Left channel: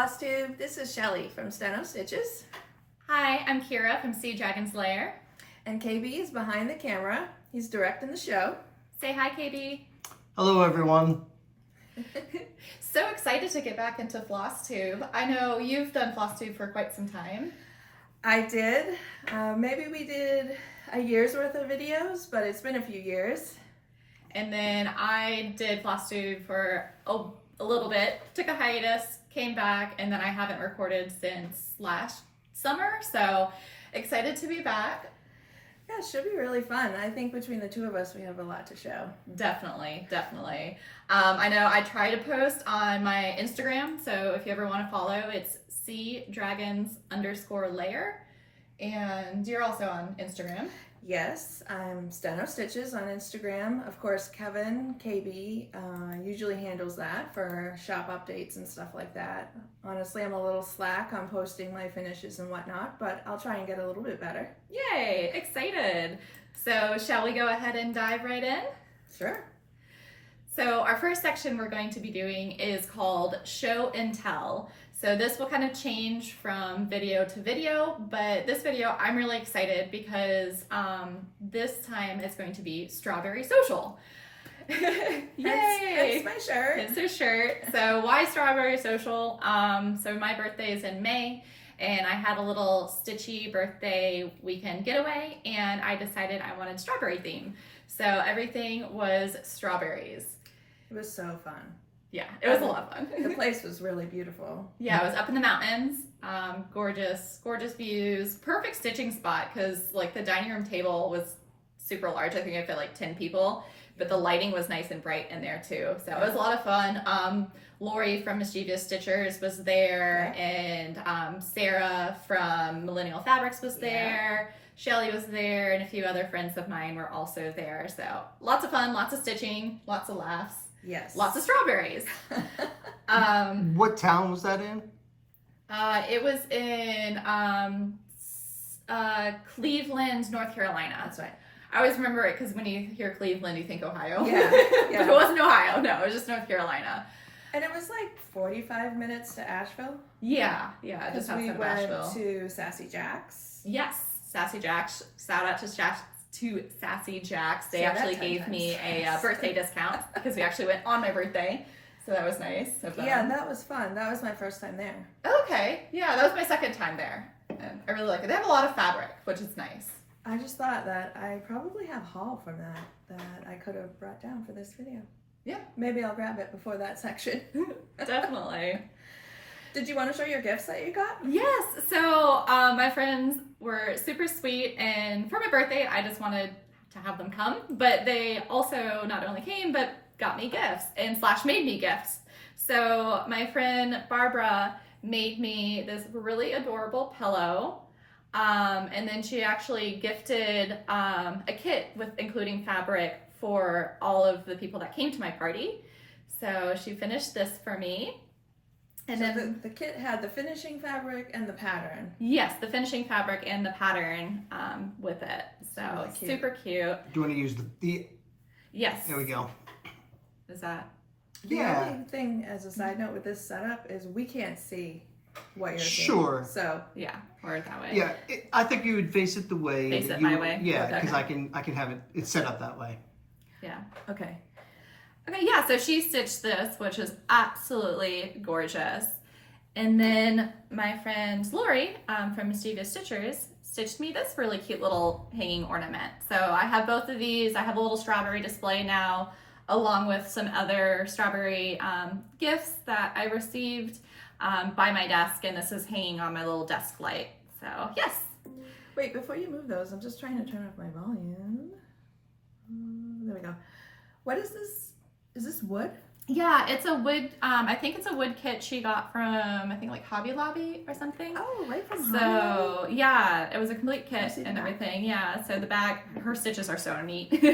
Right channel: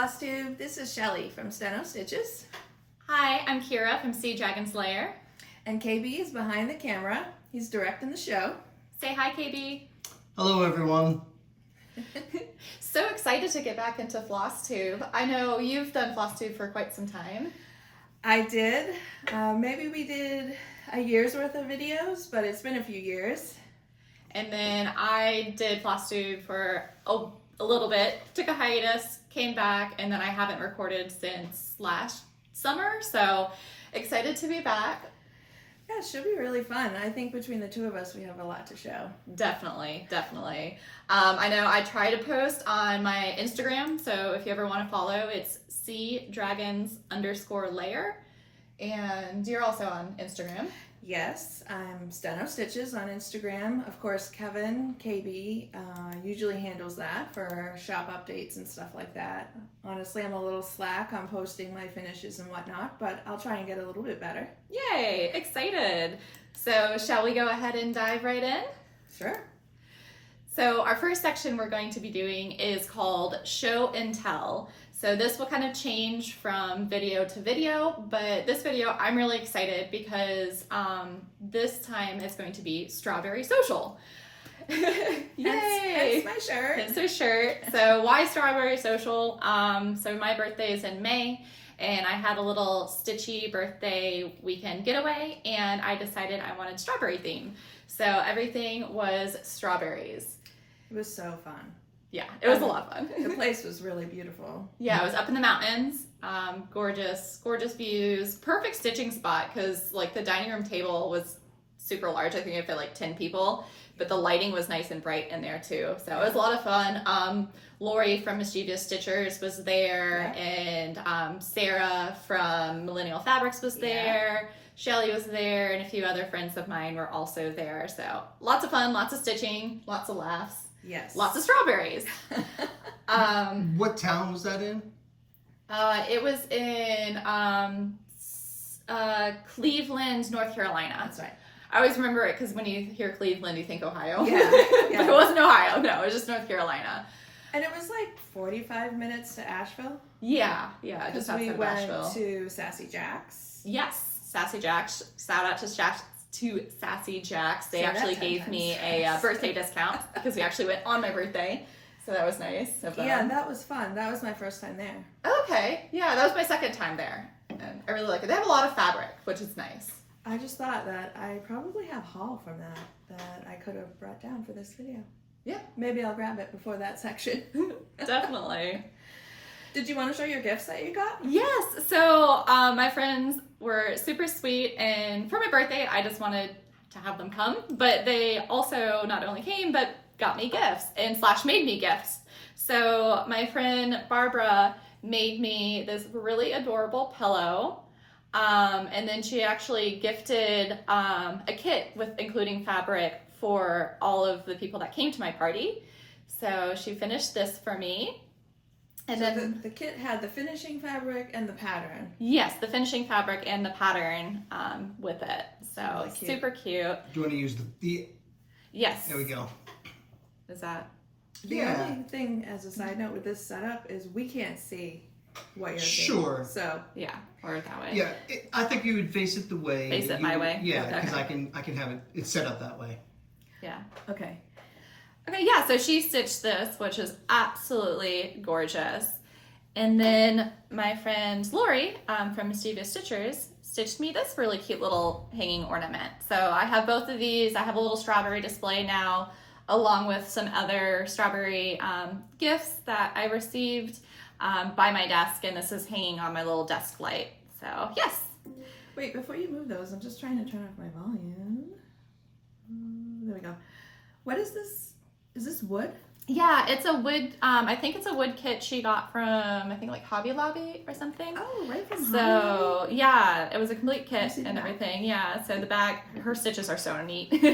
FlossTube. This is Shelly from StenoStitches. Hi, I'm Kira from Sea Dragon's Lair. And KB is behind the camera. He's directing the show. Say hi, KB. Hello, everyone. So excited to get back into FlossTube. I know you've done FlossTube for quite some time. I did. Maybe we did a year's worth of videos, but it's been a few years. And then I did FlossTube for a little bit, took a hiatus, came back, and then I haven't recorded since last summer, so excited to be back. Yeah, it should be really fun. I think between the two of us, we have a lot to show. Definitely. I know I try to post on my Instagram, so if you ever want to follow, it's SeaDragons_lair, and you're also on Instagram. Yes, I'm StenoStitches on Instagram. Of course, Kevin, KB, usually handles that for shop updates and stuff like that. Honestly, I'm a little slack on posting my finishes and whatnot, but I'll try and get a little bit better. Yay, excited. So shall we go ahead and dive right in? Sure. So our first section we're going to be doing is called Show and Tell. So this will kind of change from video to video, but this video I'm really excited because this time it's going to be Strawberry Social. Yay! That's my shirt. It's her shirt. So why Strawberry Social? So my birthday is in May, and I had a little Stitchy birthday weekend getaway, and I decided I wanted strawberry theme. So everything was strawberries. It was so fun. Yeah, it was a lot of fun. The place was really beautiful. Yeah, it was up in the mountains. Gorgeous views. Perfect stitching spot because like the dining room table was super large. I think it fit like 10 people, but the lighting was nice and bright in there too. So it was a lot of fun. Lori from Mischievous Stitchers was there, and Sarah from Millennial Fabrics was there. Shelly was there, and a few other friends of mine were also there. So lots of fun, lots of stitching, lots of laughs. Yes. Lots of strawberries. What town was that in? It was in Cleveland, North Carolina. That's right. I always remember it because when you hear Cleveland, you think Ohio. Yeah. But it wasn't Ohio. No, it was just North Carolina. And it was like 45 minutes to Asheville. Yeah, just Because outside we of went Asheville. to Sassy Jack's. Yes, Sassy Jacks. Shout out to Sassy Jacks. They Say that actually 10 gave times me a birthday discount because we actually went on my birthday. So that was nice of them. Yeah, that was fun. That was my first time there. Okay, yeah, that was my second time there. And I really like it. They have a lot of fabric, which is nice. I just thought that I probably have haul from that I could have brought down for this video. Yeah. Maybe I'll grab it before that section. Definitely. Did you want to show your gifts that you got? Yes. So my friends were super sweet, and for my birthday, I just wanted to have them come. But they also not only came, but got me gifts and / made me gifts. So my friend Barbara made me this really adorable pillow. And then she actually gifted a kit with including fabric for all of the people that came to my party. So she finished this for me. And so then the kit had the finishing fabric and the pattern. yes, the finishing fabric and the pattern with it. So Really cute. super cute. Do you want to use the Yes. There we go. Is that? The Yeah. only thing as a side note with this setup is we can't see what you're doing. Sure. So Yeah, or that way. Yeah, I think you would face it the way. Face that it my way? Yeah, Okay. because I can have it set up that way. Yeah. okay. Okay, yeah, so she stitched this, which is absolutely gorgeous. And then my friend Lori from Mischievous Stitchers stitched me this really cute little hanging ornament. So I have both of these. I have a little strawberry display now, along with some other strawberry gifts that I received by my desk, and this is hanging on my little desk light. So yes. Wait, before you move those, I'm just trying to turn off my volume. There we go. What is this? Is this wood? Yeah, it's a wood, I think it's a wood kit she got from, I think like Hobby Lobby or something. Oh, right from Hobby So Lobby? yeah, it was a complete kit see the and back? everything. Yeah, so the back, her stitches are so neat. Flip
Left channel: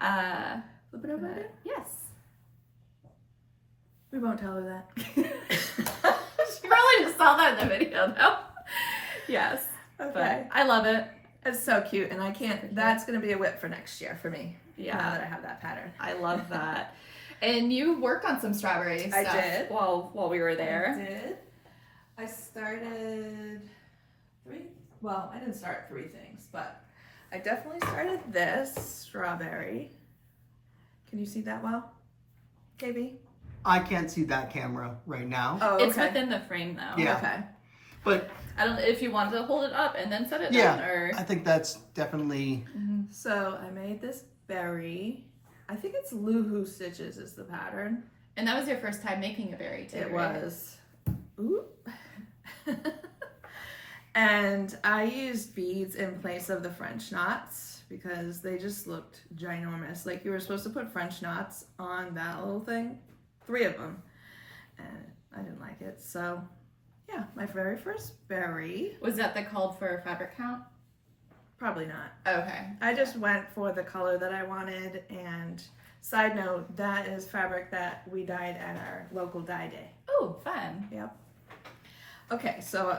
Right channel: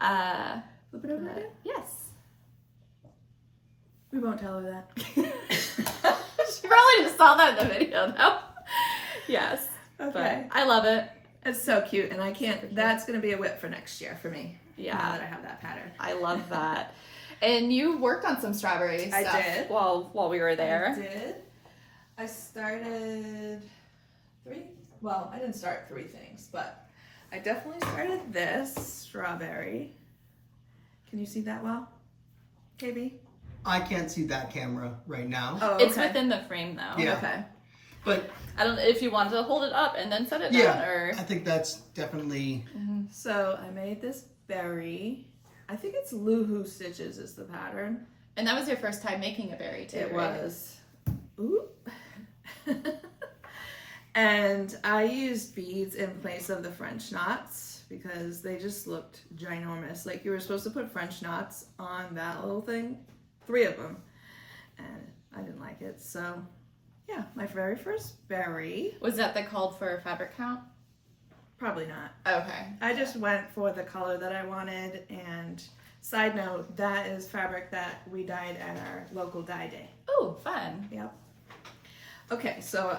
it over but again? yes. We won't tell her that. She probably just saw that in the video though. Yes, Okay. but I love it. It's so cute, and I can't, that's going to be a whip for next year for me. Yeah. Now that I have that pattern. I love that. And you worked on some strawberry I stuff did. while we were there. I did. I started I didn't start 3 things, but I definitely started this strawberry. Can you see that well, KB? I can't see that camera right now. Oh, It's okay. within the frame though. Yeah. Okay. But I don't know if you wanted to hold it up and then set it yeah, down or. I think that's definitely. So I made this berry. I think it's Loohoo Stitches is the pattern. And that was your first time making a berry too. It right? was. Ooh. And I used beads in place of the French knots because they just looked ginormous. Like you were supposed to put French knots on that little thing, 3 of them. And I didn't like it. So yeah, my very first berry. Was that the called for fabric count? Probably not. Okay. I just went for the color that I wanted. And side note, that is fabric that we dyed at our local dye day. Oh, fun. Yep. Okay, so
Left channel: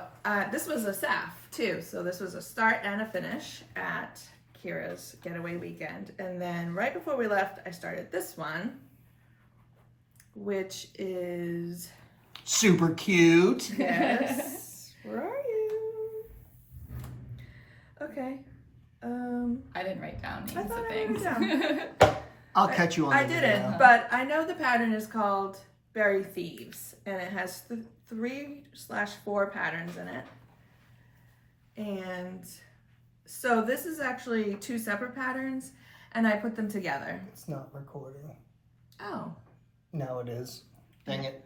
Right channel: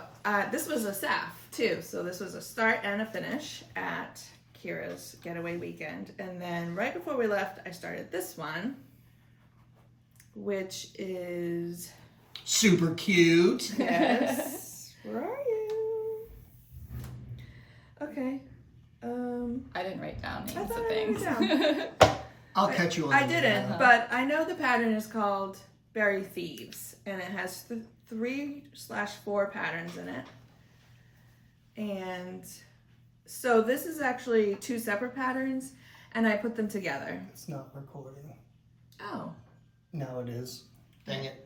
this was a staff too. So this was a start and a finish at Kira's getaway weekend. And then right before we left, I started this one, which is, Super cute. yes, where are you? Okay. I didn't write down I names thought of I wrote it things. I'll catch you on I the didn't, video. but I know the pattern is called Berry Thieves, and it has 3/4 patterns in it. And so this is actually 2 separate patterns, and I put them together. It's not recording. Oh, Now it is. Dang it.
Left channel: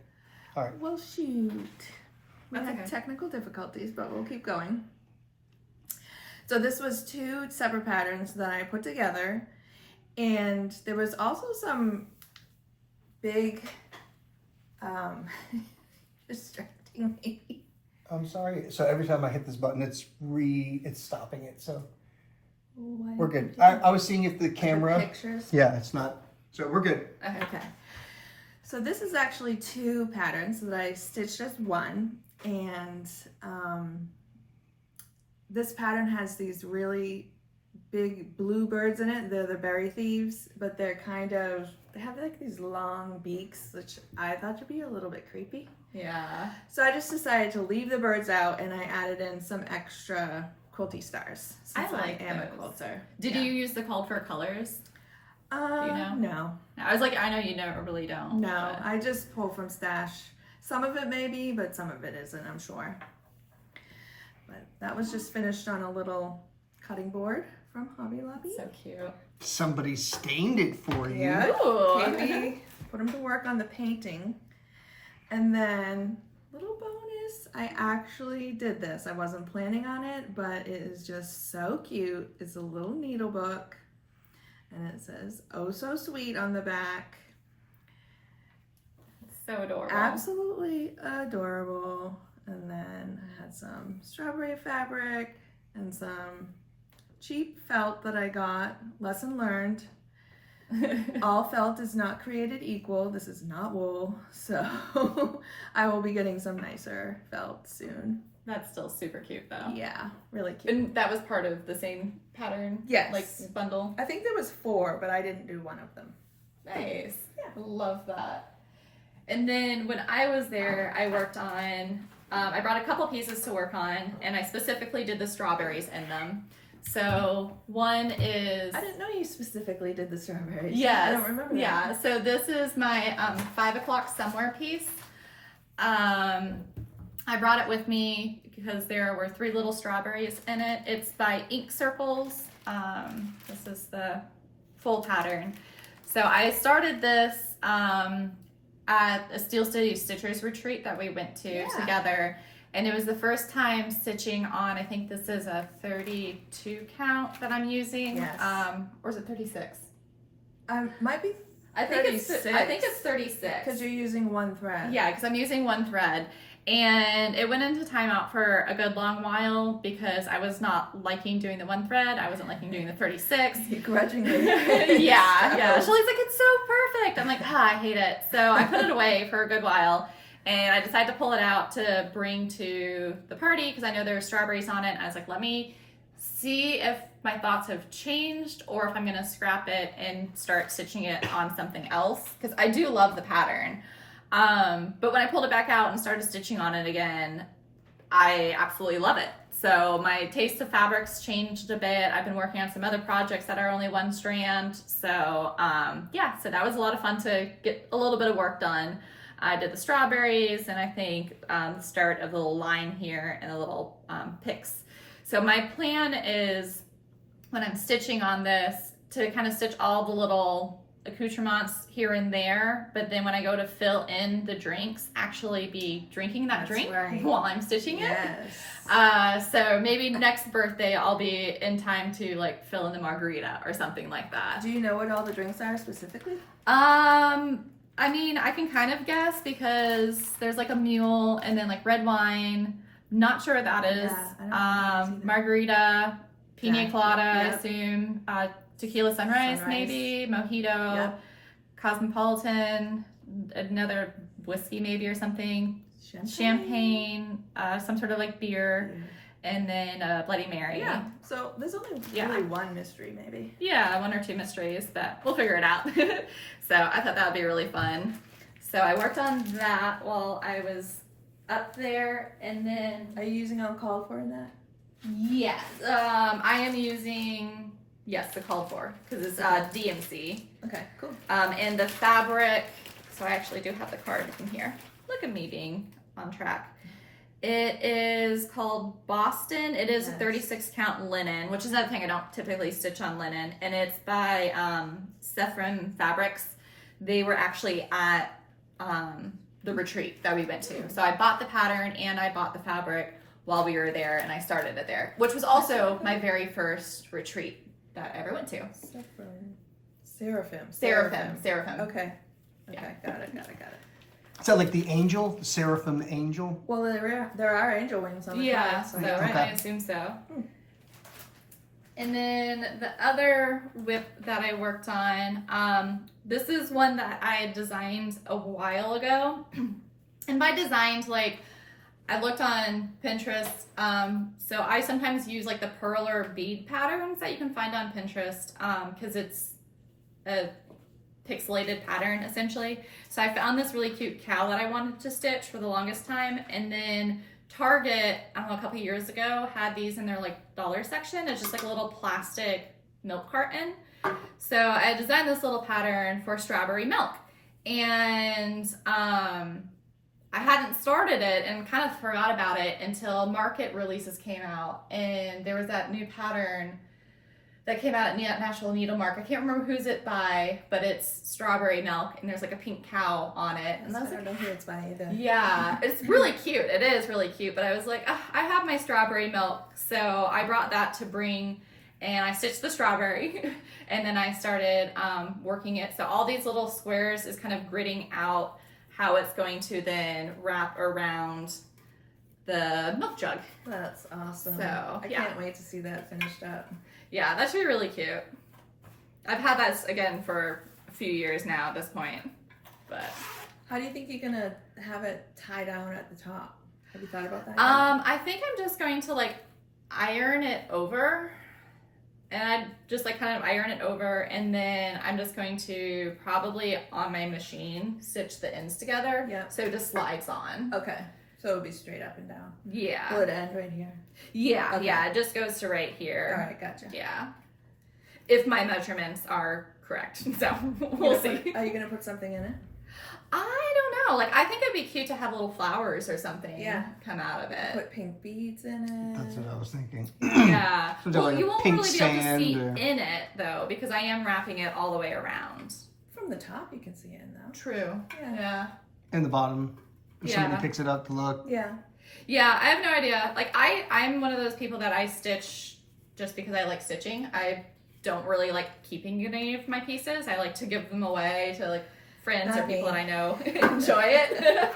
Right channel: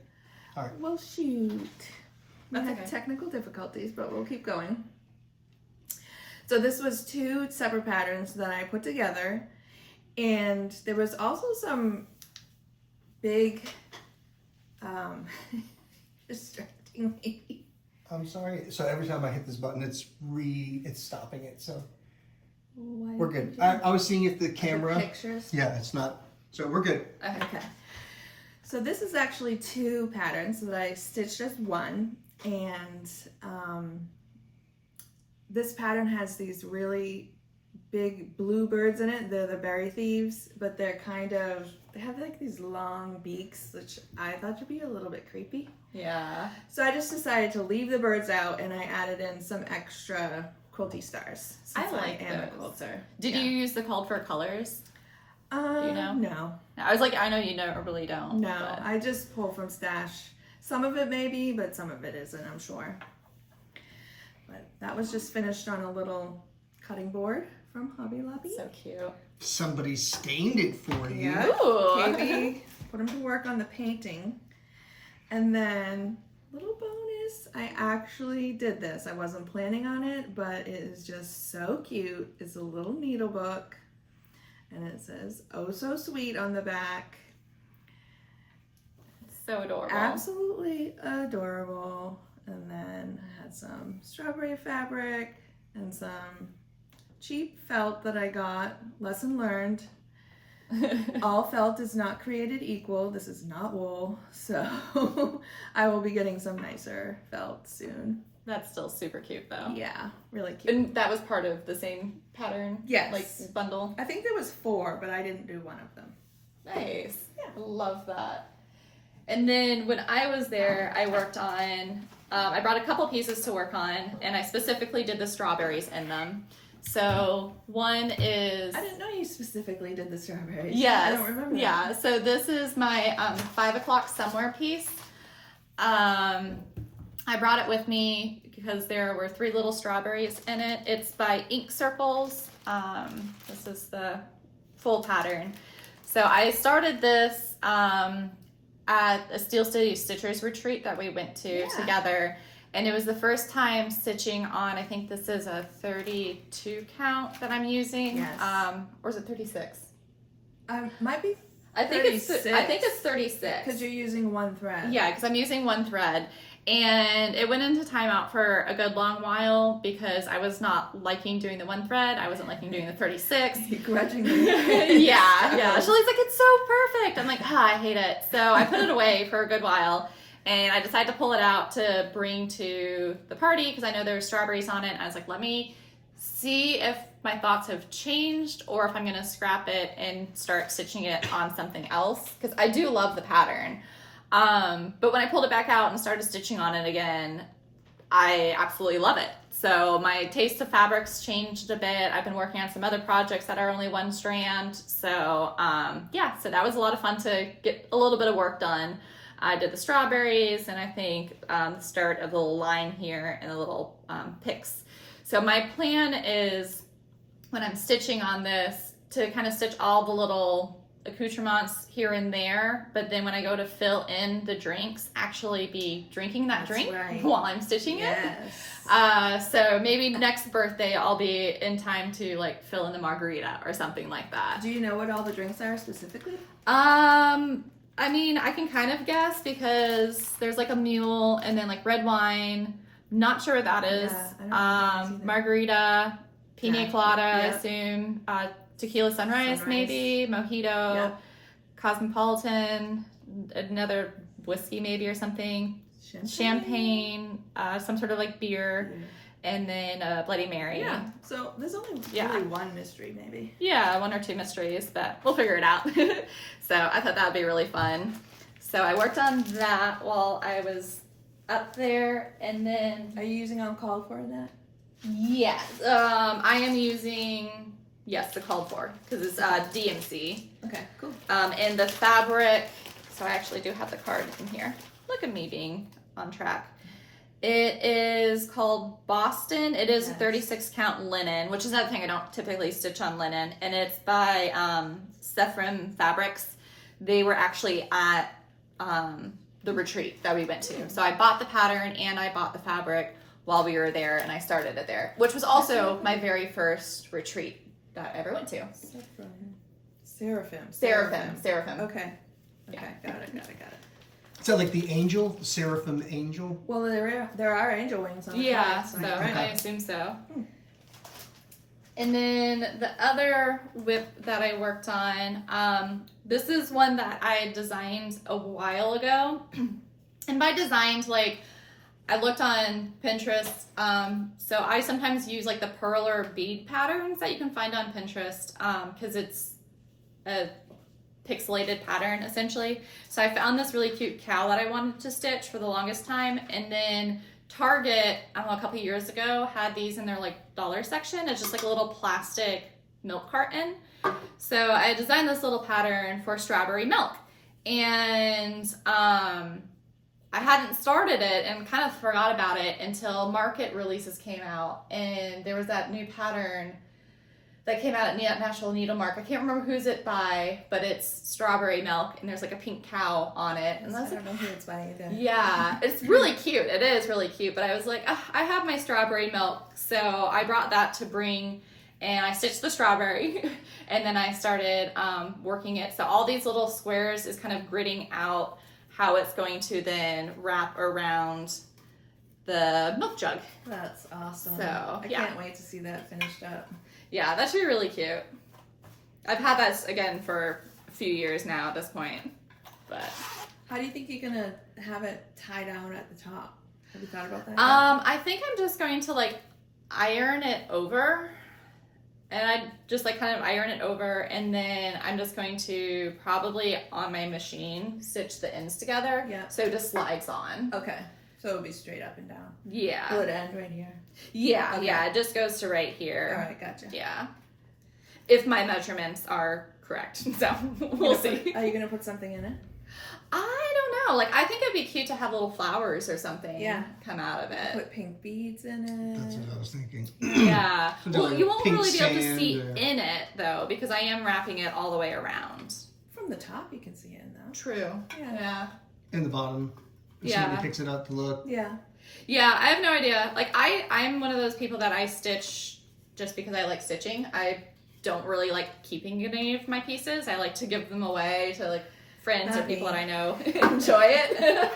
well, shoot. We That's had okay. technical difficulties, but we'll keep going. So this was 2 separate patterns that I put together, and there was also some big, distracting me. I'm sorry. So every time I hit this button, it's stopping it. So Why we're did good. you- I was seeing if the the camera. pictures. Yeah, it's not. So we're good. Okay. So this is actually 2 patterns that I stitched as one, and this pattern has these really big blue birds in it. They're the berry thieves, but they have like these long beaks, which I thought would be a little bit creepy. Yeah. So I just decided to leave the birds out, and I added in some extra quilty stars. I Since like am a those. quilter. Did Yeah. you use the called for colors? you know? No. I was like, I know you really don't. No, but- I just pull from stash. Some of it maybe, but some of it isn't, I'm sure. But that was just finished on a little cutting board from Hobby Lobby. So cute. Somebody stained it for you. Yeah. Ooh. KB put him to work on the painting. And then, little bonus, I actually did this. I wasn't planning on it, but it is just so cute. It's a little needle book. And it says, "Oh so sweet" on the back. So adorable. Absolutely adorable. And then I had some strawberry fabric and some cheap felt that I got. Lesson learned. All felt is not created equal. This is not wool. So I will be getting some nicer felt soon. That's still super cute though. Yeah, really cute. And that was part of the same pattern? Yes. Like bundle? I think there was 4, but I didn't do one of them. Nice. Yeah. Love that. And then when I was there, I worked on, I brought a couple pieces to work on, and I specifically did the strawberries in them. So one is... I didn't know you specifically did the strawberries. Yes. I don't remember that. Yeah, so this is my 5 o'clock somewhere piece. I brought it with me because there were 3 little strawberries in it. It's by Ink Circles. This is the full pattern. So I started this at a StenoStitches retreat that we went to Yeah. together. And it was the first time stitching on, I think this is a 32 count that I'm using. Yes. Or is it 36? Might be I think it's 36. because you're using one thread. Yeah, because I'm using one thread. And it went into timeout for a good long while because I was not liking doing the one thread. I wasn't liking doing the 36. Grudgingly. yeah. Shelly's like, it's so perfect. I'm like, I hate it. So I put it away for a good while. And I decided to pull it out to bring to the party because I know there's strawberries on it. And I was like, let me see if my thoughts have changed or if I'm gonna scrap it and start stitching it on something else, because I do love the pattern. But when I pulled it back out and started stitching on it again, I absolutely love it. So my taste of fabrics changed a bit. I've been working on some other projects that are only one strand. So yeah, so that was a lot of fun to get a little bit of work done. I did the strawberries and I think the start of the little line here and the little picks. So my plan is, when I'm stitching on this, to kind of stitch all the little accoutrements here and there, but then when I go to fill in the drinks, actually be drinking that drink while I'm stitching it. So maybe next birthday I'll be in time to like fill in the margarita or something like that. Do you know what all the drinks are specifically? I mean, I can kind of guess because there's like a mule and then like red wine. Not sure what that is. Margarita, pina colada, I assume. Tequila sunrise, maybe. Mojito, Cosmopolitan, another whiskey maybe or something. Champagne, some sort of like beer, and then Bloody Mary. Yeah, so there's only really one mystery maybe. Yeah, one or two mysteries, but we'll figure it out. So I thought that would be really fun. So I worked on that while I was up there, and then... Are you using uncalled for in that? Yes, I am using, the called for, because it's DMC. Okay, cool. And the fabric, so I actually do have the card in here. Look at me being on track. It is called Boston. It is 36 count linen, which is another thing I don't typically stitch on linen. And it's by Sephram Fabrics. They were actually at the retreat that we went to. So I bought the pattern and I bought the fabric while we were there, and I started it there, which was also my very first retreat that I ever went to. Seraphim. Okay. Got it. Is that like the angel, the seraphim angel? Well, there are angel wings on the flag, so I assume so. And then the other whip that I worked on, this is one that I designed a while ago. And by designed, like, I looked on Pinterest, so I sometimes use like the purler bead patterns that you can find on Pinterest, because it's a pixelated pattern essentially. So I found this really cute cow that I wanted to stitch for the longest time, and then Target, I don't know, a couple years ago had these in their like dollar section. It's just like a little plastic milk carton. So I designed this little pattern for strawberry milk, and I hadn't started it and kind of forgot about it until market releases came out, and there was that new pattern that came out at National Needlemark. I can't remember who's it by, but it's strawberry milk, and there's like a pink cow on it. And I don't know who it's by either. Yeah, it's really cute. It is really cute, but I was like, I have my strawberry milk, so I brought that to bring, and I stitched the strawberry, and then I started working it. So all these little squares is kind of gridding out how it's going to then wrap around the milk jug. That's awesome. So I can't wait to see that finished up. Yeah, that should be really cute. I've had that again for a few years now at this point, but. How do you think you're gonna have it tie down at the top? Have you thought about that? I think I'm just going to like iron it over, and I just like kind of iron it over, and then I'm just going to probably on my machine stitch the ends together. Yeah. So it just slides on. Okay. So it'll be straight up and down. Yeah. Will it end right here? Yeah, Okay. yeah, it just goes to right here. All right, gotcha. Yeah. If my measurements are correct. So we'll see. Are you gonna put something in it? I don't know. Like, I think it'd be cute to have little flowers or something come out of it. Put pink beads in it. That's what I was thinking. Yeah. Well, like you won't pink really be able to see sand, in it, though, because I am wrapping it all the way around. From the top, you can see it though. True. Yeah. In the bottom. Somebody picks it up to look. Yeah. Yeah, I have no idea. Like, I'm one of those people that I stitch just because I like stitching. I don't really like keeping any of my pieces. I like to give them away to like friends or people that I know enjoy it.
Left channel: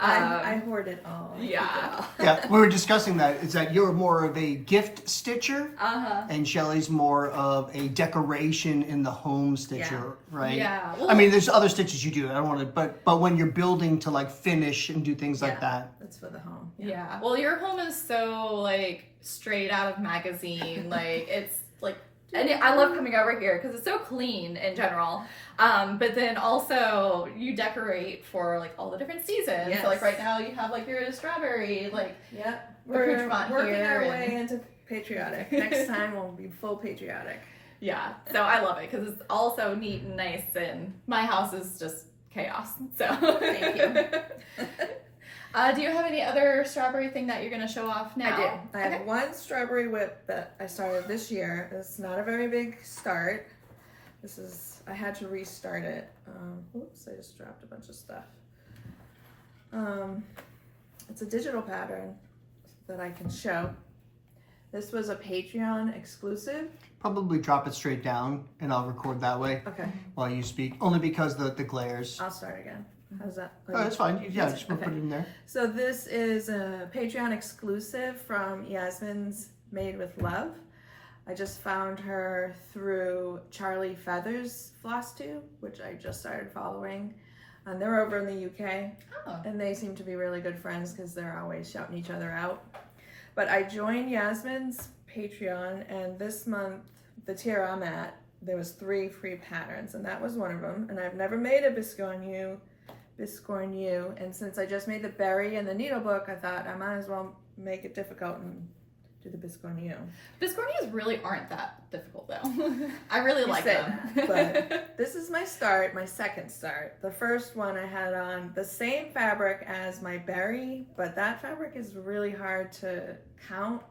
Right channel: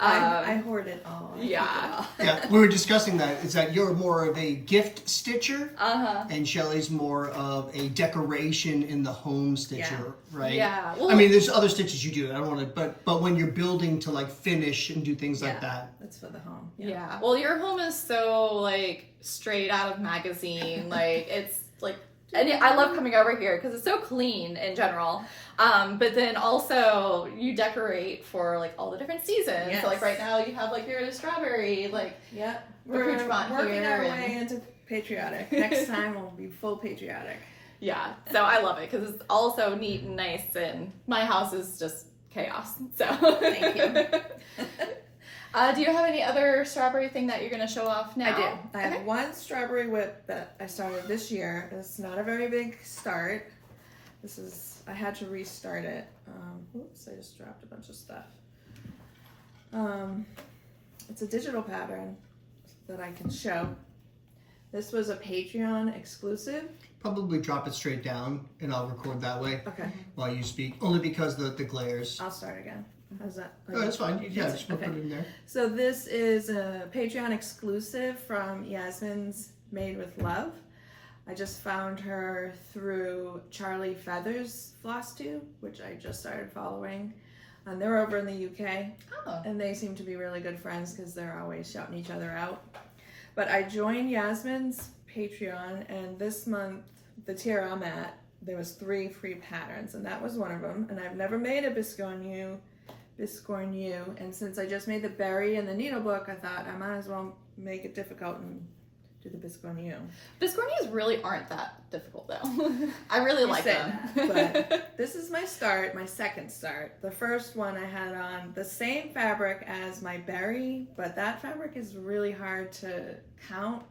I hoard it all. Yeah. Yeah, we were discussing that. Is that you're more of a gift stitcher, and Shelly's more of a decoration in the home stitcher, right? Yeah. Well, I mean, there's other stitches you do. I don't want to, but when you're building to like finish and do things like that. The it's for the home. Yeah. Well, your home is so like straight out of magazine. Like it's like, and I love coming over here because it's so clean in general. But then also you decorate for like all the different seasons. Yes. So like right now you have like your strawberry, like we're accoutrement working here our and- way into patriotic. Next time we'll be full patriotic. yeah. So I love it because it's also neat and nice, and my house is just chaos. So Thank you. Do you have any other strawberry thing that you're gonna show off now? I do. I have one strawberry whip that I started this year. It's not a very big start. I had to restart it. Oops, I just dropped a bunch of stuff. It's a digital pattern that I can show. This was a Patreon exclusive. Probably drop it straight down and I'll record that way Okay, while you speak. Only because the glares. I'll start again. How's that? Oh, that's fine. You Yeah, can- just put it in there. So this is a Patreon exclusive from Yasmin's Made with Love. I just found her through Charlie Feather's FlossTube, which I just started following. And they're over in the UK, Oh. and they seem to be really good friends because they're always shouting each other out. But I joined Yasmin's Patreon, and this month, the tier I'm at, there was 3 free patterns, and that was one of them. And I've never made a biscornu, and since I just made the berry and the needle book, I thought I might as well make it difficult and do the biscornu. Biscornias really aren't that difficult though. I really like say them. that, but this is my start, my second start. The first one I had on the same fabric as my berry, but that fabric is really hard to count.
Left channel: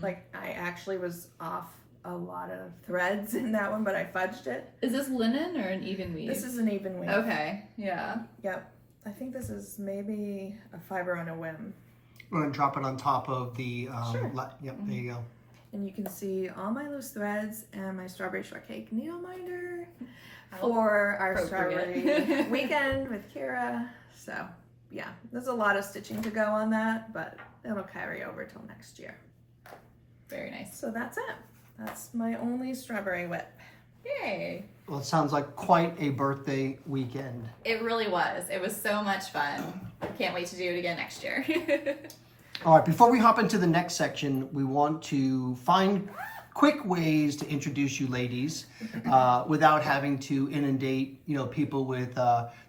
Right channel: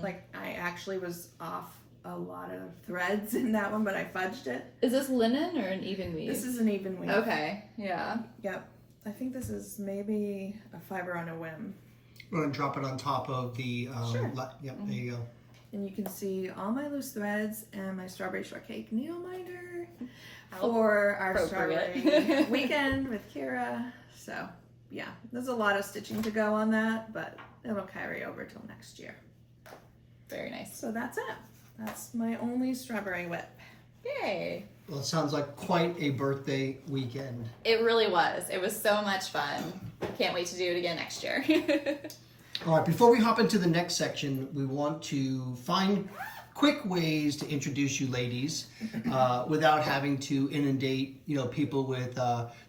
Like I actually was off a lot of threads in that one, but I fudged it. Is this linen or an even weave? This is an even weave. Okay, yeah. Yep. I think this is maybe a fiber on a whim. We're going to drop it on top of the, Sure. Yep, there you go. And you can see all my loose threads and my strawberry shortcake needle minder for our Appropriate. strawberry weekend with Kira. So yeah, there's a lot of stitching to go on that, but it'll carry over till next year. Very nice. So that's it. That's my only strawberry whip. Yay. Well, it sounds like quite a birthday weekend. It really was. It was so much fun. Can't wait to do it again next year. All right, before we hop into the next section, we want to find quick ways to introduce you ladies without having to inundate, people with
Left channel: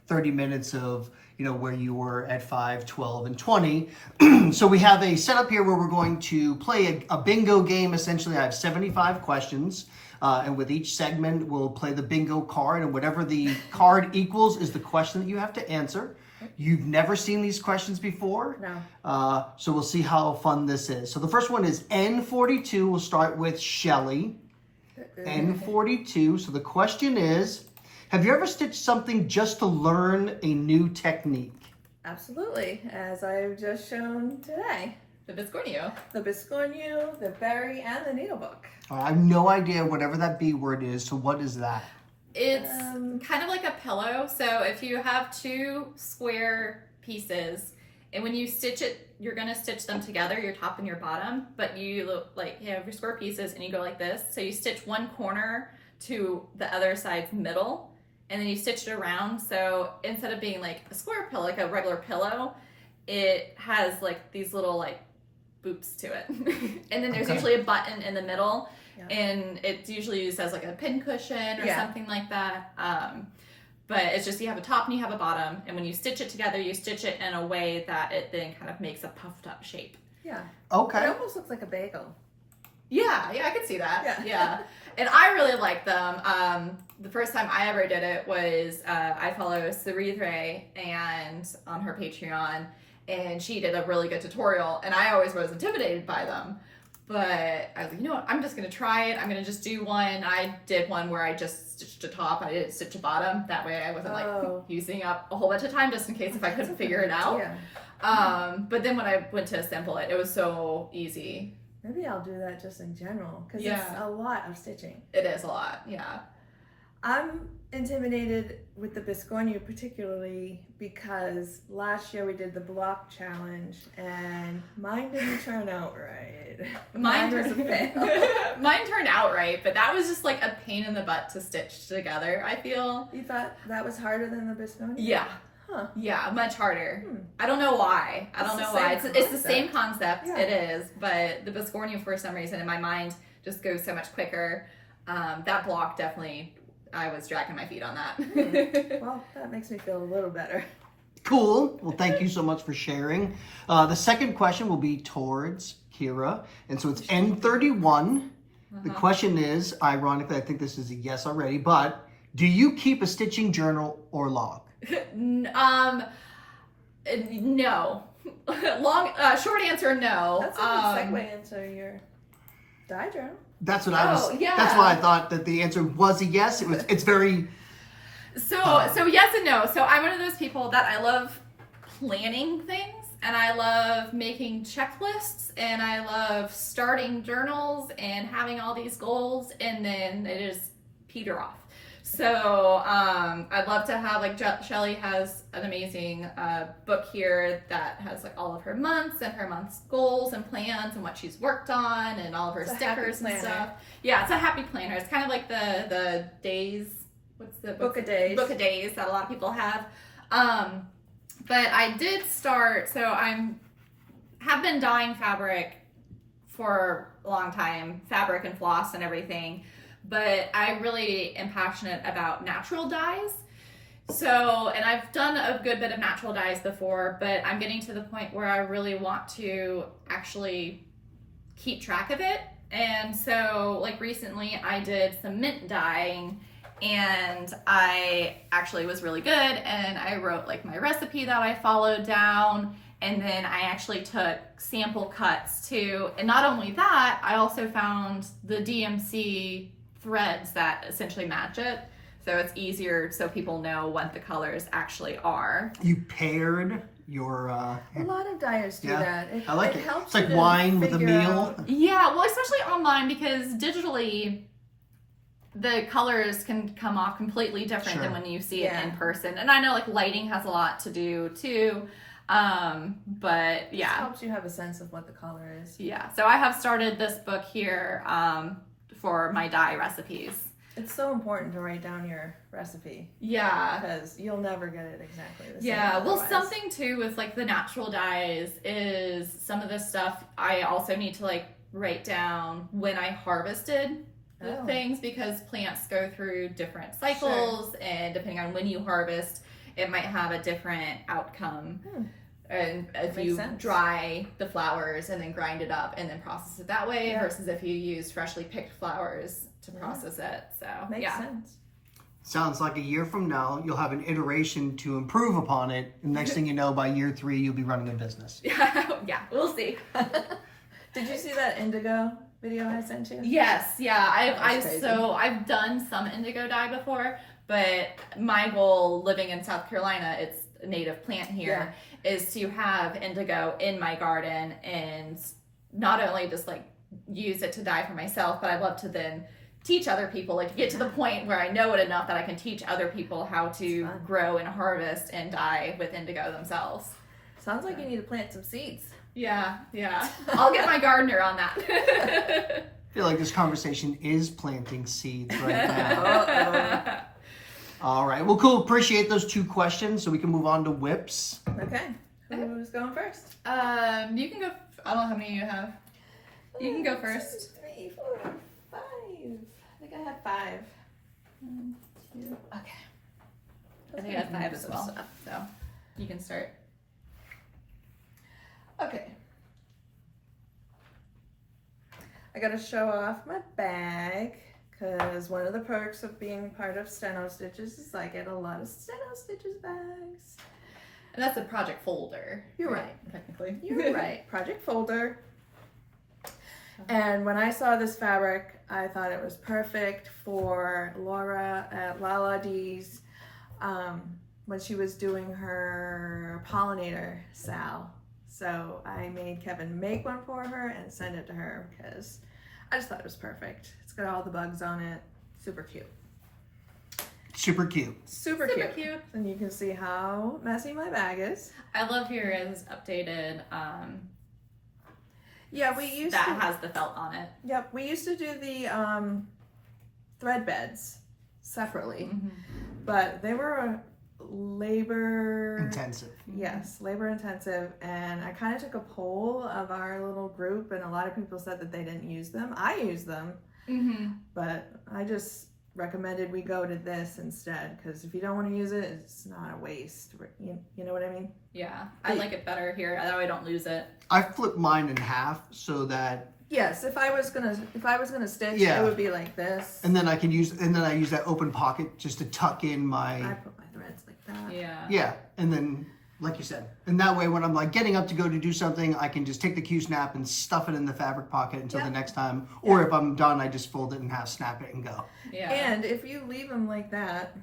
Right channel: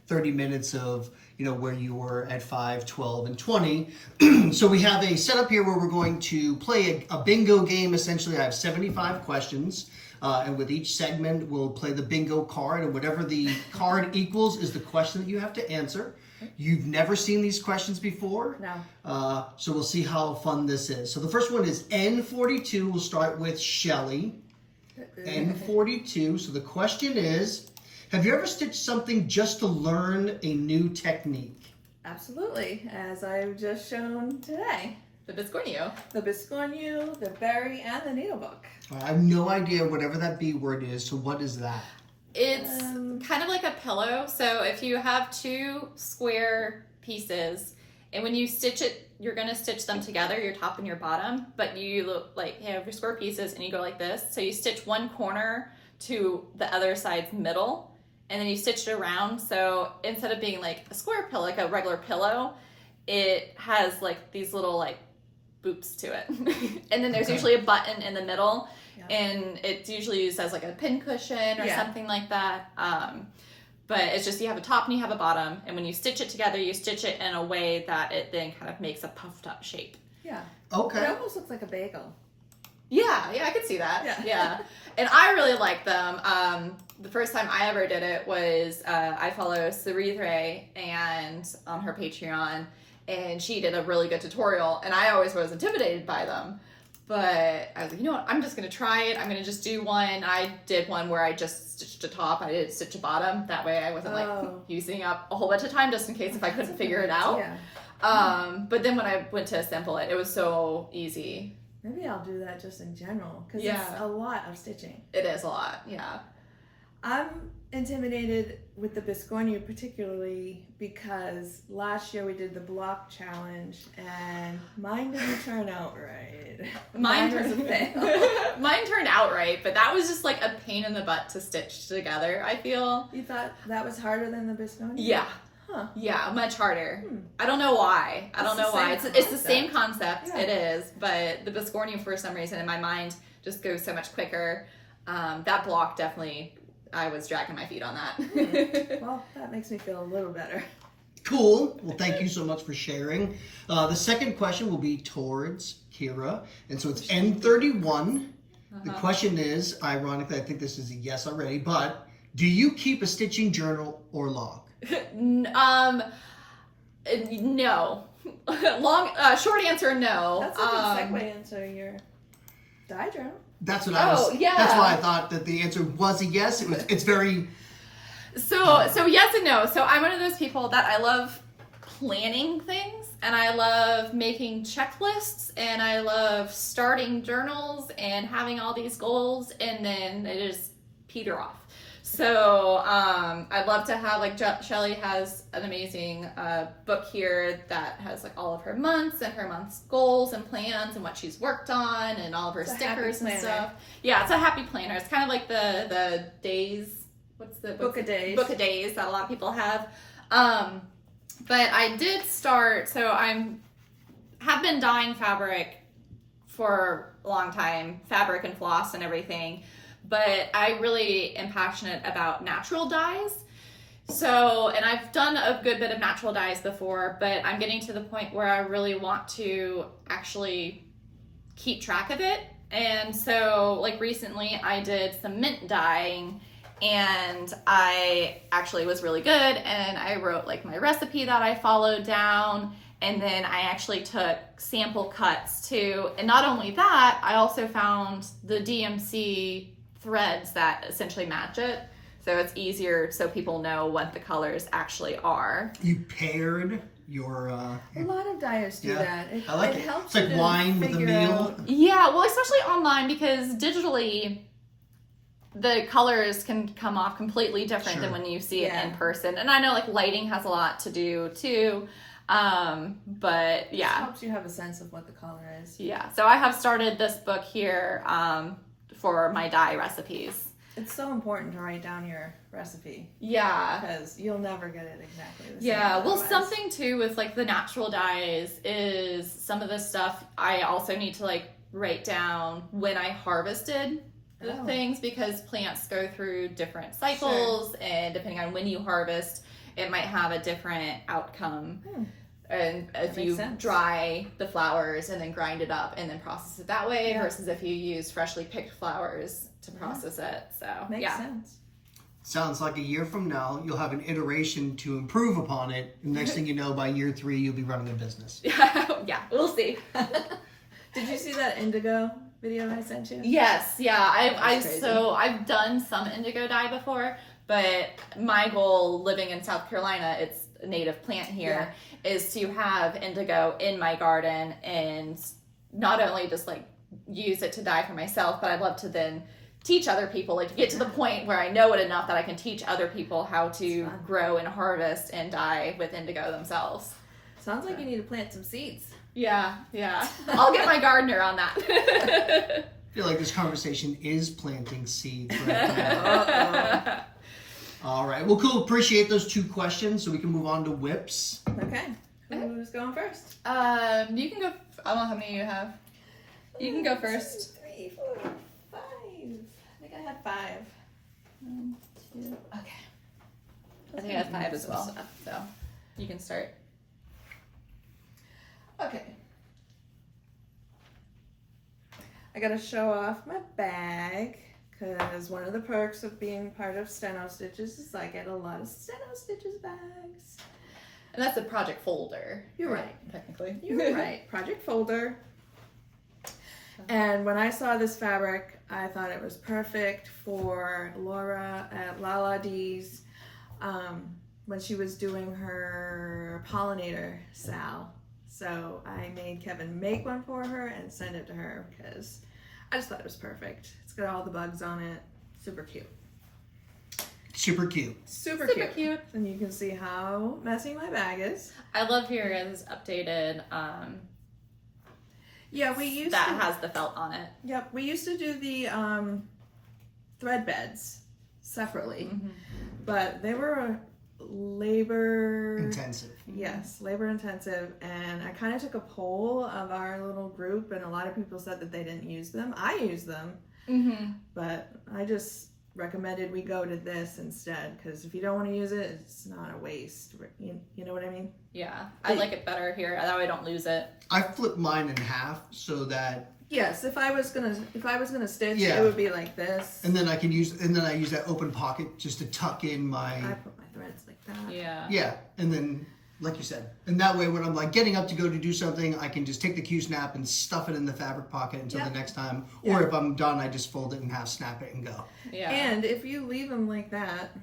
30 minutes of, where you were at 5, 12, and 20. So we have a setup here where we're going to play a bingo game. Essentially, I have 75 questions. And with each segment, we'll play the bingo card, and whatever the card equals is the question that you have to answer. You've never seen these questions before. No. So we'll see how fun this is. So the first one is N42. We'll start with Shelly. N42. So the question is, have you ever stitched something just to learn a new technique? Absolutely, as I've just shown today. The biscornu. The biscornu, the berry, and the needle book. I have no idea whatever that B word is. So what is that? It's kind of like a pillow. So if you have 2 square pieces, and when you stitch it, you're going to stitch them together, your top and your bottom, but you have your square pieces and you go like this. So you stitch one corner to the other side's middle, and then you stitch it around. So instead of being like a square pillow, like a regular pillow, it has like these little like boops to it. And then there's usually a button in the middle. Yeah. And it's usually used as like a pin cushion or something like that. But it's just you have a top and you have a bottom, and when you stitch it together, you stitch it in a way that it then kind of makes a puffed up shape. Yeah. Okay. It almost looks like a bagel. Yeah, I could see that. Yeah. And I really like them. The first time I ever did it was I follow Ceretre and on her Patreon, and she did a really good tutorial, and I always was intimidated by them. But I was like, you know what, I'm just going to try it. I'm going to just do one. I did one where I just stitched a top. I didn't stitch a bottom. That way I wasn't like using up a whole bunch of time just in case if I couldn't figure it out. Yeah. But then when I went to assemble it, it was so easy. Maybe I'll do that just in general, because it's a lot of stitching. It is a lot, yeah. I'm intimidated with the biscornu particularly because last year we did the block challenge and mine didn't turn out right. Mine was a fail. Mine turned out right, but that was just like a pain in the butt to stitch together, I feel. You thought that was harder than the biscornu? Yeah. Huh. Yeah, much harder. I don't know why. I don't know why. It's the same concept. Yeah. It is, but the Biscornu for some reason in my mind just goes so much quicker. That block definitely, I was dragging my feet on that. Well, that makes me feel a little better. Cool. Well, thank you so much for sharing. The second question will be towards Kira. And so it's N31. The question is, ironically, I think this is a yes already, but do you keep a stitching journal or log? No. Short answer, no. That's a good segue into your dye journal. That's what I was. yeah. That's why I thought that the answer was a yes. It's very. So yes and no. So I'm one of those people that I love planning things, and I love making checklists, and I love starting journals and having all these goals, and then they just peter off. So I'd love to have, like, Shelly has an amazing book here that has like all of her months and her month's goals and plans and what she's worked on and all of her stickers and stuff. Yeah, it's a happy planner. It's kind of like the days. What's the Book of days? Book of days that a lot of people have. But I did start. So have been dyeing fabric for a long time, fabric and floss and everything. But I really am passionate about natural dyes. So, and I've done a good bit of natural dyes before, but I'm getting to the point where I really want to actually keep track of it. And so, like, recently I did some mint dyeing, and I actually was really good, and I wrote like my recipe that I followed down, and then I actually took sample cuts too. And not only that, I also found the DMC threads that essentially match it, so it's easier so people know what the colors actually are. You paired your. A lot of dyers do that. I like it. Helps It's like you to wine with a figure meal. out- Yeah, well, especially online, because digitally the colors can come off completely different than when you see it in person. And I know, like, lighting has a lot to do too. But yeah. It helps you have a sense of what the color is. Yeah. So I have started this book here for my dye recipes. It's so important to write down your recipe. Yeah. Because you'll never get it exactly the same. Yeah, well, otherwise. something too with like the natural dyes is some of the stuff I also need to like write down when I harvested the things, because plants go through different cycles, and depending on when you harvest, it might have a different outcome. And if you dry the flowers and then grind it up and then process it that way, versus if you use freshly picked flowers to process it. So makes sense. Sounds like a year from now, you'll have an iteration to improve upon it. And next thing you know, by year 3, you'll be running a business. Yeah, we'll see. Did you see that indigo video I sent you? Yes, yeah. I've done some indigo dye before, but my goal living in South Carolina, it's a native plant here, is to have indigo in my garden, and not only just like use it to dye for myself, but I'd love to then teach other people, like get to the point where I know it enough that I can teach other people how to grow and harvest and dye with indigo themselves. Sounds like you need to plant some seeds. Yeah. I'll get my gardener on that. I feel like this conversation is planting seeds right now. All right. Well, cool. Appreciate those 2 questions, so we can move on to whips. Okay. Who's going first? You can go. I don't know how many you have. You can go first. 2, 3, 4, 5. I think I had 5. 1, 2. Okay. I think I have 5 as well. So you can start. Okay. I gotta show off my bag, because one of the perks of being part of StenoStitches is I get a lot of StenoStitches bags. And that's a project folder. You're right. Technically. You're right. Project folder. And when I saw this fabric, I thought it was perfect for Laura at Lala D's when she was doing her pollinator sal. So I made Kevin make one for her and send it to her, because I just thought it was perfect. It's got all the bugs on it. Super cute. Super cute. Super cute. And you can see how messy my bag is. I love yours updated. Yeah, we used that has the felt on it. Yep, we used to do the thread beds separately, but they were labor intensive. Yes, labor intensive. And I kind of took a poll of our little group, and a lot of people said that they didn't use them. I use them, but I just recommended we go to this instead, because if you don't want to use it, it's not a waste. You know what I mean? Yeah, I like it better here. That way I don't lose it. I flip mine in half so that. Yes, if I was gonna stitch, Yeah. it would be like this. And then I use that open pocket just to tuck in my. I put my threads like that. Yeah. Yeah, and then like you said, and that way when I'm like getting up to go to do something, I can just take the Q-snap and stuff it in the fabric pocket until the next time. Or if I'm done, I just fold it in half, snap it, and go. Yeah. And if you leave them like that,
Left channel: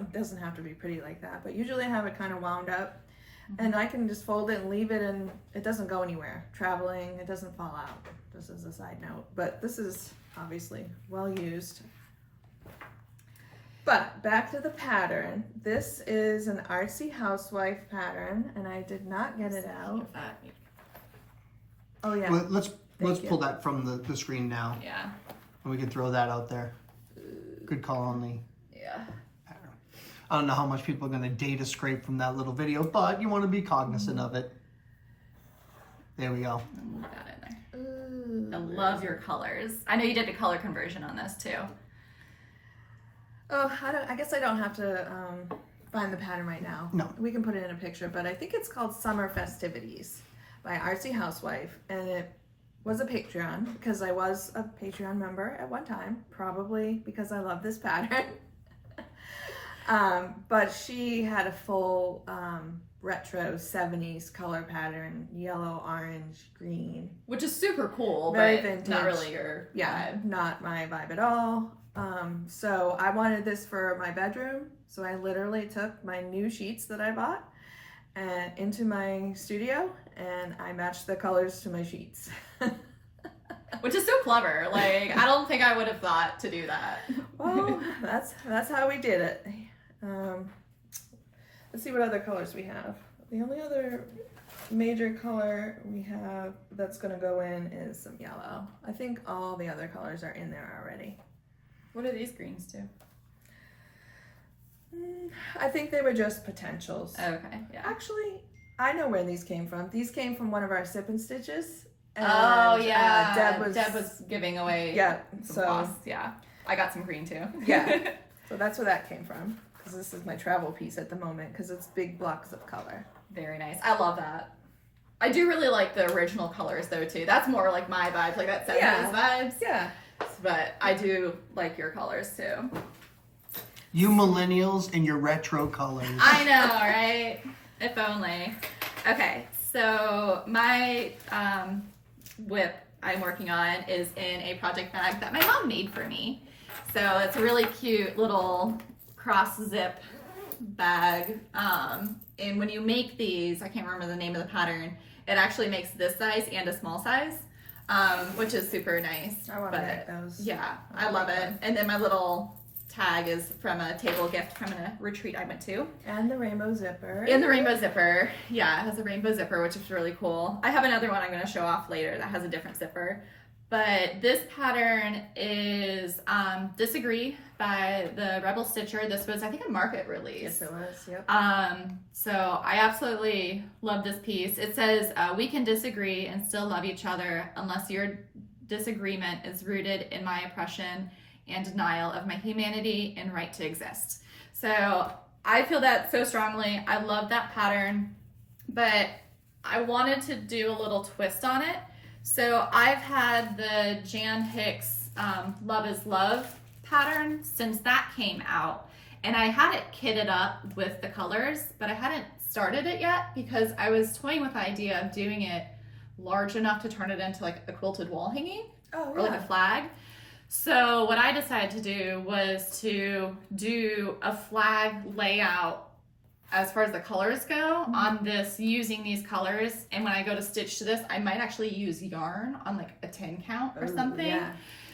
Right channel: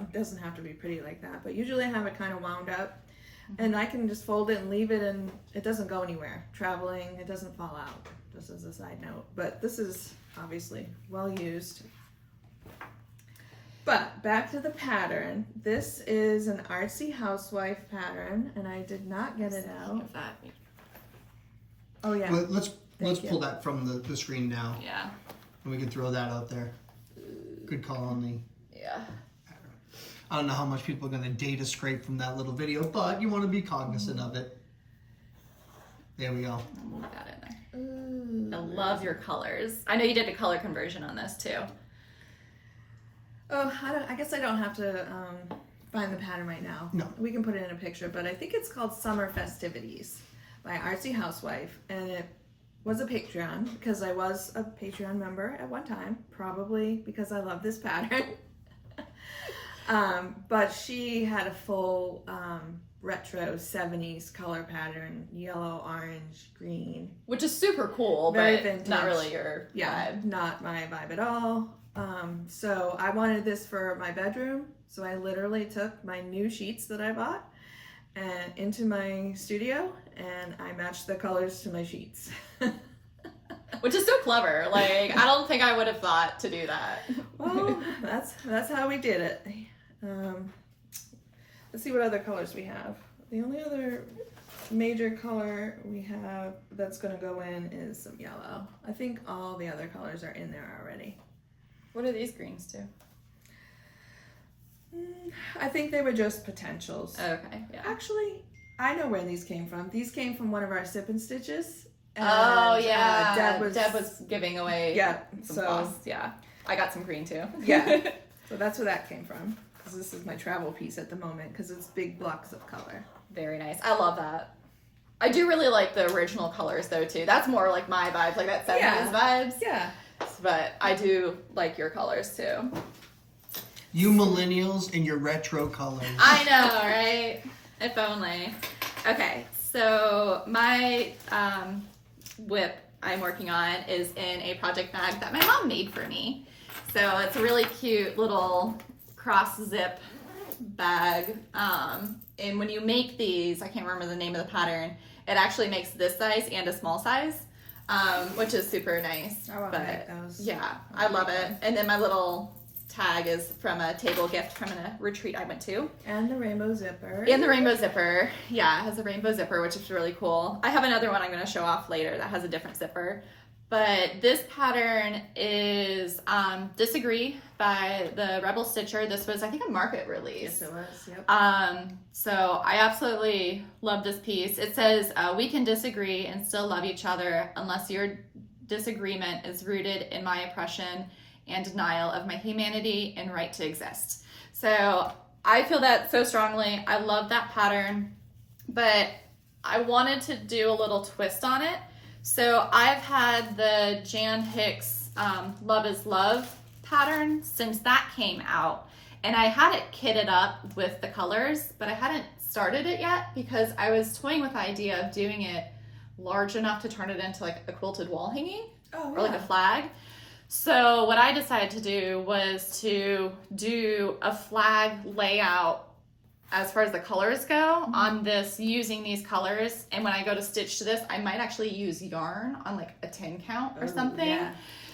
it doesn't have to be pretty like that, but usually I have it kind of wound up, and I can just fold it and leave it, and it doesn't go anywhere. Traveling, it doesn't fall out, just as a side note. But this is obviously well used. But back to the pattern. This is an artsy housewife pattern, and I did not get it out. Oh yeah. Let's pull that from the screen now. Yeah. And we can throw that out there. Good call on the Yeah. pattern. I don't know how much people are going to data scrape from that little video, but you want to be cognizant of it. There we go. I'll move that in there. Ooh. I love your colors. I know you did a color conversion on this too. Oh, I guess I don't have to find the pattern right now. No. We can put it in a picture, but I think it's called Summer Festivities by Artsy Housewife, and it was a Patreon because I was a Patreon member at one time, probably because I love this pattern. But she had a full retro 70s color pattern, yellow, orange, green. Which is super cool, Very but vintage. not really your Yeah, vibe. not my vibe at all. So I wanted this for my bedroom. So I literally took my new sheets that I bought and into my studio, and I matched the colors to my sheets. Which is so clever. Like, I don't think I would have thought to do that. Well, that's how we did it. Let's see what other colors we have. The only other major color we have that's going to go in is some yellow. I think all the other colors are in there already. What are these greens too? I think they were just potentials. Okay, yeah. Actually, I know where these came from. These came from one of our sip and stitches. And, Oh yeah, Deb was giving away some so floss. Yeah, I got some green too. Yeah. So that's where that came from. Because this is my travel piece at the moment. Because it's big blocks of color. Very nice. I love that. I do really like the original colors though too. That's more like my vibe, like that 70s vibes. Yeah. But I do like your colors too. You millennials and your retro colors. I know, right? If only. Okay, so my whip I'm working on is in a project bag that my mom made for me. So it's a really cute little cross zip bag. And when you make these, I can't remember the name of the pattern, it actually makes this size and a small size, which is super nice. I want to make those. Yeah, I love it. And then my little tag is from a table gift from a retreat I went to. And the rainbow zipper. And the rainbow zipper. Yeah, it has a rainbow zipper, which is really cool. I have another one I'm going to show off later that has a different zipper. But this pattern is Disagree by the Rebel Stitcher. This was, I think, a market release. Yes, it was. Yep. So I absolutely love this piece. It says, we can disagree and still love each other unless your disagreement is rooted in my oppression and denial of my humanity and right to exist. So I feel that so strongly. I love that pattern, but I wanted to do a little twist on it. So I've had the Jan Hicks Love is Love pattern since that came out. And I had it kitted up with the colors, but I hadn't started it yet because I was toying with the idea of doing it large enough to turn it into like a quilted wall hanging or like a flag. So what I decided to do was to do a flag layout as far as the colors go on this, using these colors. And when I go to stitch to this, I might actually use yarn on like a 10 count or something. Yeah.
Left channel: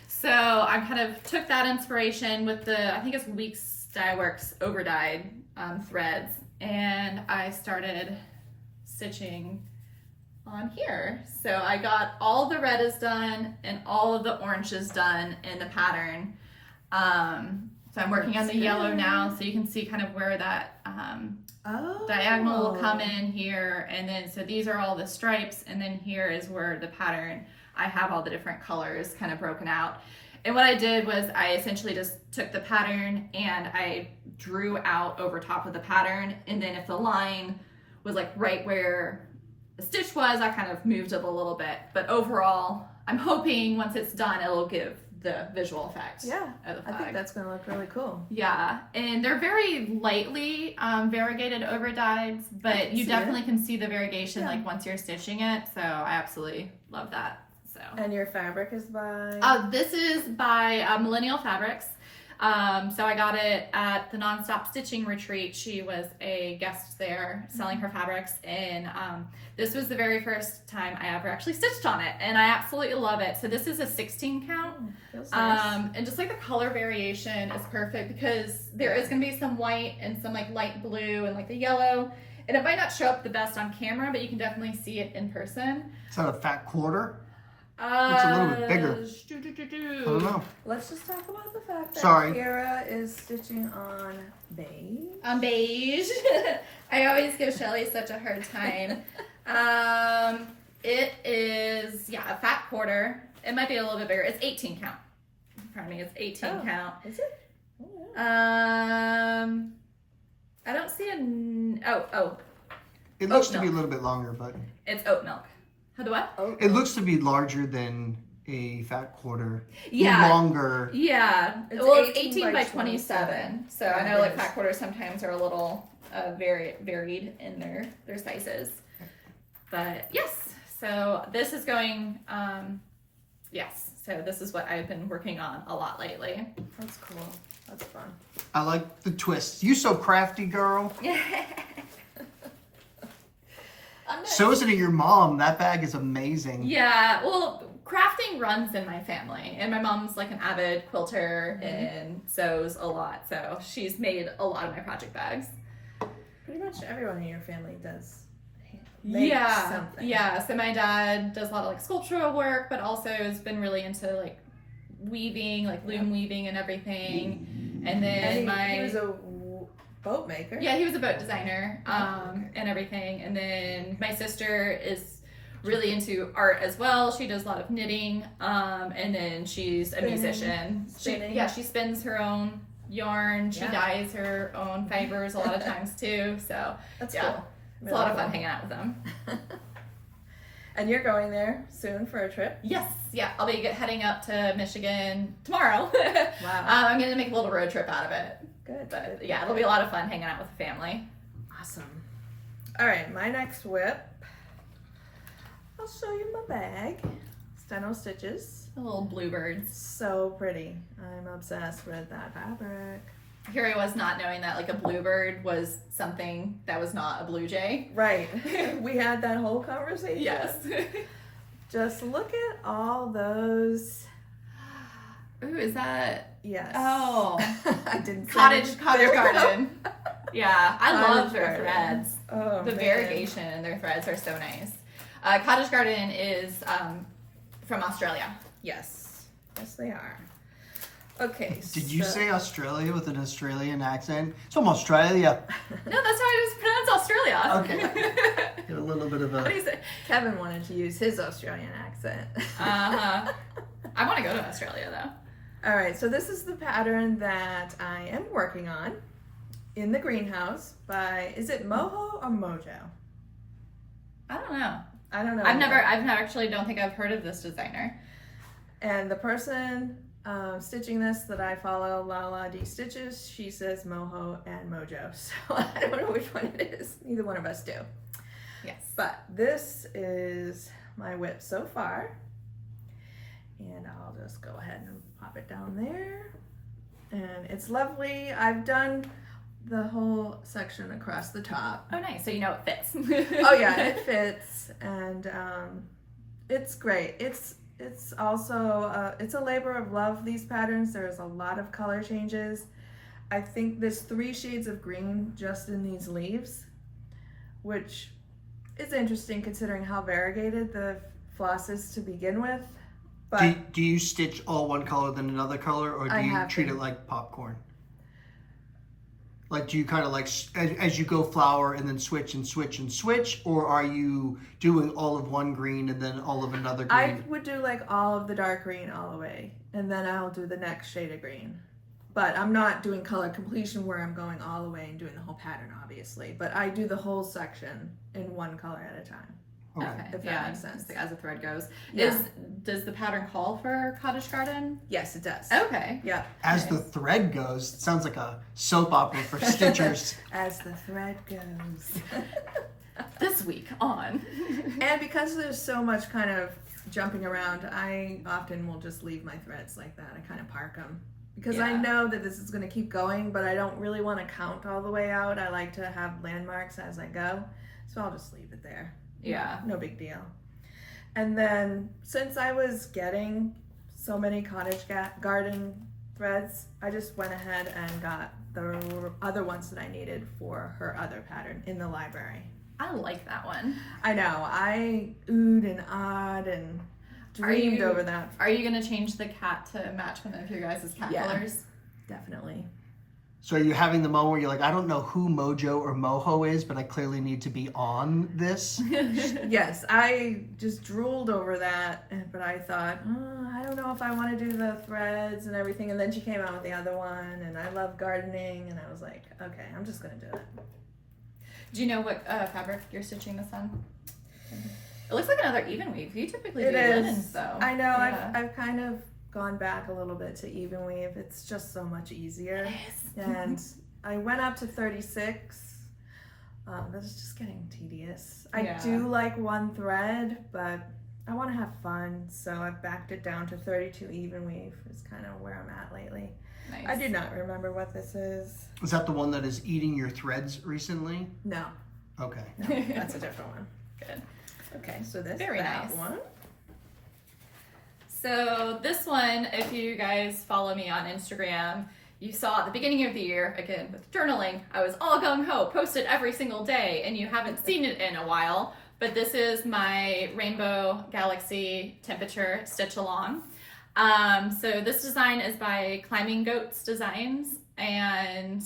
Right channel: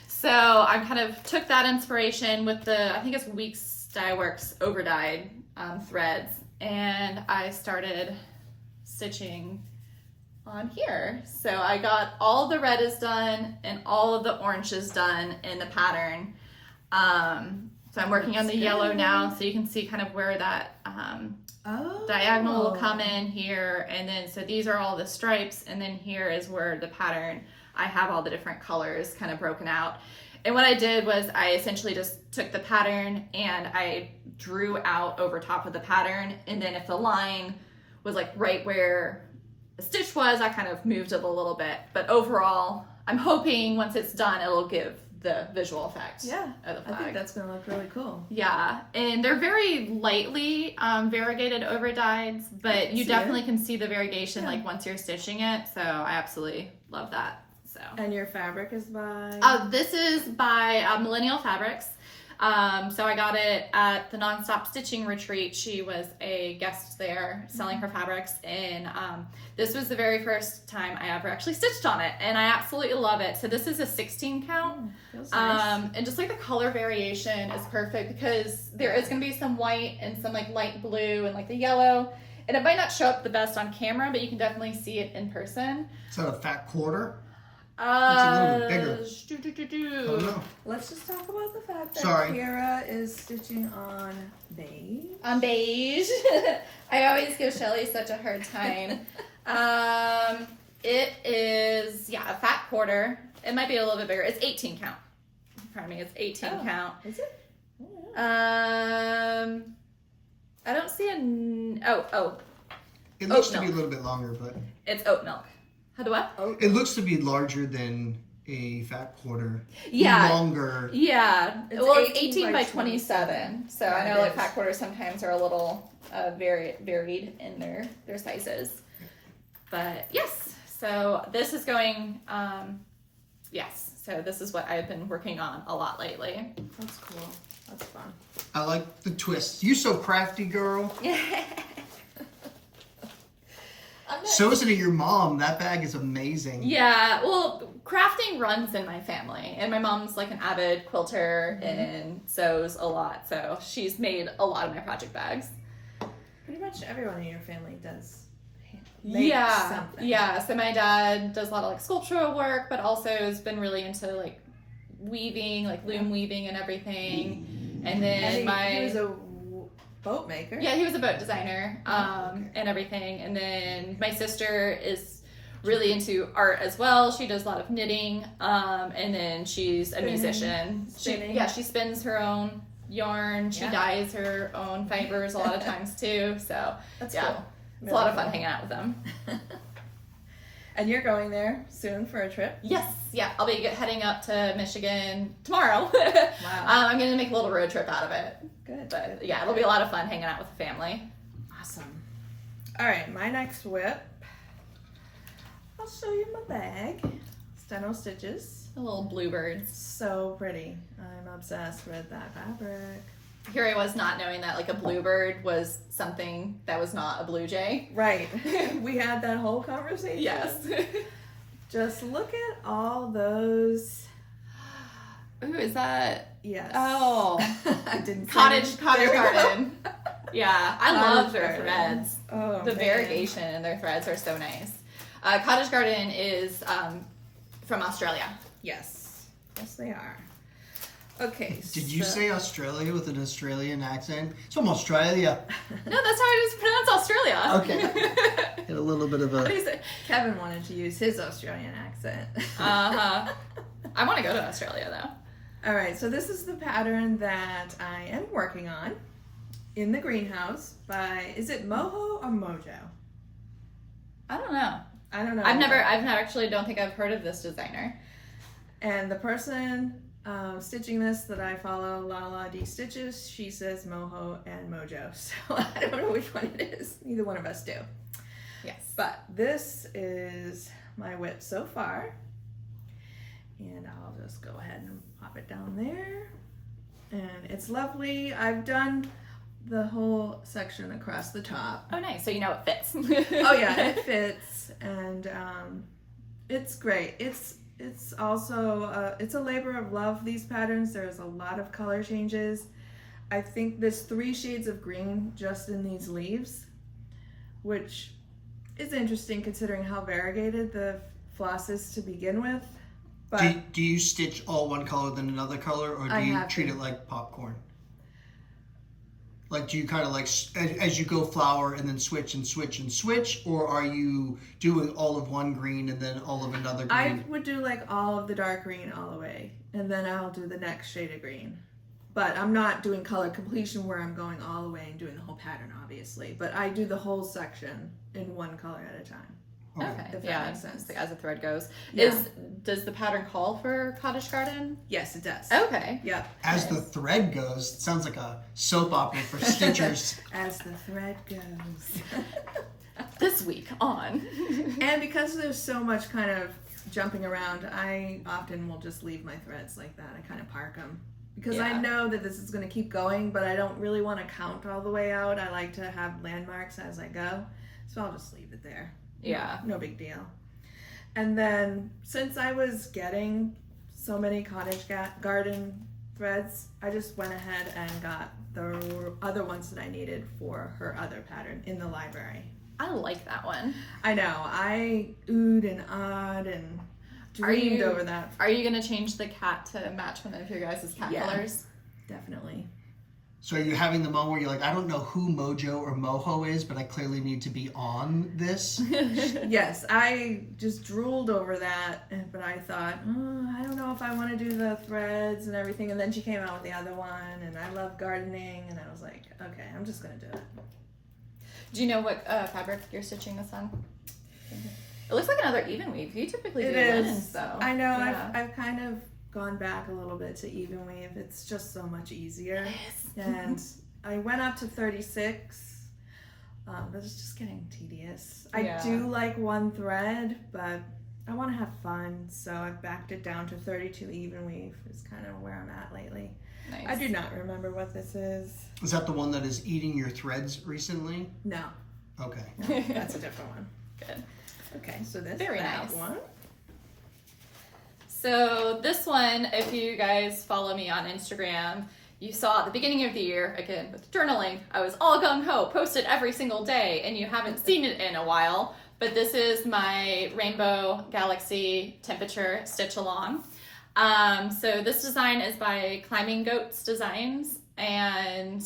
So I kind of took that inspiration with the, I think it's Weeks Dye Works overdyed threads, and I started stitching on here. So I got all the red is done and all of the orange is done in the pattern. So I'm working on the yellow now, so you can see kind of where that diagonal will come in here. And then, so these are all the stripes, and then here is where the pattern, I have all the different colors kind of broken out. And what I did was I essentially just took the pattern and I drew out over top of the pattern. And then if the line was like right where the stitch was, I kind of moved it a little bit. But overall, I'm hoping once it's done, it'll give the visual effect of the flag. I think that's going to look really cool. Yeah, and they're very lightly variegated over dyes, but you definitely can see the variegation like once you're stitching it. So I absolutely love that. So. And your fabric is by? This is by Millennial Fabrics. So I got it at the Nonstop Stitching Retreat. She was a guest there selling her fabrics, and this was the very first time I ever actually stitched on it, and I absolutely love it. So this is a 16 count, Nice. and just like the color variation is perfect because there is going to be some white and some like light blue and like the yellow, and it might not show up the best on camera, but you can definitely see it in person. Is that a fat quarter? It's a little bit bigger. I don't know. Let's just talk about the fact that Sorry. Kira is stitching on beige. On beige. I always give Shelly such a hard time. It is, a fat quarter. It might be a little bit bigger. It's 18 count. Pardon me, it's 18 count. Is it? I don't see It looks Oat to be a milk. little bit longer, but it's oat milk. How do what? it looks to be larger than a fat quarter. Yeah. Longer. Yeah. It's Well, it's 18 18 by by 27. So Yeah, I know it like is. fat quarters sometimes are a little varied in their sizes. But yes, so this is going, so this is what I've been working on a lot lately. That's cool. That's fun. I like the twist. You so crafty, girl. So isn't it your mom? That bag is amazing. Yeah, well, crafting runs in my family, and my mom's like an avid quilter and sews a lot, so she's made a lot of my project bags. Pretty much everyone in your family does make something. Yeah, so my dad does a lot of like sculptural work, but also has been really into like weaving, like loom weaving and everything. And then And he was a boat maker. Yeah, he was a boat designer and everything. And then my sister is really into art as well. She does a lot of knitting, and then she's a musician. Spinning. She spins her own yarn. She dyes her own fibers a lot of times too. So That's yeah, cool. it's a lot of fun hanging out with them. And you're going there soon for a trip? Yes, I'll be heading up to Michigan tomorrow. Wow. I'm gonna make a little road trip out of it. Good. But yeah, it'll be a lot of fun hanging out with the family. Awesome. All right, my next whip. I'll show you my bag. StenoStitches. The little bluebirds. So pretty. I'm obsessed with that fabric. Here I was not knowing that like a bluebird was something that was not a blue jay. Right. We had that whole conversation. Yes. Just look at all those. Ooh, is that? Yes. Oh, I didn't. cottage There we go. garden. Yeah, I Cottage love their garden. threads. Oh, The man. variegation in their threads are so nice. Cottage garden is from Australia. Yes. Yes, they are. Okay. Did you so- say Australia with an Australian accent? It's from Australia. No, that's how I just pronounce Australia. Okay. Get a little bit of What do a. you say? Kevin wanted to use his Australian accent. Uh-huh. I want to go to Australia though. All right, so this is the pattern that I am working on in the greenhouse by, is it Moho or Mojo? I don't know. I don't know. I've never actually don't think I've heard of this designer. And the person stitching this that I follow, Lala D Stitches, she says Moho and Mojo. So I don't know which one it is. Neither one of us do. Yes. But this is my whip so far. And I'll just go ahead and pop it down there. And it's lovely. I've done the whole section across the top. Oh, nice. So you know it fits. Oh yeah, it fits, and it's great. It's also it's a labor of love. These patterns. There's a lot of color changes. I think there's 3 shades of green just in these leaves, which is interesting considering how variegated the floss is to begin with. But Do you stitch all one color then another color, or do I you have treat to. it like popcorn? Like, do you kind of like, as you go flower and then switch and switch and switch, or are you doing all of one green and then all of another green? I would do like all of the dark green all the way, and then I'll do the next shade of green. But I'm not doing color completion where I'm going all the way and doing the whole pattern, obviously. But I do the whole section in one color at a time. Okay. If that makes sense. just like as the thread goes. Yeah. Does the pattern call for cottage garden? Yes, it does. Okay. Yep. As the thread goes, it sounds like a soap opera for stitchers. As the thread goes. This week on. And because there's so much kind of jumping around, I often will just leave my threads like that. I kind of park them. Because I Yeah. know that this is going to keep going, but I don't really want to count all the way out. I like to have landmarks as I go. So I'll just leave it there. Yeah. No big deal. And then since I was getting so many cottage garden threads, I just went ahead and got the other ones that I needed for her other pattern in the library. I like that one. I know. I oohed and awed and dreamed over that. Are you gonna change the cat to match one of your guys' cat Yeah. colors? Definitely. So are you having the moment where you're like, I don't know who Mojo or Moho is, but I clearly need to be on this? Yes, I just drooled over that, but I thought, I don't know if I want to do the threads and everything. And then she came out with the other one, and I love gardening, and I was like, okay, I'm just gonna do it. Do you know what fabric you're stitching this on? It looks like another even weave. You typically do linens though. I know. Yeah. I've kind of gone back a little bit to even weave. It's just so much easier. And I went up to 36. But it's just getting tedious. Yeah. I do like one thread, but I want to have fun, so I've backed it down to 32 even weave. Is kind of where I'm at lately. Nice. I do not remember what this is. Is that the one that is eating your threads recently? No, Okay. no, that's a different one. Good. Okay, so this Very that nice. one. So this one, if you guys follow me on Instagram, you saw at the beginning of the year, again with journaling, I was all gung-ho, posted every single day, and you haven't seen it in a while, but this is my Rainbow Galaxy Temperature Stitch Along. So this design is by Climbing Goats Designs, and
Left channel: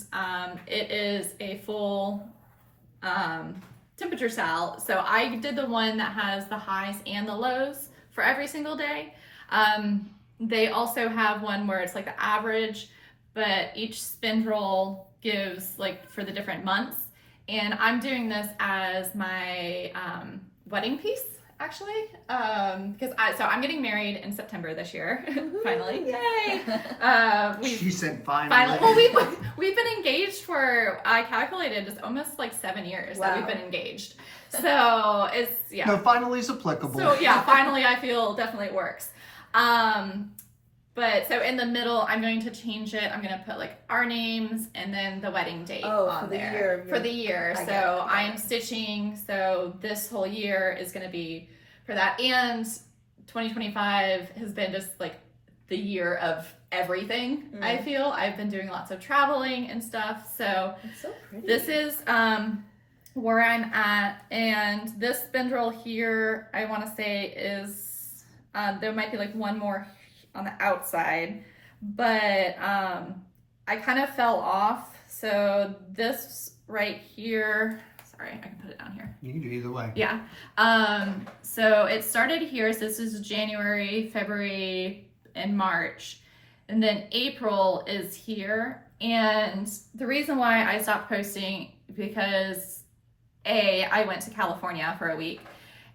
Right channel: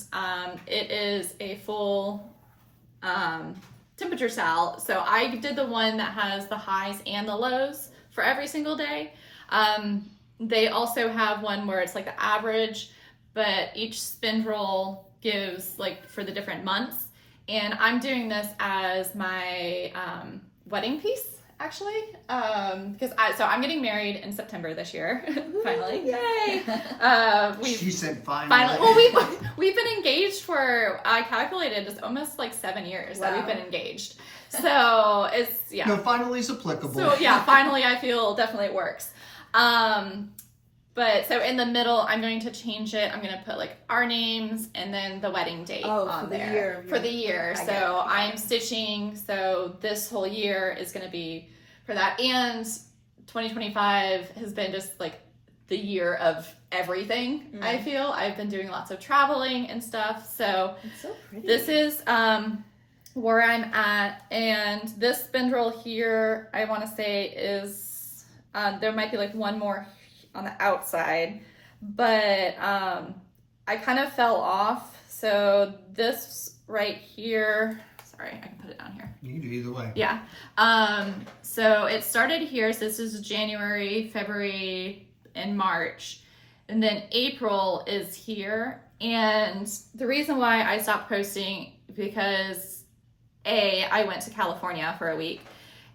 it is a full temperature style. So I did the one that has the highs and the lows for every single day. They also have one where it's like the average, but each spindle gives like for the different months. And I'm doing this as my wedding piece, actually, because I'm getting married in September this year. Finally, yay! She said finally. Well, we've been engaged for, I calculated, it's almost like 7 years that we've been engaged. So it's No, finally is applicable. So yeah, finally I feel definitely it works. But so in the middle, I'm going to change it. I'm going to put like our names and then the wedding date on for the there. year. For the year. I get So it. I'm stitching. So this whole year is going to be for that. And 2025 has been just like the year of everything. I feel I've been doing lots of traveling and stuff. So It's so pretty. this is where I'm at. And this spindle here, I want to say is, there might be like one more on the outside, but I kind of fell off. So this right here, sorry, I can put it down here. You can do either way. Yeah. So it started here. So this is January, February, and March. And then April is here. And the reason why I stopped posting, because I went to California for a week.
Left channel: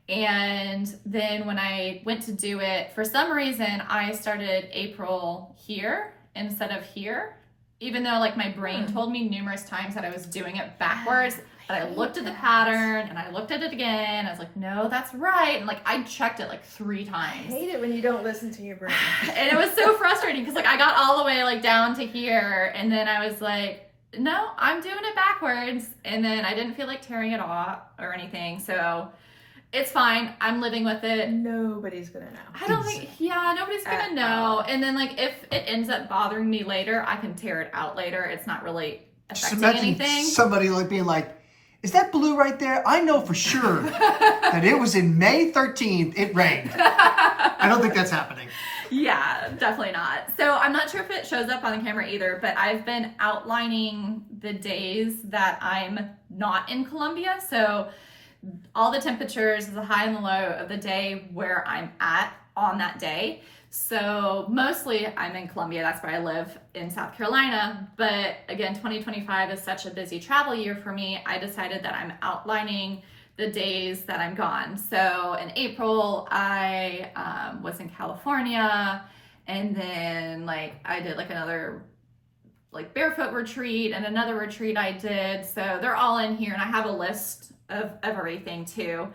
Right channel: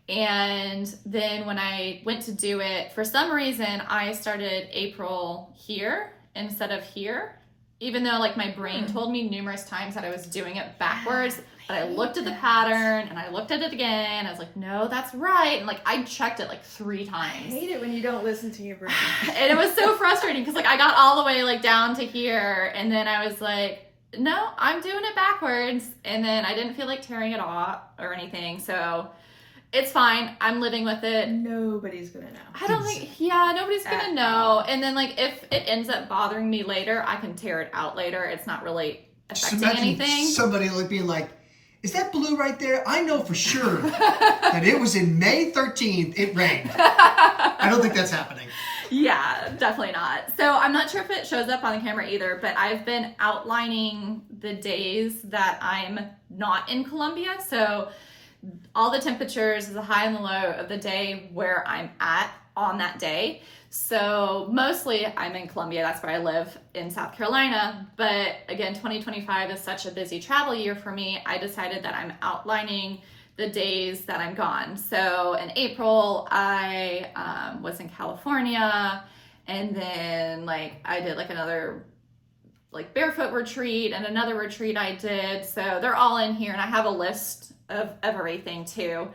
And then when I went to do it, for some reason, I started April here instead of here. Even though like my brain told me numerous times that I was doing it backwards, but I looked at the pattern and I looked at it again. I was like, no, that's right. And like, I checked it like 3 I times. hate it when you don't listen to your brain. And it was so frustrating because like I got all the way like down to here. And then I was like, no, I'm doing it backwards. And then I didn't feel like tearing it off or anything. So it's fine. I'm living with it. Nobody's gonna know. I don't think, nobody's gonna know. And then like if it ends up bothering me later, I can tear it out later. It's not really Just affecting imagine anything. somebody like being like, is that blue right there? I know for sure that it was in May 13th, it rained. I don't think that's happening. Yeah, definitely not. So I'm not sure if it shows up on the camera either, but I've been outlining the days that I'm not in Columbia. So all the temperatures, the high and the low of the day where I'm at on that day. So mostly I'm in Columbia, that's where I live in South Carolina. But again, 2025 is such a busy travel year for me. I decided that I'm outlining the days that I'm gone. So in April, I was in California, and then I did another barefoot retreat and another retreat I did. So they're all in here, and I have a list of everything too.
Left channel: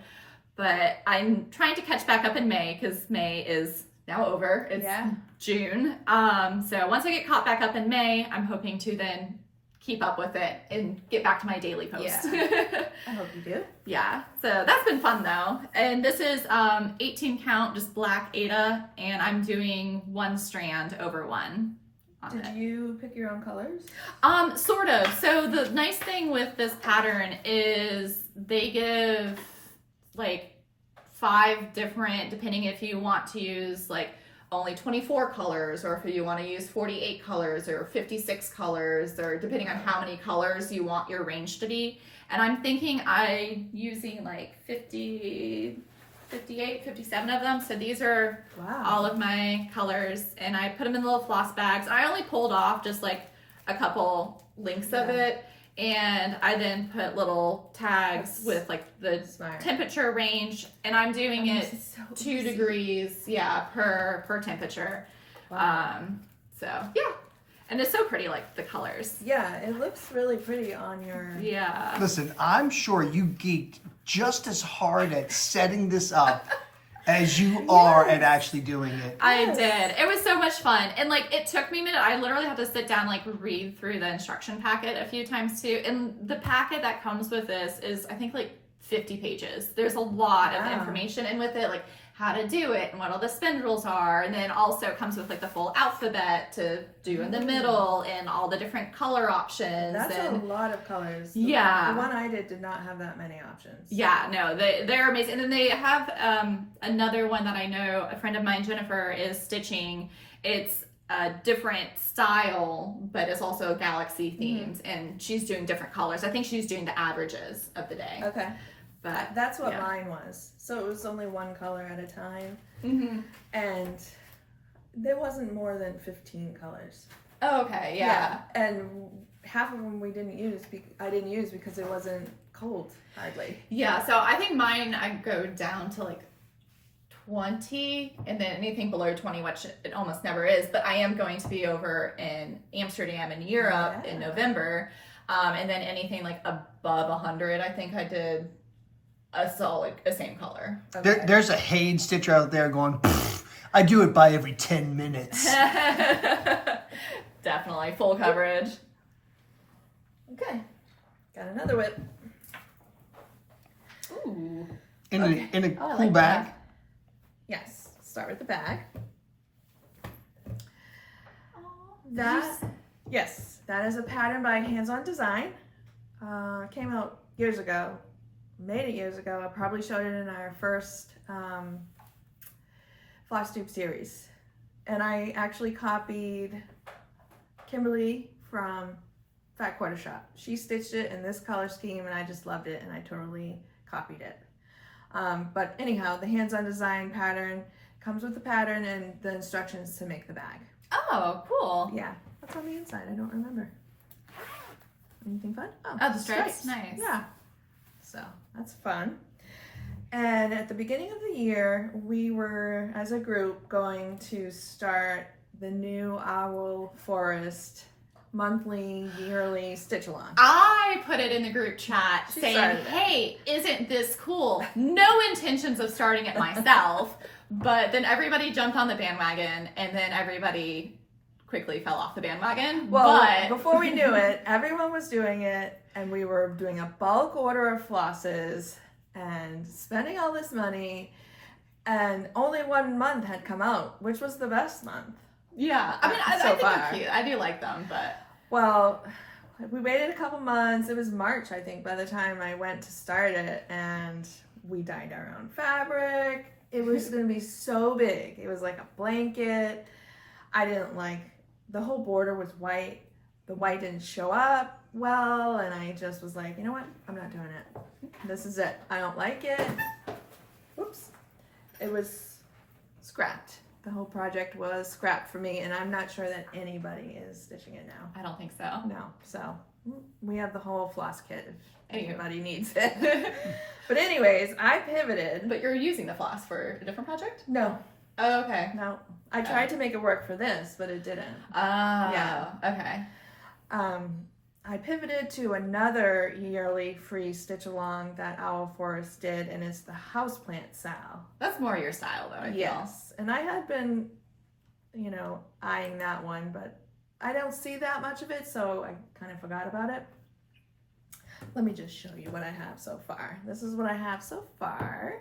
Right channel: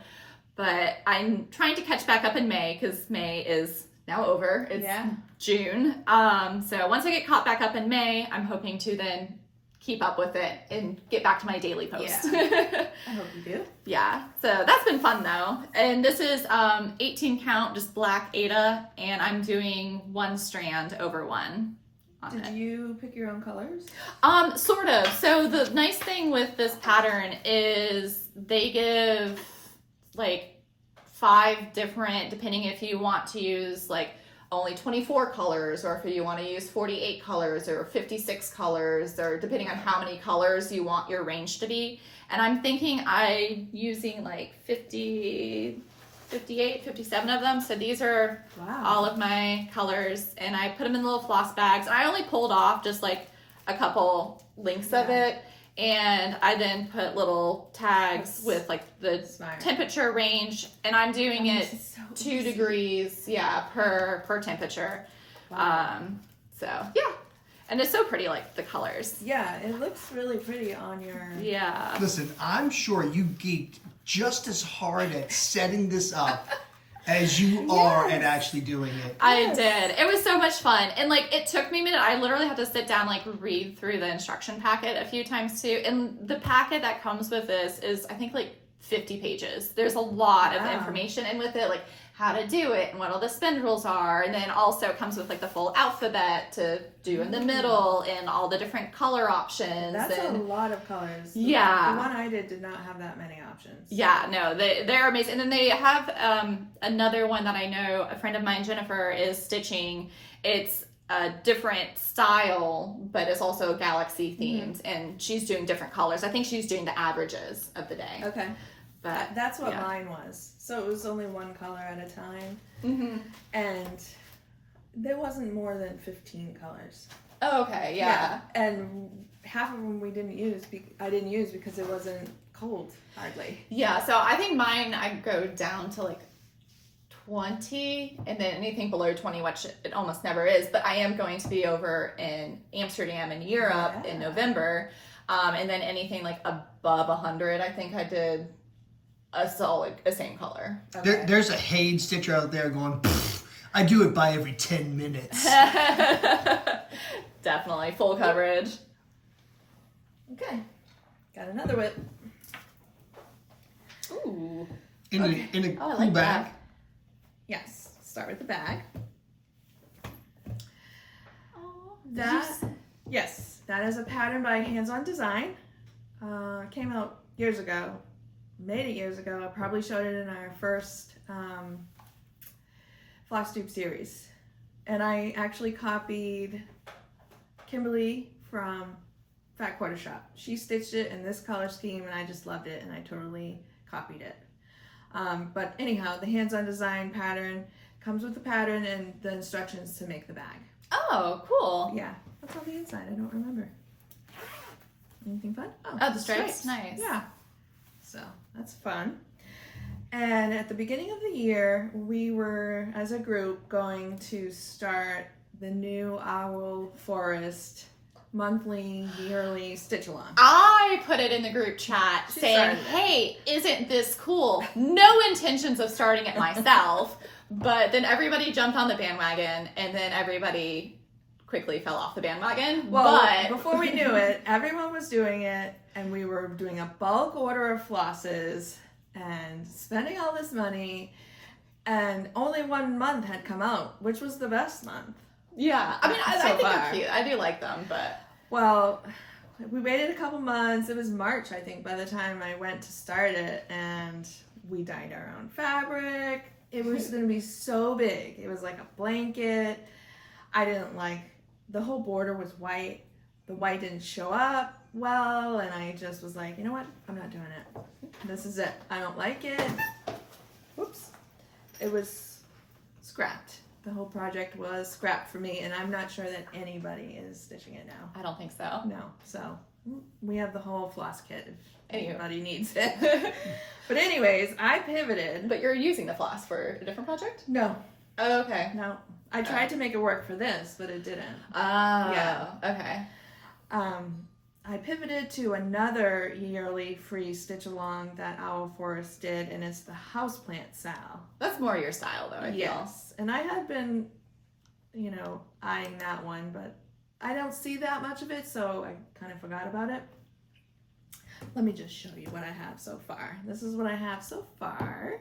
But I'm trying to catch back up in May because May is now over. It's June. So once I get caught back up in May, I'm hoping to then keep up with it and get back to my daily post. Yeah. I hope you do. Yeah. So that's been fun though. And this is 18 count, just black Aida, and I'm doing one strand over one. Did you pick your own colors? Sort of. So the nice thing with this pattern is they give 5 different, depending if you want to use only 24 colors, or if you want to use 48 colors or 56 colors, or depending on how many colors you want your range to be. And I'm thinking I'm using 50, 58, 57 of them. So these are all of my colors, and I put them in little floss bags. I only pulled off just a couple links of it, and I then put little tags with the temperature range, and I'm doing it so 2 degrees per temperature. So yeah, and it's so pretty, the colors. Yeah, it looks really pretty on your... Yeah. Listen, I'm sure you geeked just as hard at setting this up as you are at actually doing it. I did. It was so much fun. And it took me a minute. I literally had to sit down, read through the instruction packet a few times too. And the packet that comes with this is, I think, 50 pages. There's a lot of information in with it, how to do it and what all the spindles are. And then also it comes with the full alphabet to do in the middle and all the different color options. That's a lot of colors. The one I did not have that many options. Yeah, no, they're amazing. And then they have another one that I know, a friend of mine, Jennifer, is stitching. It's a different style, but it's also galaxy themed, and she's doing different colors. I think she's doing the averages of the day. Okay. But that's what mine was. So it was only one color at a time. And there wasn't more than 15 colors. Oh, okay, yeah. And half of them I didn't use because it wasn't cold, hardly. Yeah, so I think mine, I go down to 20, and then anything below 20, which it almost never is, but I am going to be over in Amsterdam in Europe in November, and then anything above 100, I think I did a same color. Okay. There's a Haid stitcher out there going, I do it by every 10 minutes. Definitely, full coverage. Okay, got another whip. Ooh. In a cool like bag. that. Yes, start with the bag. Oh, Yes, that is a pattern by Hands On Design. Came out years ago. Made it years ago. I probably showed it in our first FlossTube series. And I actually copied Kimberly from Fat Quarter Shop. She stitched it in this color scheme, and I just loved it, and I totally copied it. But anyhow, the Hands On Design pattern comes with the pattern and the instructions to make the bag. Oh, cool. Yeah, what's on the inside? I don't remember. Anything fun? Oh, the stripes. Nice. Yeah. So that's fun. And at the beginning of the year, we were, as a group, going to start the new Owl Forest monthly, yearly stitch-along. I put it in the group chat saying, hey, isn't this cool? No intentions of starting it myself, but then everybody jumped on the bandwagon, and then everybody quickly fell off the bandwagon. Well, before we knew it, everyone was doing it, and we were doing a bulk order of flosses and spending all this money, and only 1 month had come out, which was the best month. Yeah, I mean, I think they're cute. I do like them, but... Well, we waited a couple months. It was March, I think, by the time I went to start it, and we dyed our own fabric, It was going to be so big. It was like a blanket. I didn't like, the whole border was white. The white didn't show up well, and I just was like, you know what? I'm not doing it. This is it. I don't like it. Whoops. It was scrapped. The whole project was scrapped for me, and I'm not sure that anybody is stitching it now. I don't think so. No. So we have the whole floss kit if Anywho. anybody needs it. But anyways, I pivoted. But you're using the floss for a different project? No, Oh, okay. no. I tried to make it work for this, but it didn't. Yeah. Okay. I pivoted to another yearly free stitch along that Owl Forest did, and it's the houseplant Sal. That's more your style, though, I feel. Yes, and I had been, eyeing that one, but I don't see that much of it, so I kind of forgot about it. Let me just show you what I have so far. This is what I have so far.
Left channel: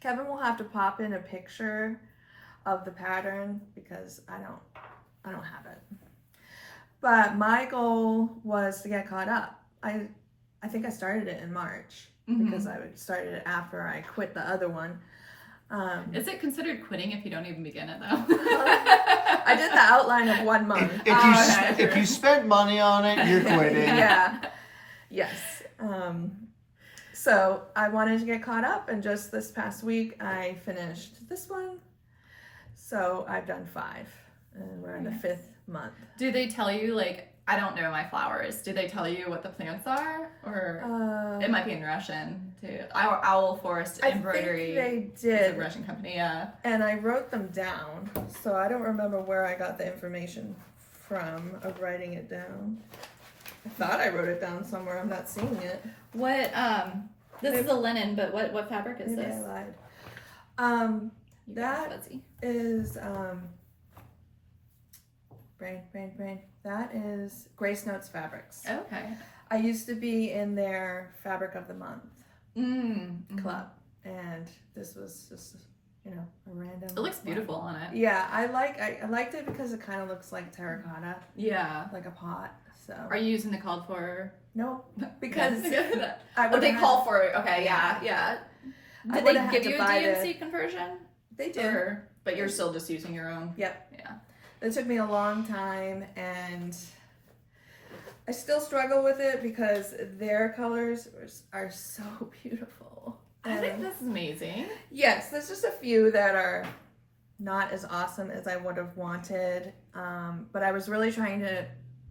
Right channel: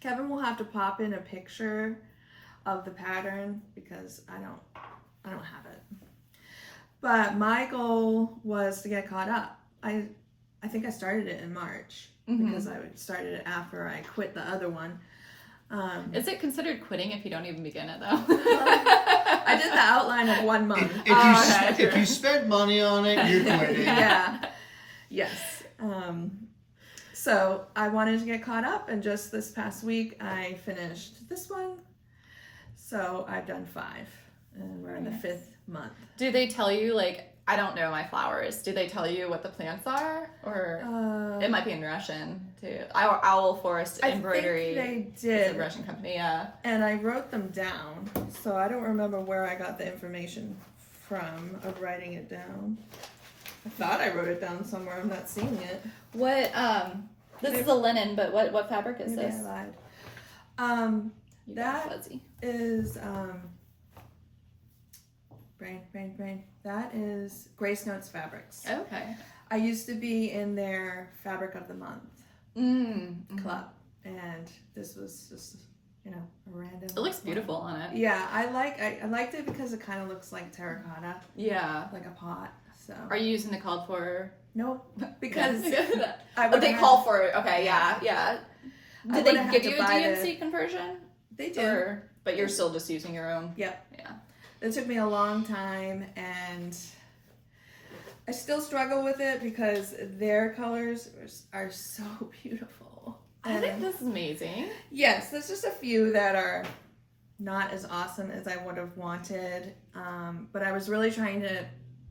Kevin will have to pop in a picture of the pattern because I don't have it. But my goal was to get caught up. I think I started it in March because I started it after I quit the other one. Is it considered quitting if you don't even begin it, though? I did the outline of 1 month. If you spent money on it, you're quitting. Yeah. Yes. So I wanted to get caught up, and just this past week I finished this one. So I've done 5, and we're in the 5th month. Do they tell you, like, I don't know my flowers. Do they tell you what the plants are? Or it might be in Russian, too. Owl Forest Embroidery. I think they It's a did. Russian company, yeah. And I wrote them down, so I don't remember where I got the information from of writing it down. I thought I wrote it down somewhere. I'm not seeing it. What, this is a linen, but what fabric is Maybe this? I lied. You got That fuzzy. is brain. That is Grace Notes Fabrics. Okay. I used to be in their Fabric of the Month club, and this was just a random. It looks beautiful on it. Yeah, I liked it because it kind of looks like terracotta, Yeah. like a pot. So Are you using the called for? nope, because Yeah. I Oh, would they call for it. Okay, yeah. I Did would've they had give to you a buy DMC conversion? They did. Or, but you're still just using your own? Yep. Yeah. It took me a long time, and I still struggle with it because their colors are so beautiful. I think And this is amazing. yes, there's just a few that are not as awesome as I would have wanted, but I was really trying to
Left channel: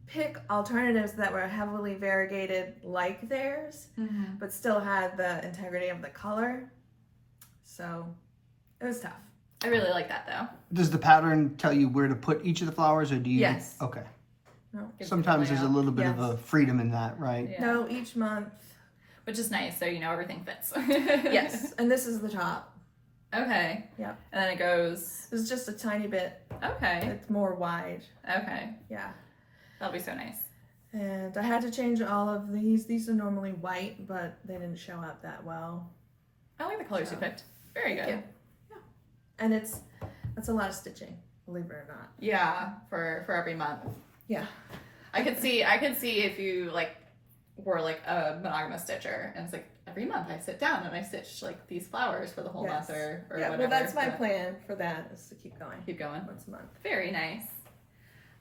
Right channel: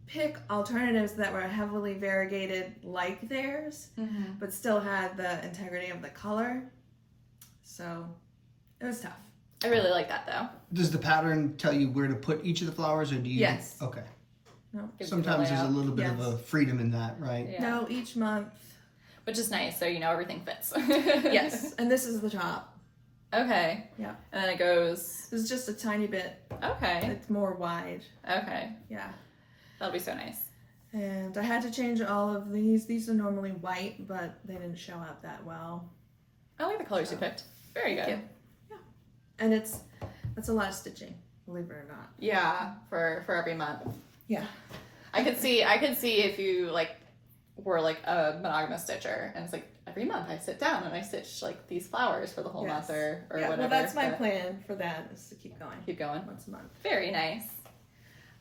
pick alternatives that were heavily variegated like theirs, but still had the integrity of the color. So it was tough. I really like that, though. Does the pattern tell you where to put each of the flowers, or do you? Yes. Okay. No, Gives you the Sometimes there's a layout. little bit of a freedom in that, right? Yeah. no, each month. Which is nice, so you know everything fits. Yes, and this is the top. Okay. Yep. And then it goes. It's just a tiny bit. Okay. It's more wide. Okay. Yeah. That'll be so nice. And I had to change all of these. These are normally white, but they didn't show up that well. I like the colors you picked. Very good. Thank you. Yeah. And that's a lot of stitching, believe it or not. Yeah, for every month. Yeah. I could see if you were like a monogamous stitcher, and it's like every month I sit down and I stitch like these flowers for the whole Yes. month or Yeah, whatever. well, that's my but plan for that, is to keep going Keep going. once a month. Very nice.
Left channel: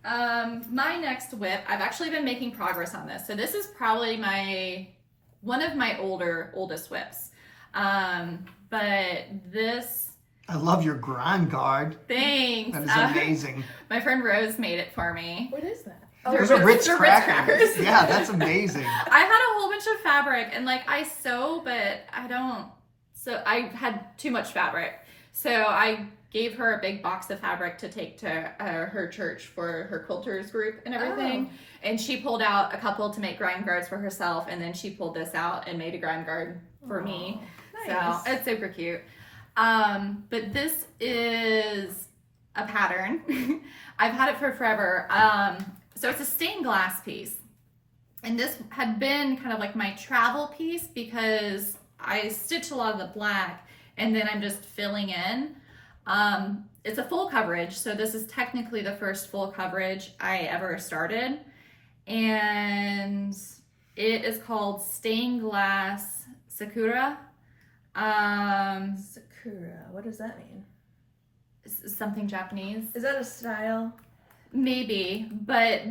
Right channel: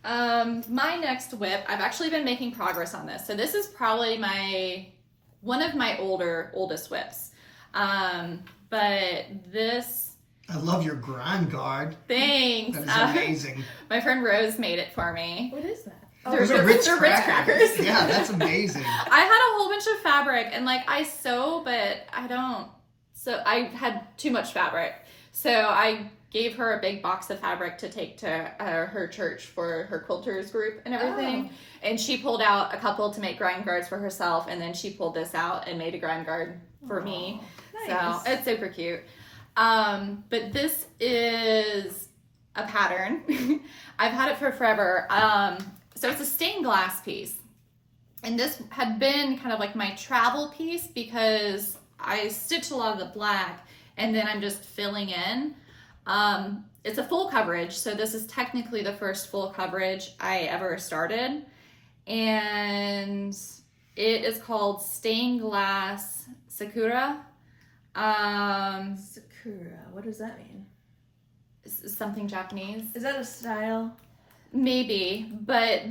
My next whip, I've actually been making progress on this. So this is probably one of my oldest whips. But this, I love your grind guard. thanks. That is amazing. My friend Rose made it for me. What is that? Those are Ritz they're crackers. Yeah, that's amazing. I had a whole bunch of fabric, and I sew, but I don't. So I had too much fabric. So I gave her a big box of fabric to take to her church for her quilters group and everything. Oh. And she pulled out a couple to make grind guards for herself, and then she pulled this out and made a grind guard for me. Nice. So it's super cute. But this is a pattern. I've had it for forever. So it's a stained glass piece. And this had been kind of like my travel piece because I stitch a lot of the black and then I'm just filling in. It's a full coverage. So this is technically the first full coverage I ever started. And it is called Stained Glass Sakura. Sakura. Sakura. What does that mean? Something Japanese. Is that a style? Maybe, but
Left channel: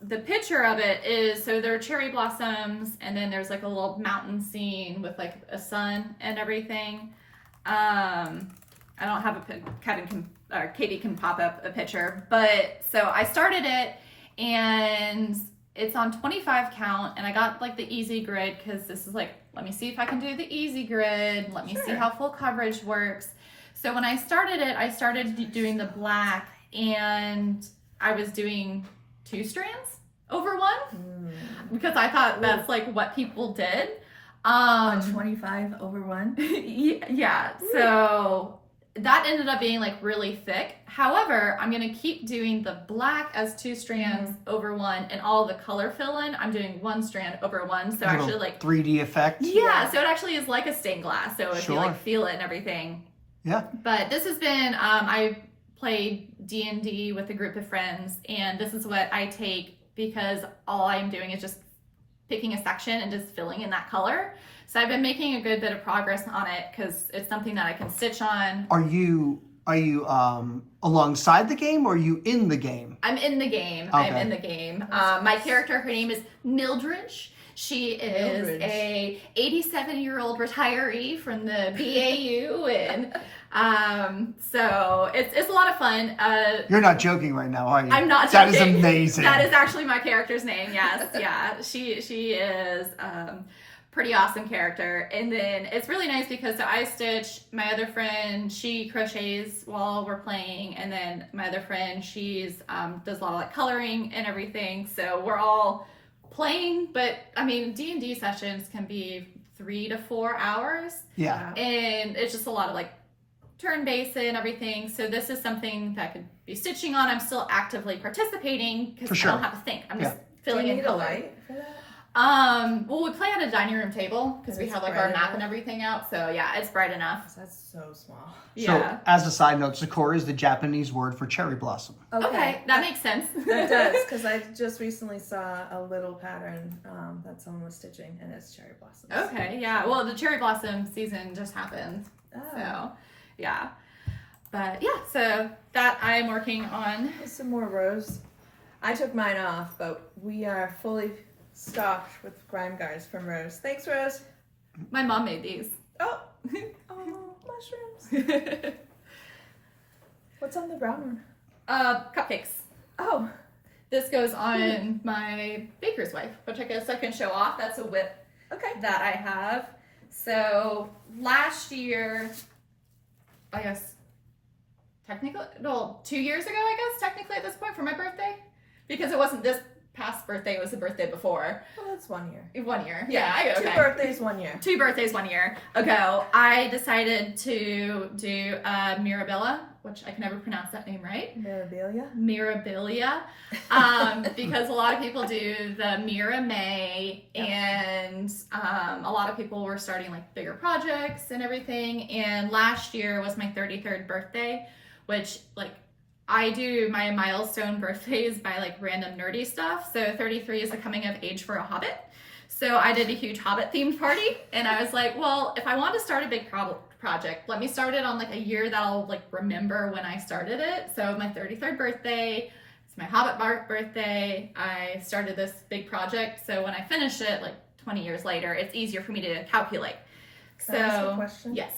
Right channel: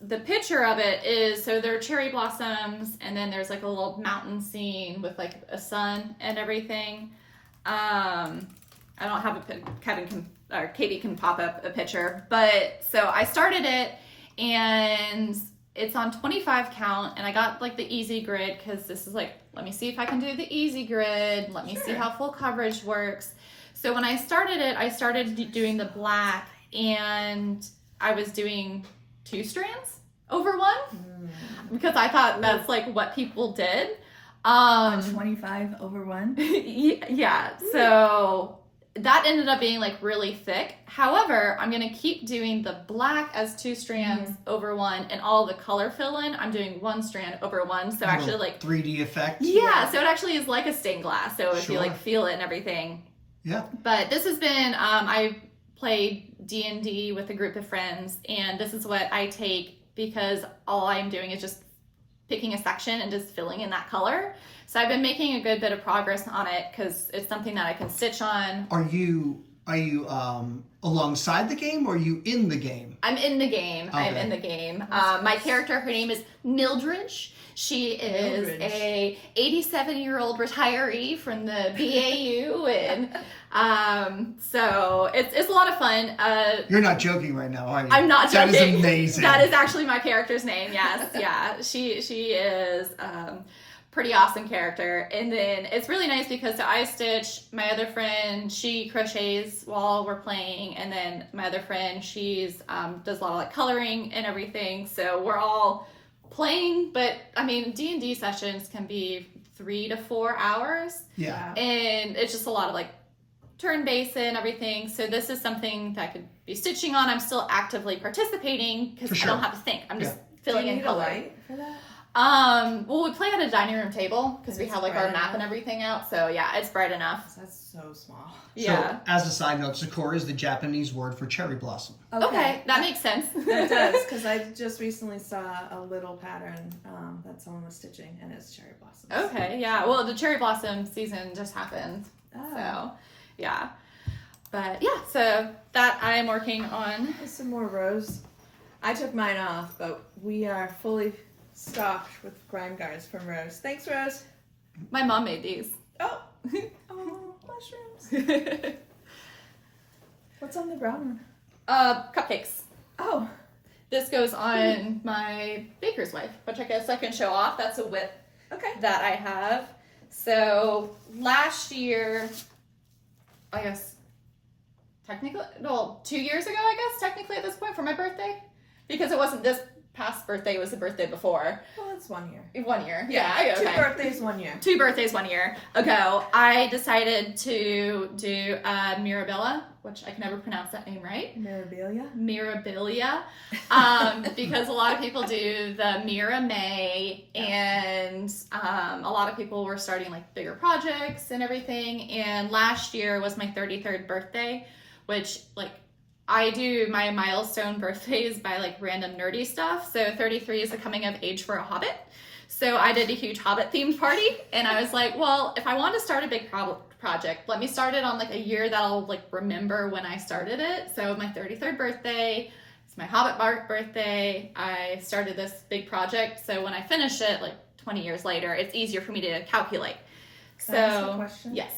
the picture of it is, so there are cherry blossoms, and then there's like a little mountain scene with like a sun and everything. I don't have Katie can pop up a picture, but so I started it, and it's on 25 count, and I got like the easy grid because this is like, let me see if I can do the easy grid. Let me see how full coverage works. So when I started it, I started doing the black, and I was doing 2 strands over one because I thought that's like what people did. 25 over 1? Yeah, so that ended up being like really thick. However, I'm gonna keep doing the black as 2 strands over 1, and all the color fill in, I'm doing 1 strand over 1. So actually like 3D effect. Yeah, so it actually is like a stained glass. So if you like feel it and everything. Yeah. But this has been, I played D&D with a group of friends, and this is what I take because all I'm doing is just picking a section and just filling in that color. So I've been making a good bit of progress on it because it's something that I can stitch on. Are you alongside the game, or are you in the game? I'm in the game. Okay. I'm in the game. My character, her name is Mildridge. She is a 87-year-old retiree from the BAU, and so it's a lot of fun. You're not joking right now, are you? I'm not joking. That is amazing. That is actually my character's name. Yes, yeah. She is pretty awesome character, and then it's really nice because so I stitch. My other friend, she crochets while we're playing, and then my other friend, she's does a lot of like coloring and everything. So we're all playing, but I mean D&D sessions can be 3 to 4 hours. Yeah. And it's just a lot of like turn-based and everything. So this is something that I could be stitching on. I'm still actively participating because I don't have to think. I'm just filling in color. Light for that? Well, we play at a dining room table because we have like our map and everything out. So yeah, it's bright enough. That's so small. So, as a side note, Sakura is the Japanese word for cherry blossom. Okay, that makes sense. That does, because I just recently saw a little pattern that someone was stitching, and it's cherry blossoms. Okay, yeah. Well, the cherry blossom season just happened. So, yeah. But yeah, so that I am working on. There's some more rows. I took mine off, but we are fully stocked with grime guards from Rose. Thanks, Rose. My mom made these. Oh, mushrooms. What's on the brown one? Cupcakes. Oh. This goes on my baker's wife, which I guess I can show off. That's a whip that I have. So last year, I guess, technically, well, 2 years ago, I guess, technically at this point for my birthday, because it wasn't this past birthday, it was the birthday before. Well, that's 1 year. 1 year. Yeah. 2 birthdays, 1 year. 2 birthdays 1 year ago, I decided to do Mirabilia, which I can never pronounce that name right. Mirabilia. Because a lot of people do the Mira May, and a lot of people were starting like bigger projects and everything. And last year was my 33rd birthday, which like I do my milestone birthdays by like random nerdy stuff. So 33 is the coming of age for a hobbit. So I did a huge hobbit themed party, and I was like, well, if I want to start a big project, let me start it on like a year that I'll like remember when I started it. So my 33rd birthday, it's my hobbit birthday. I started this big project. So when I finish it, like 20 years later, it's easier for me to calculate. Can I ask you a question? Yes.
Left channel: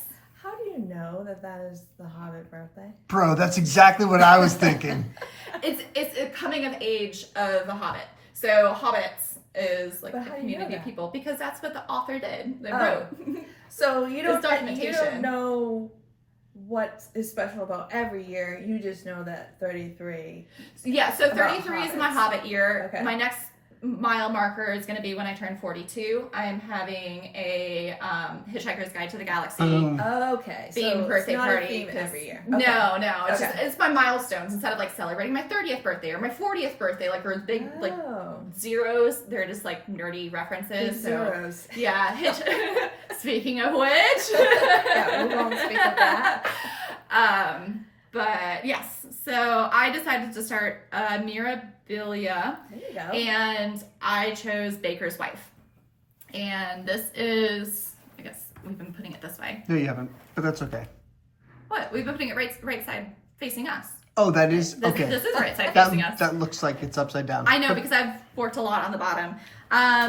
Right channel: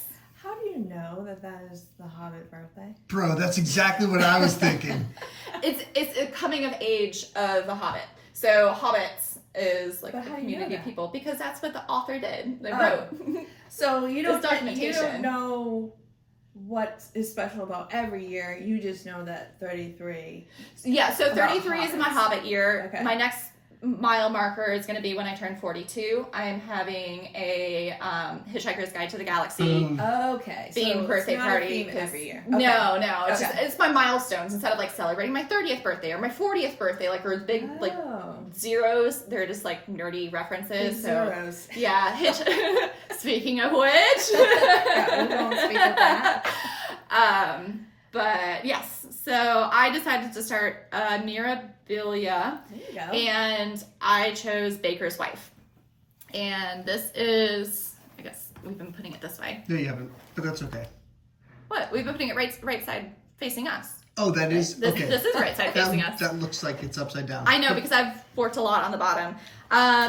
How do you know that that is the Hobbit birthday? Bro, that's exactly what I was thinking. It's a coming of age of a hobbit. So hobbits is like the community of people, because that's what the author did. They wrote. So you don't know what is special about every year. You just know that 33. Yeah, so 33 is my hobbit year. Okay. My next mile marker is going to be when I turn 42. I am having a Hitchhiker's Guide to the Galaxy okay, themed so birthday it's not party a theme every year. Okay. No, it's just, it's my milestones. Instead of like celebrating my 30th birthday or my 40th birthday, like we're big like zeros, they're just like nerdy references. Big zeros. Yeah. Speaking of which, yeah, we won't speak of that. But yes, so I decided to start Mirabilia. There you go. And I chose Baker's Wife. And this is, I guess, we've been putting it this way. No, you haven't, but that's okay. What? We've been putting it right side facing us. Oh, that is okay. This is right side facing us. That looks like it's upside down. I know, because I've worked a lot on the bottom.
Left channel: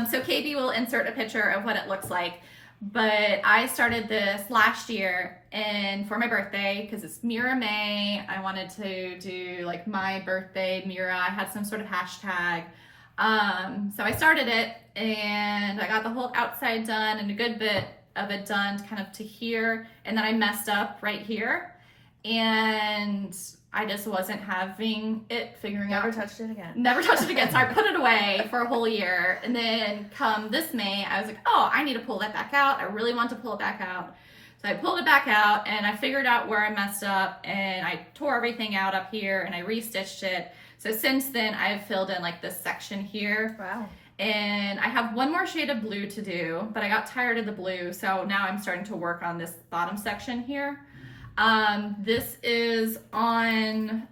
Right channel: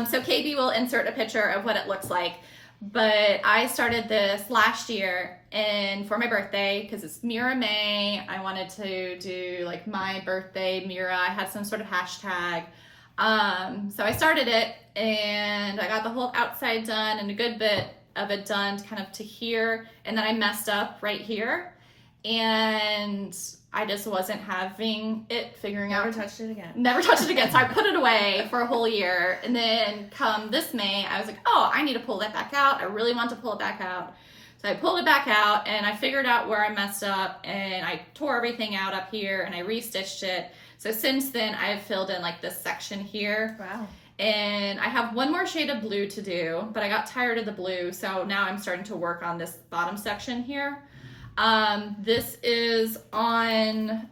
So KB will insert a picture of what it looks like. But I started this last year, and for my birthday, because it's Mira May, I wanted to do like my birthday Mira. I had some sort of hashtag. So I started it, and I got the whole outside done and a good bit of it done kind of to here, and then I messed up right here, and I just wasn't having it figuring out. Never touched it again. Never touched it again. So I put it away for a whole year. And then come this May, I was like, oh, I need to pull that back out. I really want to pull it back out. So I pulled it back out, and I figured out where I messed up, and I tore everything out up here, and I restitched it. So since then, I've filled in like this section here. Wow. And I have one more shade of blue to do, but I got tired of the blue. So now I'm starting to work on this bottom section here. This is on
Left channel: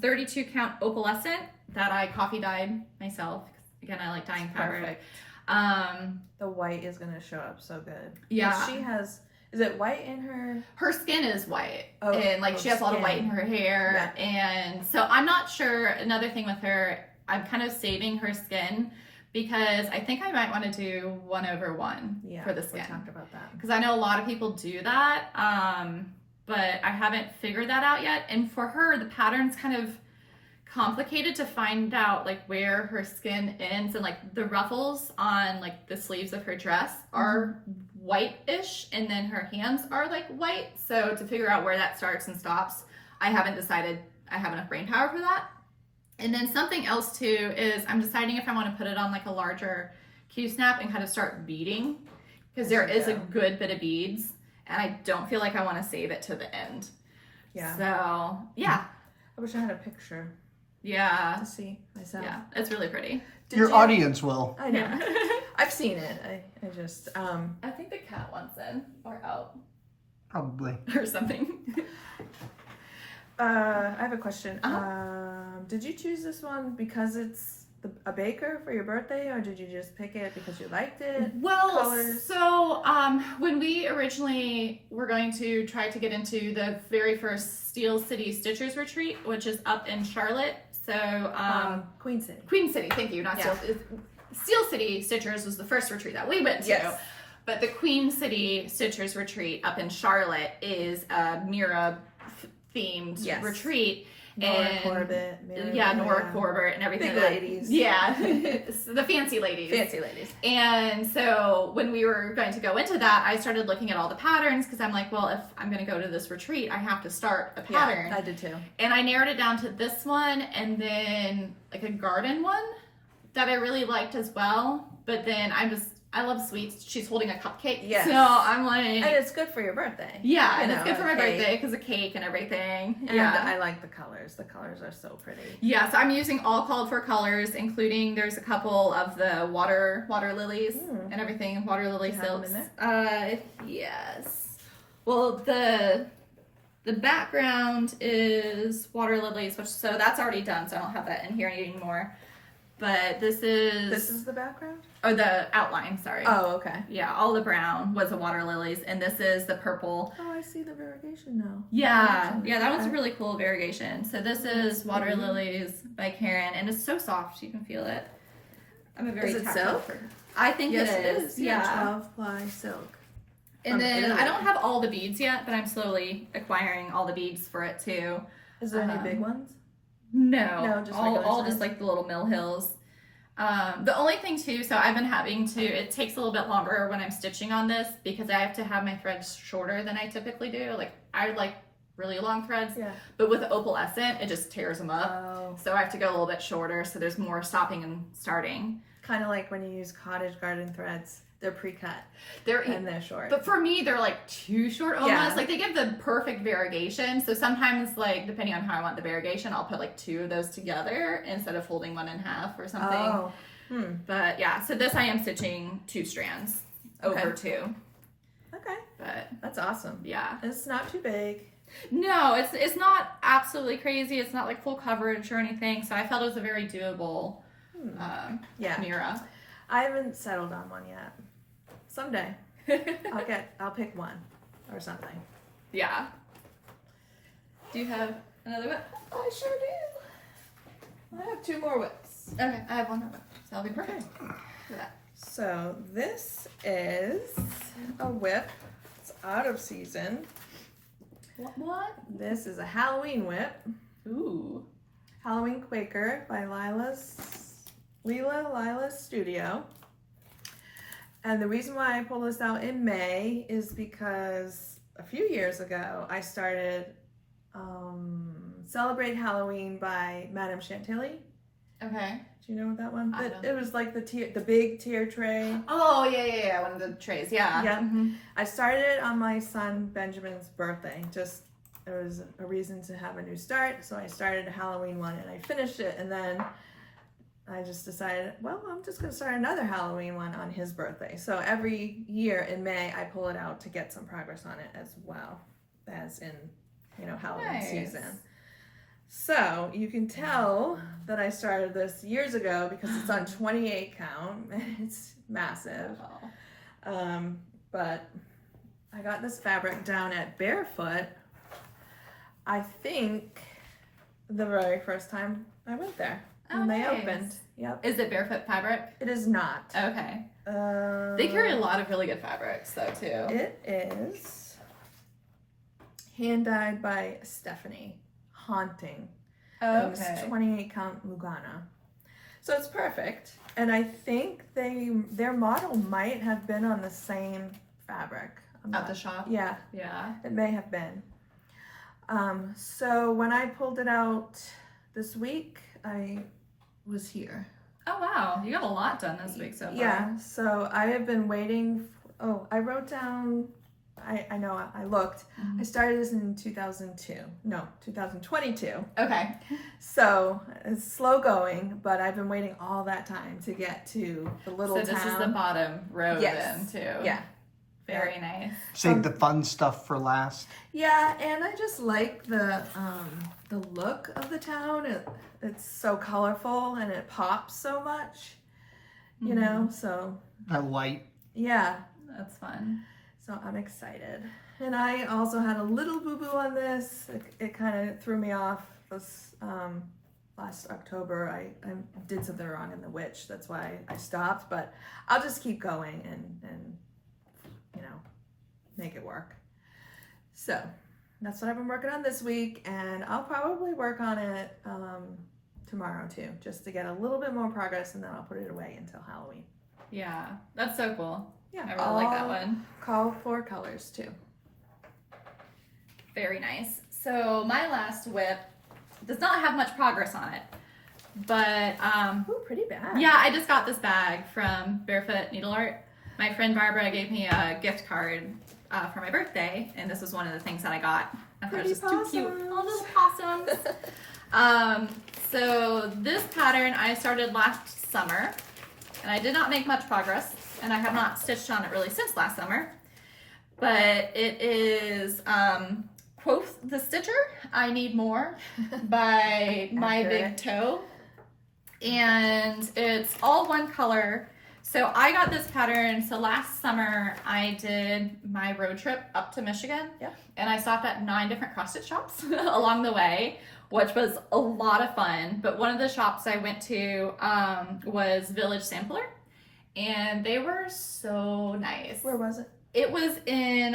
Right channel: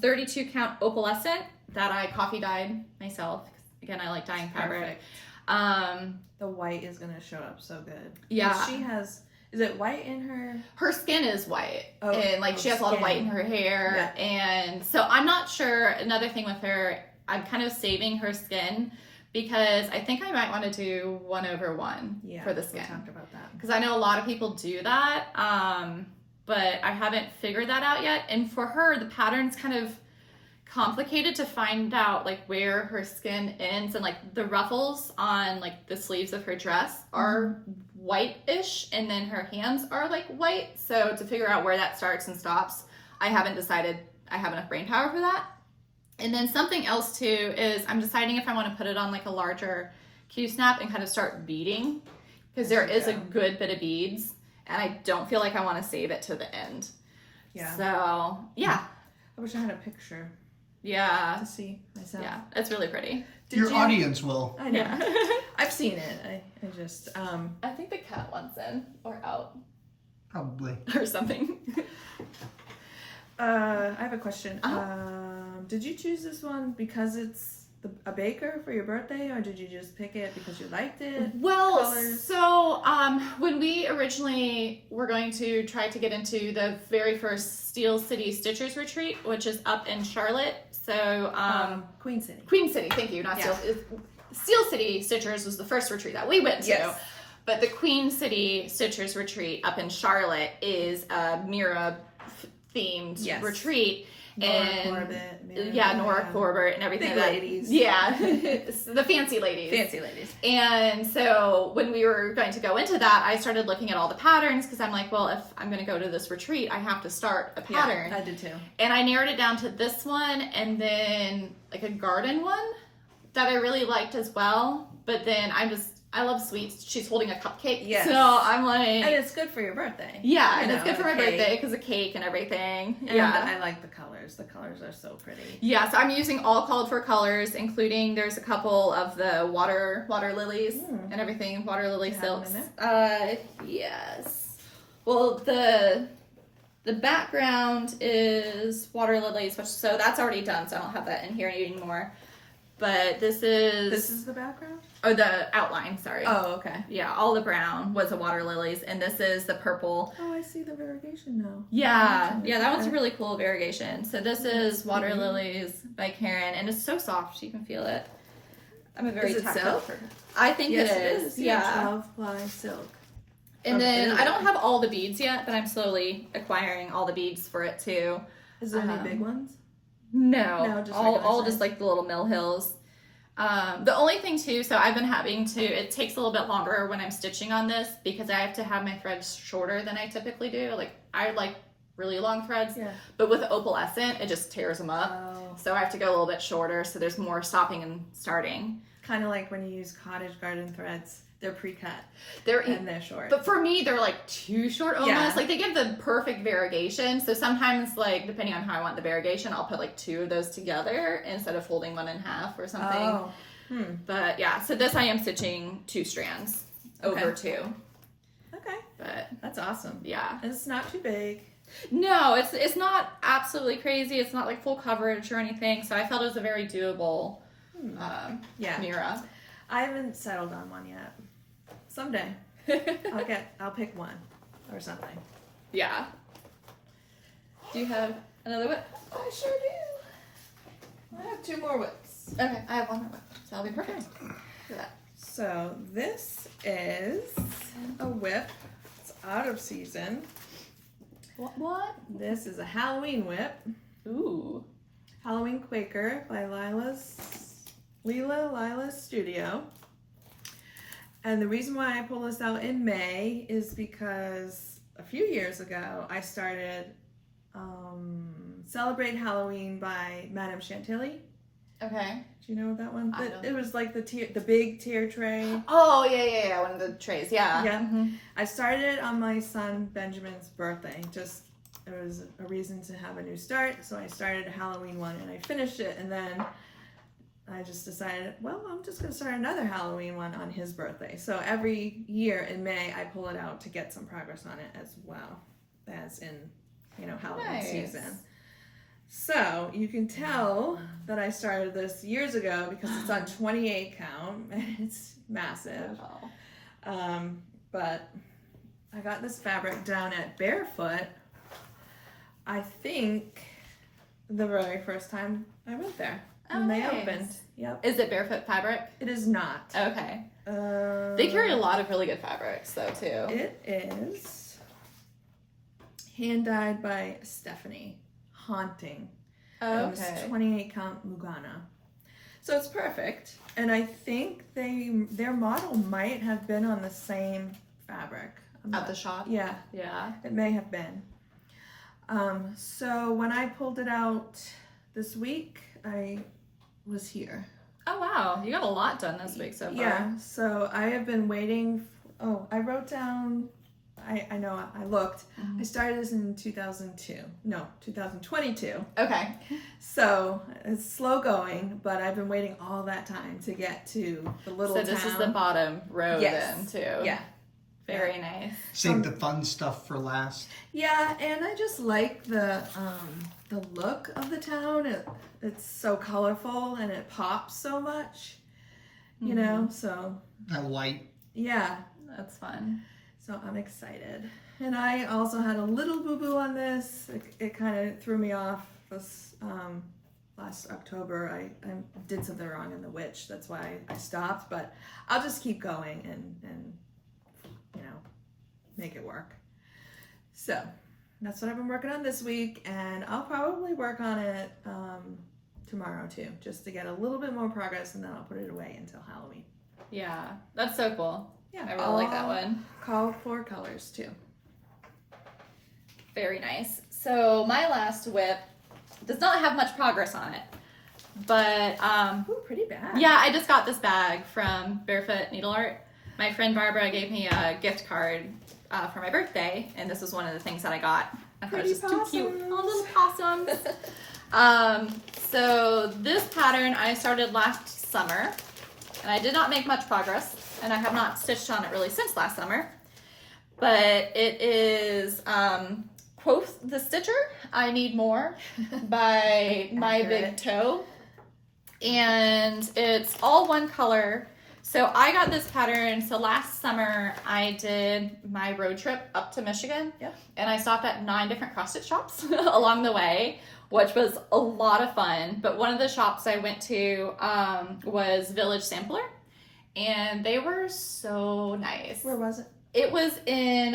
32 count opalescent that I coffee dyed myself. Again, I like dyeing fabric. Perfect. The white is gonna show up so good. Yeah. She has, is it white in her? Her skin is white, Oh, and like she has a lot of white in her hair. Yeah. And so I'm not sure. Another thing with her, I'm kind of saving her skin because I think I might want to do 1/1 for the skin. We talked about that. Because I know a lot of people do that, but I haven't figured that out yet. And for her, the pattern's kind of complicated to find out like where her skin ends, and like the ruffles on like the sleeves of her dress are white-ish, and then her hands are like white. So to figure out where that starts and stops, I haven't decided I have enough brain power for that. And then something else too is I'm deciding if I want to put it on like a larger Q-snap and kind of start beading, because there is a good bit of beads, and I don't feel like I want to save it to the end. Yeah. So yeah. I wish I had a picture Yeah. to see myself. Yeah. It's really pretty. Your audience will. I know. Yeah. I've seen it. I just I think the cat wants in or out Probably. or something. I have a question. Uh-huh. Did you choose this one because it's a baker for your birthday, or did you just pick it because you liked it? Well, Colors? so when we originally were going to try to get into the very first Steel City Stitchers retreat, which is up in Charlotte. So Queen City. Queen City, thank you, not Yeah. Steel City Stitchers was the first retreat that we went to. Yes. But the Queen City Stitchers retreat up in Charlotte is a Mira themed Yes. retreat. Nora Corbett. Yeah, Nora Corbett and everything. Big like that. ladies. Yeah, the fancy ladies. Fancy ladies. And so when we were going to go into that, I started looking at all the patterns, because I'm like, well, if I'm going to go to this retreat, I have to start a pattern. Yeah, I did too. And I narrowed it down to this one, and then like a garden one that I really liked as well. But then I love sweets. She's holding a cupcake. Yes. So I'm like, And it's good for your birthday. yeah, You and it's know, good for my cake. birthday because of cake and everything. And Yeah. I like the colors. The colors are so pretty. Yeah, so I'm using all called for colors, including there's a couple of the water lilies and everything, water lily Do you have silks. them Yes. Well, the background is water lilies, so that's already done, so I don't have that in here anymore. But this is the background? or the outline, sorry. Oh, okay. Yeah, all the brown was the water lilies, and this is the purple. Oh, I see the variegation now. Yeah, Imagine. yeah, that one's a Okay. really cool variegation. So this is Water pretty. Lilies by Karen, and it's so soft, you can feel it. I'm a very Is it tactile silk? person. I think Yes, it is. Yeah. 12 ply silk. And From then I Italy. don't have all the beads yet, but I'm slowly acquiring all the beads for it too. Is there any big ones? No, No, just all regular just size? like the little mill hills. The only thing too, so I've been having to, it takes a little bit longer when I'm stitching on this because I have to have my threads shorter than I typically do. Like I like really long threads, Yeah. but with opalescent, it just tears them up. Oh. So I have to go a little bit shorter, so there's more stopping and starting. Kind of like when you use cottage garden threads. They're pre-cut They're and they're short. But for me, they're like too short almost. Yeah. Like they give the perfect variegation. So sometimes, like depending on how I want the variegation, I'll put like two of those together instead of folding one in half or something. Oh. But yeah, so this I am stitching 2 strands over 2. Okay. But That's awesome. yeah, It's not too big. no, it's not absolutely crazy. It's not like full coverage or anything. So I felt it was a very doable Yeah. Mira. I haven't settled on one yet. Someday. I'll pick one or something. Yeah. Do you have another whip? I sure do. I have 2 more whips. Okay, I have one more whip, so that'll be perfect for that. So this is a whip. It's out of season. What? This is a Halloween whip. Ooh. Halloween Quaker by Lila's Studio. And the reason why I pulled this out in May is because a few years ago I started Celebrate Halloween by Madame Chantilly. Okay. Do you know that one? I don't. It was like the big tier tray. Oh, yeah, one of the trays, yeah. Yeah. Mm-hmm. I started it on my son Benjamin's birthday. Just it was a reason to have a new start, so I started a Halloween one and I finished it, and then I just decided, well, I'm just gonna start another Halloween one on his birthday. So every year in May I pull it out to get some progress on it as well as in, Halloween Nice. season. So you can tell that I started this years ago because it's on 28 count and it's massive. Oh. But I got this fabric down at Barefoot, I think the very first time I went there when they nice. opened. Yep. Is it Barefoot fabric? It is not. Okay. They carry a lot of really good fabrics, though, too. It is hand dyed by Stephanie. Haunting. It was 28 count Lugana. So it's perfect. And I think their model might have been on the same fabric. At the shop? Yeah, Yeah. it may have been. So when I pulled it out this week, I was here. Oh, wow. You got a lot done this week so far. Yeah, so I have been waiting. I wrote down, I know, I looked. Mhm. I started this in 2022. Okay. So it's slow going, but I've been waiting all that time to get to the little So this town. is the bottom row Yes. then, too. Yeah. Very nice. Save the fun stuff for last. Yeah, and I just like the look of the town. It's so colorful and it pops so much, you know. So That light. yeah, That's fun. so I'm excited. And I also had a little boo boo on this. It kind of threw me off. This last October, I did something wrong in the witch. That's why I stopped. But I'll just keep going and make it work. So that's what I've been working on this week, and I'll probably work on it tomorrow too, just to get a little bit more progress, and then I'll put it away until Halloween. Yeah. That's so cool. Yeah, I really like that one. Call for colors too. Very nice. So my last whip does not have much progress on it, but Ooh, pretty bad. yeah, I just got this bag from Barefoot Needle Art. My friend Barbara gave me a gift card for my birthday, and this was one of the things that I got. I thought it was just too cute. Oh, little possums. So this pattern I started last summer, and I did not make much progress, and I have not stitched on it really since last summer. But it is Quoth the Stitcher, I Need More by My Big Toe. And it's all one color. So I got this pattern. So last summer I did my road trip up to Michigan. Yep. And I stopped at 9 different cross stitch shops along the way, which was a lot of fun. But one of the shops I went to was Village Sampler, and they were so nice. Where was it? It was in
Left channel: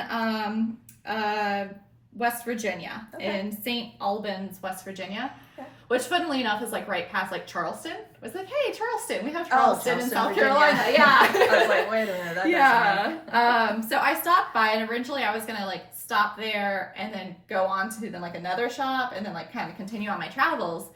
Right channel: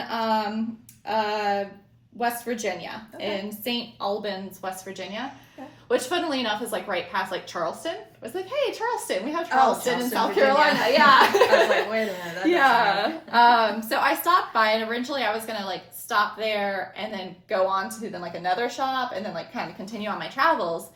West Virginia, Okay. in St. Albans, West Virginia, Okay. which funnily enough is like right past like Charleston. I was like, hey, Charleston, we have Charleston in Charleston, South Virginia. Carolina. Yeah. I was like, wait a minute. That Yeah. So I stopped by, and originally I was gonna like stop there and then go on to then like another shop and then like kind of continue on my travels.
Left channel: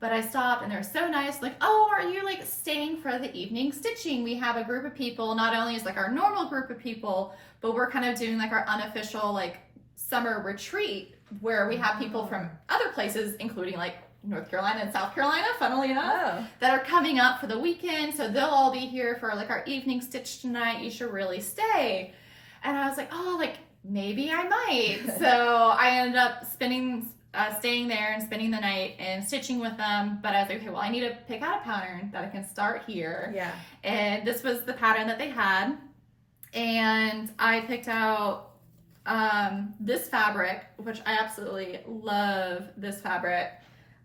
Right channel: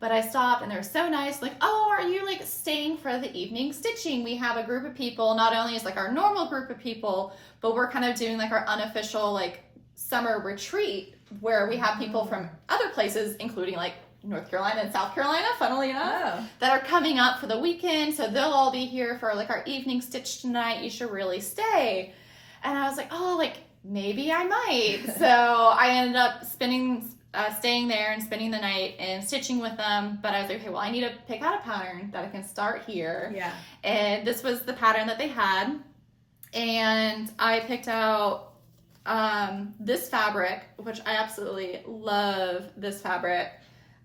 But I stopped, and they're so nice. Like, oh, are you like staying for the evening stitching? We have a group of people. Not only is like our normal group of people, but we're kind of doing like our unofficial like summer retreat where we have people from other places, including like North Carolina and South Carolina, funnily enough, Oh. that are coming up for the weekend. So they'll all be here for like our evening stitch tonight. You should really stay. And I was like, oh, like maybe I might. So I ended up staying there and spending the night and stitching with them. But I was like, okay, well, I need to pick out a pattern that I can start here. Yeah. And this was the pattern that they had. and I picked out this fabric, which I absolutely love this fabric.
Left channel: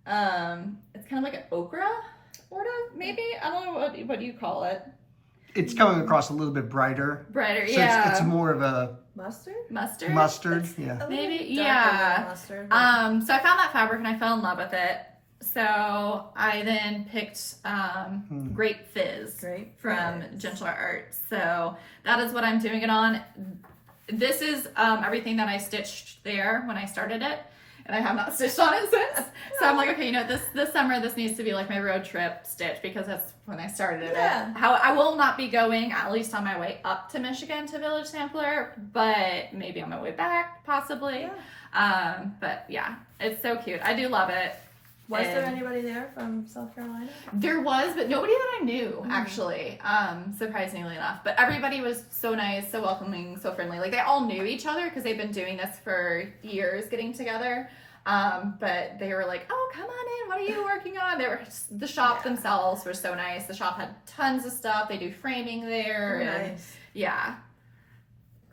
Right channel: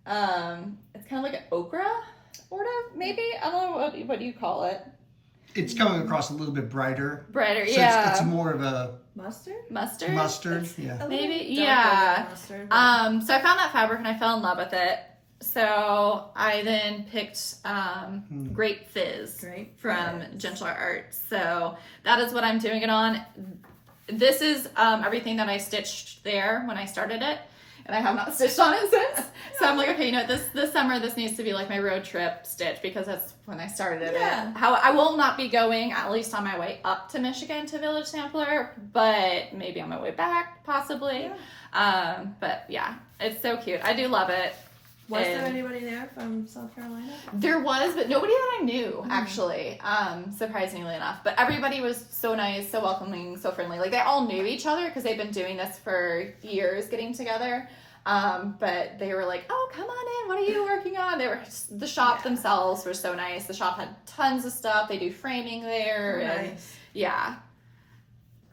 It's kind of like an ochre, sort of, maybe. I don't know what you call it. It's coming across a little bit brighter. Brighter, So yeah. it's more of a Mustard. mustard, yeah. Maybe, darker yeah. than mustard, but- So I found that fabric and I fell in love with it. So I then picked Grape Fizz from Gentle Art. So that is what I'm doing it on. This is everything that I stitched there when I started it, and I have not stitched on it since. So I'm like, okay, you know, this summer this needs to be like my road trip stitch, because that's when I started it. How I will not be going, at least on my way up to Michigan to Village Sampler, but maybe on my way back possibly. But yeah, it's so cute. I do love it. Was there anybody there from South Carolina? There was, but nobody that I knew, actually, surprisingly enough. But everybody was so nice, so welcoming, so friendly. Like, they all knew each other because they've been doing this for years, getting together. But they were like, oh, come on in. What are you working on? They were the shop themselves were so nice. The shop had tons of stuff. They do framing there. And, yeah.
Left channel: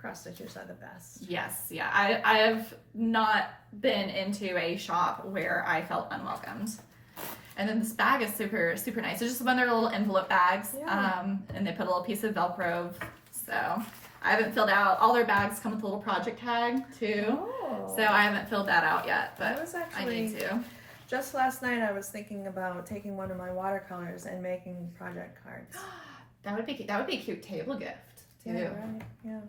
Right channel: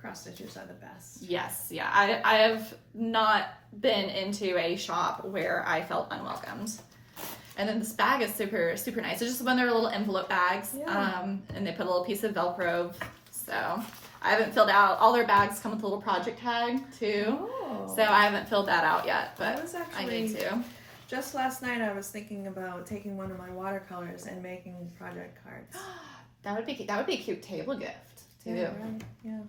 Cross stitches are the best. Yes, yeah. I have not been into a shop where I felt unwelcomed. And then this bag is super, super nice. It's just one of their little envelope bags. And they put a little piece of Velcro. So I haven't filled out. All their bags come with a little project tag too. So I haven't filled that out yet, but I need to. Just last night I was thinking about taking one of my watercolors and making project cards. That would be a cute table gift too. Yeah, right. Yeah.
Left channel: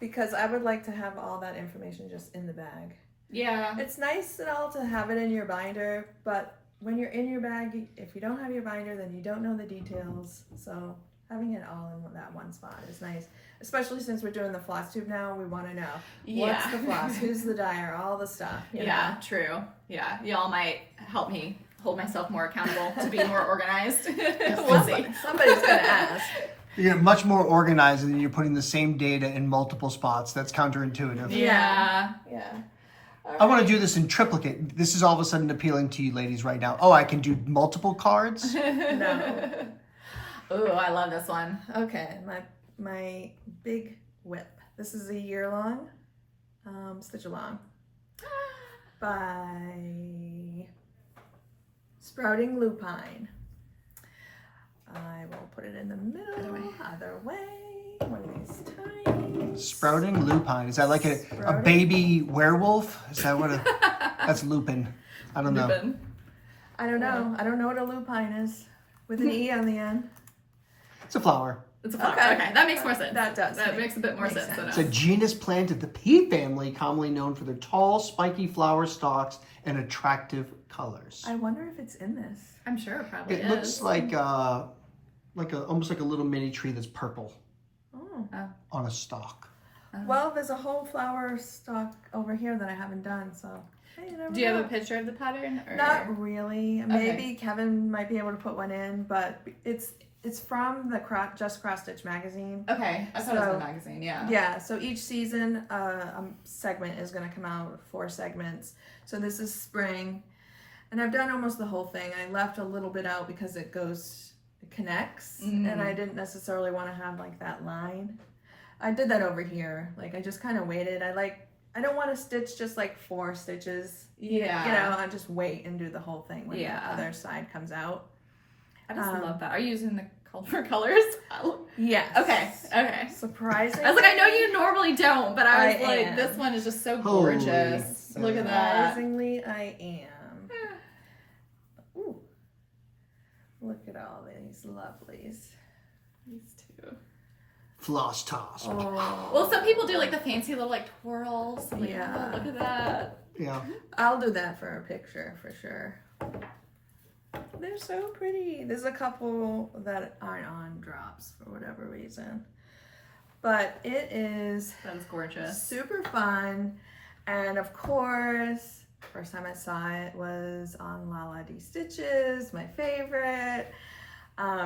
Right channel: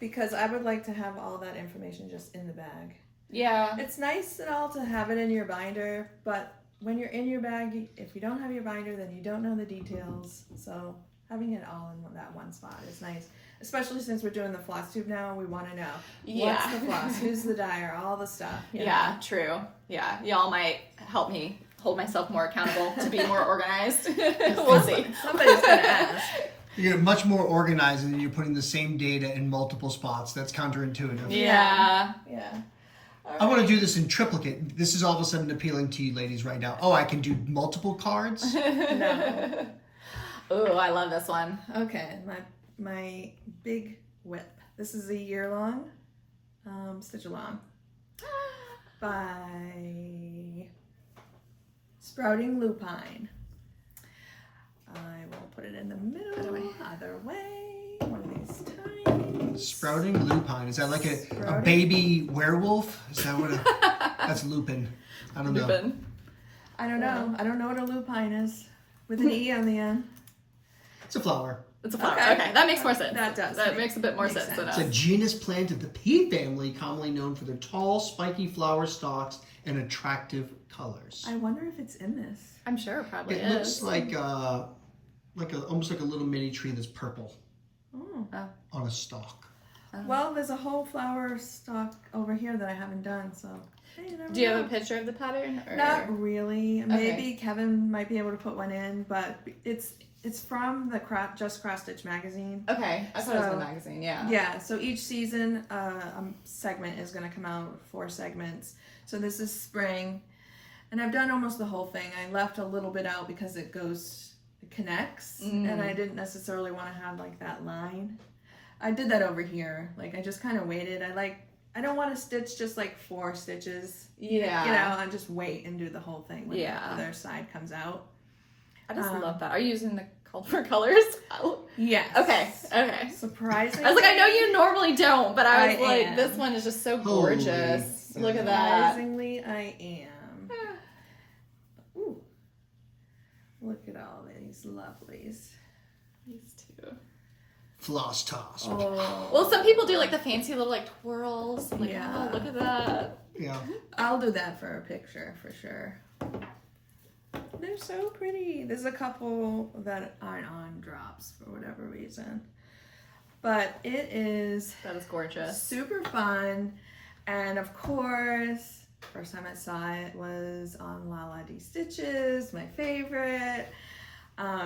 Because I would like to have all that information just in the bag. Yeah. It's nice and all to have it in your binder, but when you're in your bag, if you don't have your binder, then you don't know the details. So having it all in that one spot is nice. Especially since we're doing the FlossTube now, we want to know what's the floss, who's the dyer, all the stuff. You know? True. Yeah, y'all might help me hold myself more accountable to be more organized. We'll see. Somebody's gonna ask. You're much more organized than you're putting the same data in multiple spots. That's counterintuitive. Yeah. I want to do this in triplicate. This is all of a sudden appealing to you ladies right now. Oh, I can do multiple cards? No. Ooh, I love this one. Okay, my big whip. This is a year-long stitch along by Sprouting Lupine. I will put it in the middle, either way, one of these times. Sprouting Lupine. Is that like a baby werewolf? Is that what that's lupin. I don't know. I don't know. I don't know what a lupine is. With an E on the end. It's a flower. It's a flower. Okay, that makes more sense. That does. That makes a bit more sense. It's a genus plant of the pea family, commonly known for their tall, spiky flower stalks and attractive colors. I wonder if it's in this. I'm sure it probably It looks like almost like a little mini tree that's purple on a stalk. Well, there's a whole flower stalk over here that I haven't done, so hey, you never Do you know. have a picture of the pattern? Or? Not really. Maybe Kevin might be able to put one in, but it's from the Just Cross Stitch magazine. Okay, I thought it was the magazine. Yeah. Yeah. So each season, a segment is going to come out, 4 segments. So this is spring, and I've done almost the whole thing. I left a little bit out because it connects, and I didn't necessarily want to have like that line. I did that over here. Like I just kind of waited. I don't want to stitch just like 4 stitches. Yeah. You know, I just wait and do the whole thing when the other side comes out. I just love that. Are you using the colors? Yes. Okay. Surprising. I was like, I know you normally don't, but I was I like, am. this one is just so gorgeous. Holy Look at that. Surprisingly, I am. Ooh. Look at all these lovelies. These two. Floss toss. Oh. Well, some people do like the fancy little like twirls. I'm like, Yeah. oh, look at that. Yeah. I'll do that for a picture for sure. They're so pretty. There's a couple that aren't on drops for whatever reason. But it is That is gorgeous. super fun. And of course, first time I saw it was on Lala D Stitches, my favorite.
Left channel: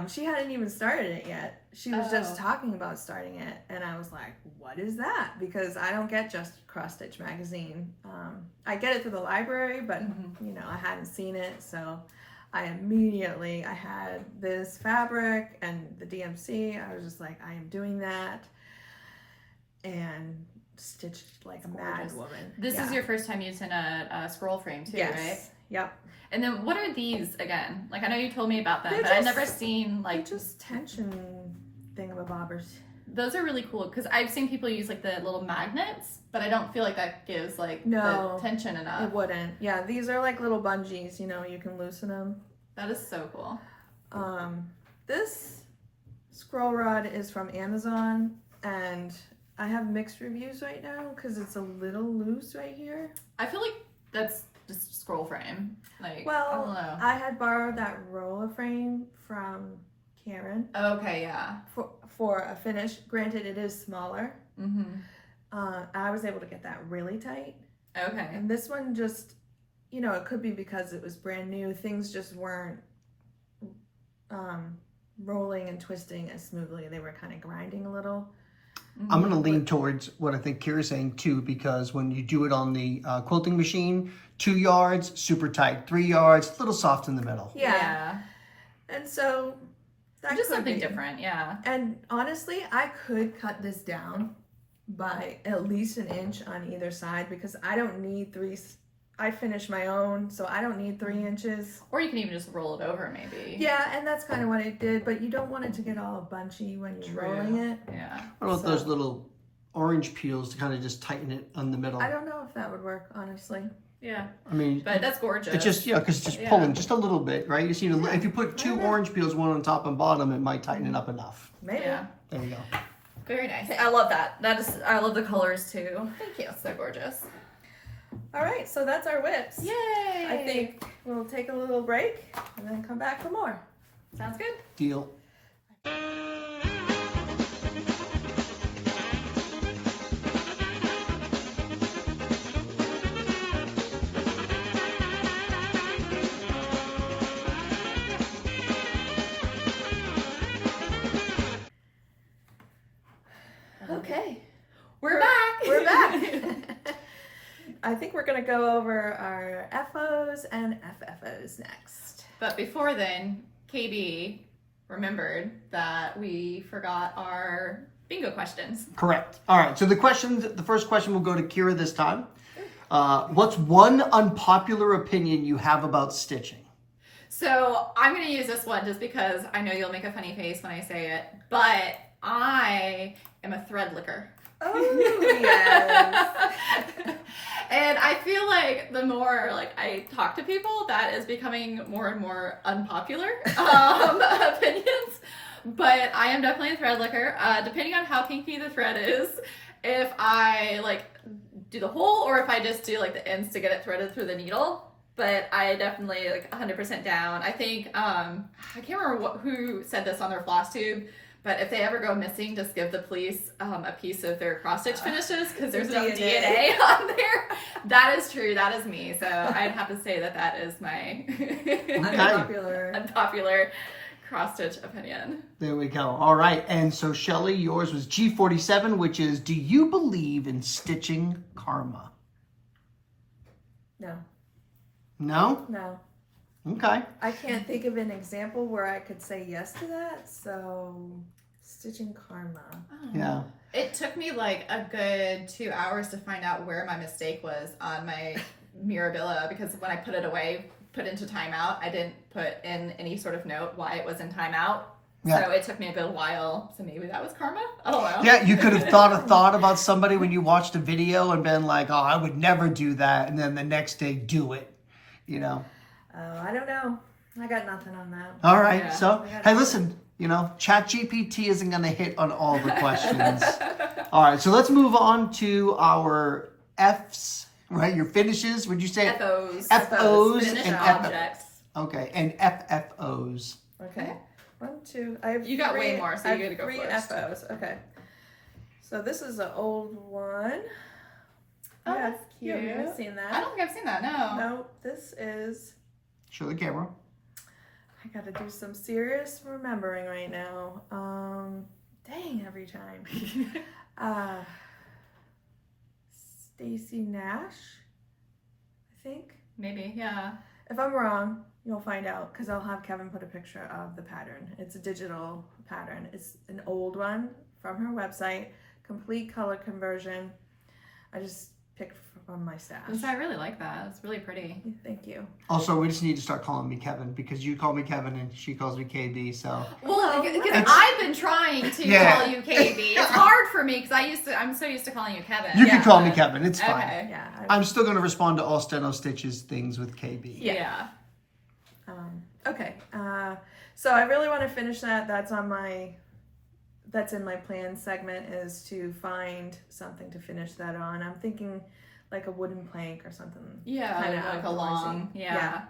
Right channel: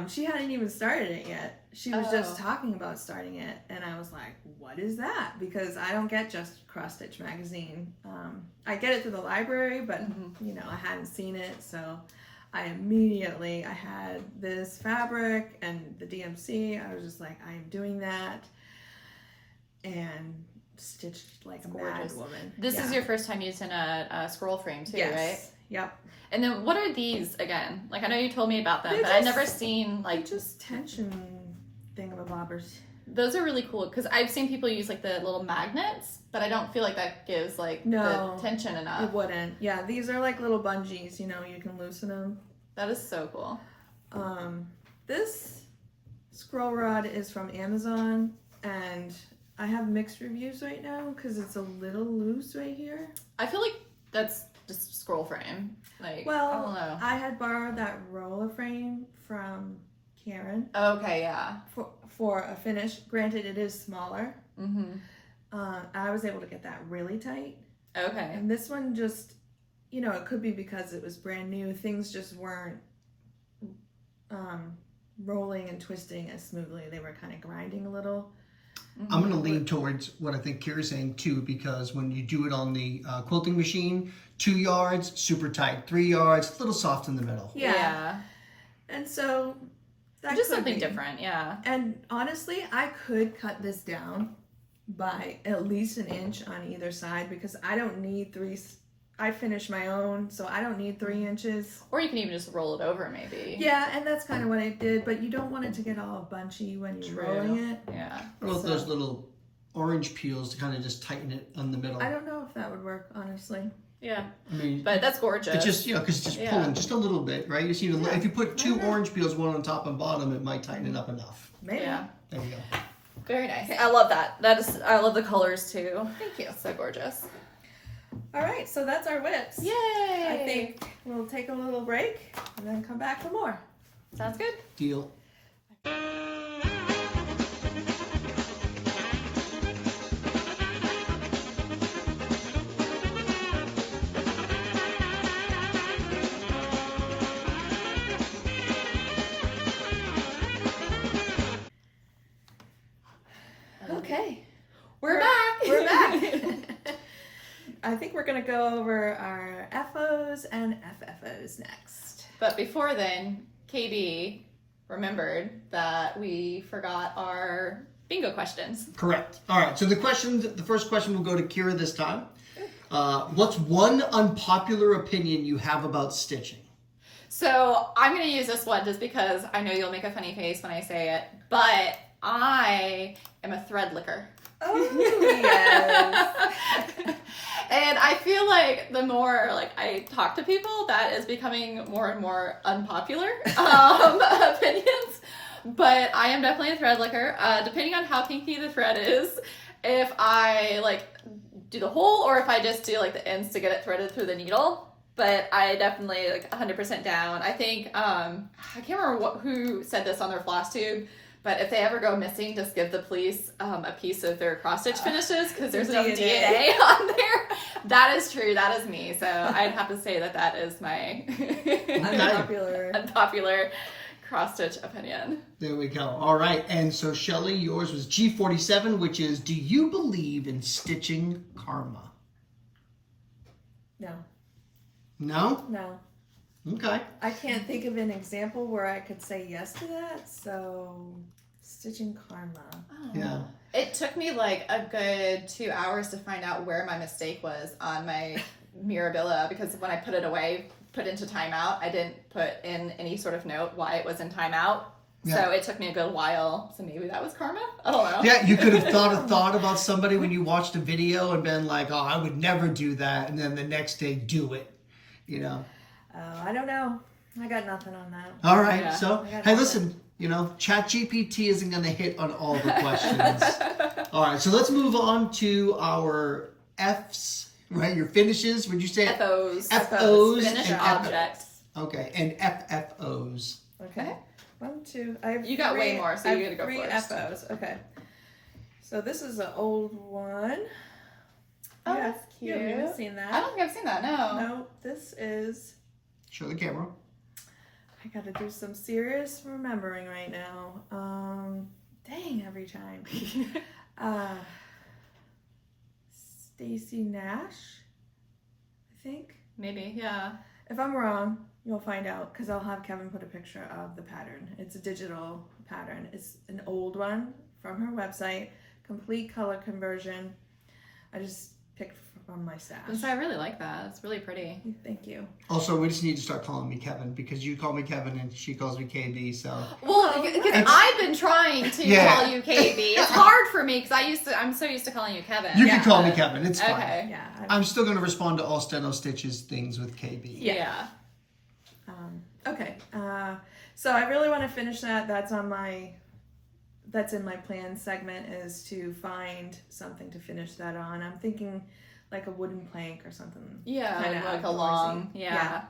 She hadn't even started it yet. She was just talking about starting it, and I was like, what is that? Because I don't get Just Cross Stitch magazine. I get it through the library, but you know, I hadn't seen it, so I had this fabric and the DMC. I was just like, I am doing that. and stitched like a gorgeous. mad woman. This Yeah. is your first time using a scroll frame too, Yes. right? Yep. And then what are these again? Like I know you told me about them, They're but I've just- never seen Like like just tension thingamabobbers. those are really cool because I've seen people use like the little magnets, but I don't feel like that gives like No. the tension enough. It wouldn't. Yeah, these are like little bungees. You know, you can loosen them. That is so cool. This scroll rod is from Amazon, and I have mixed reviews right now because it's a little loose right here. I feel like that's just scroll frame. Like I don't Well, know. I had borrowed that roller frame from Karen Okay, yeah. for a finish. Granted, it is smaller. Mhm. I was able to get that really tight. Okay. And this one just, you know, it could be because it was brand new. Things just weren't rolling and twisting as smoothly. They were kind of grinding a little. I'm going to lean towards what I think Kira's saying too, because when you do it on the quilting machine, 2 yards, super tight, 3 yards, a little soft in the middle. Yeah. And so that Just could something be. different, yeah. And honestly, I could cut this down by at least an inch on either side because I don't need I finished my own, so I don't need 3 inches. Or you can even just roll it over maybe. Yeah, and that's kind of what I did, but you don't want it to get all bunchy when you're True. rolling it. Yeah. What about those little orange peels to kind of just tighten it on the middle? I don't know if that would work, honestly. Yeah. I mean, But that's gorgeous. it's just, because it's just Yeah. pulling just a little bit, right? You just need to, if you put 2 orange peels, one on top and bottom, it might tighten it up enough. Maybe. Yeah. There you go. Very nice. I love that. I love the colors too. Thank you. So gorgeous. All right, so that's our whips. Yay! I think we'll take a little break and then come back for more. Sounds good. Deal. Okay, We're back. we're back. I think we're gonna go over our FOs and FFOs next. But before then, KB remembered that we forgot our bingo questions. Correct. All right. So the first question will go to Kira this time. What's one unpopular opinion you have about stitching? So I'm going to use this one just because I know you'll make a funny face when I say it, but I am a thread licker. Oh yes. And I feel like the more like I talk to people, that is becoming more and more unpopular opinions. But I am definitely a thread licker. Depending on how kinky the thread is, if I like do the hole or if I just do like the ends to get it threaded through the needle. But I definitely like 100% down. I think I can't remember who said this on their FlossTube. But if they ever go missing, just give the police a piece of their cross-stitch finishes because there's enough DNA on there. That is true. That is me. So I'd have to say that is my unpopular cross-stitch opinion. There we go. All right. And so, Shelly, yours was G47, which is, do you believe in stitching karma? No. No? No. Okay. I can't think of an example where I could say yes to that, so stitching karma. Oh. Yeah. It took me like a good 2 hours to find out where my mistake was on my Mirabilla because when I put it away, put into timeout, I didn't put in any sort of note why it was in timeout. Yeah. So it took me a good while. So maybe that was karma? I don't know. Yeah, you could have thought a thought about somebody when you watched a video and been like, oh, I would never do that. And then the next day do it, you know? Oh, I don't know. I got nothing on that. All right. Yeah. So, hey, listen, ChatGPT isn't going to hit on all the questions. All right. So let's move on to our Fs, right? Your finishes. Would you say? FOs. FOs Finished and objects. Okay. And FFOs. Okay. 1, 2. I have You got way three- more, so I you have gotta go 3 first. FOs. Okay. So this is an old one. Oh, Yeah, that's You've never cute. seen that? I don't think I've seen that, no. No, this is. Show the camera. I gotta do some serious remembering right now. Dang, every time. Stacy Nash, I think. Maybe, yeah. If I'm wrong, you'll find out because I'll have Kevin put a picture of the pattern. It's a digital pattern. It's an old one from her website complete color conversion. I just picked from my stash. So I really like that. It's really pretty. Thank you. Also, we just need to start calling me Kevin because you call me Kevin and she calls me KB. So Well, because it's- I've been trying to Yeah. call you KB. It's hard for me because I'm so used to calling you Kevin. you can call me but- Kevin. It's fine. Okay. Yeah. I'm still going to respond to all StenoStitches things with KB. Yeah. Okay. So I really want to finish that. That's in my plan segment, is to find something to finish that on. I'm thinking like a wooden plank or something. Yeah, Kinda like a outdoorsy. long, Yeah.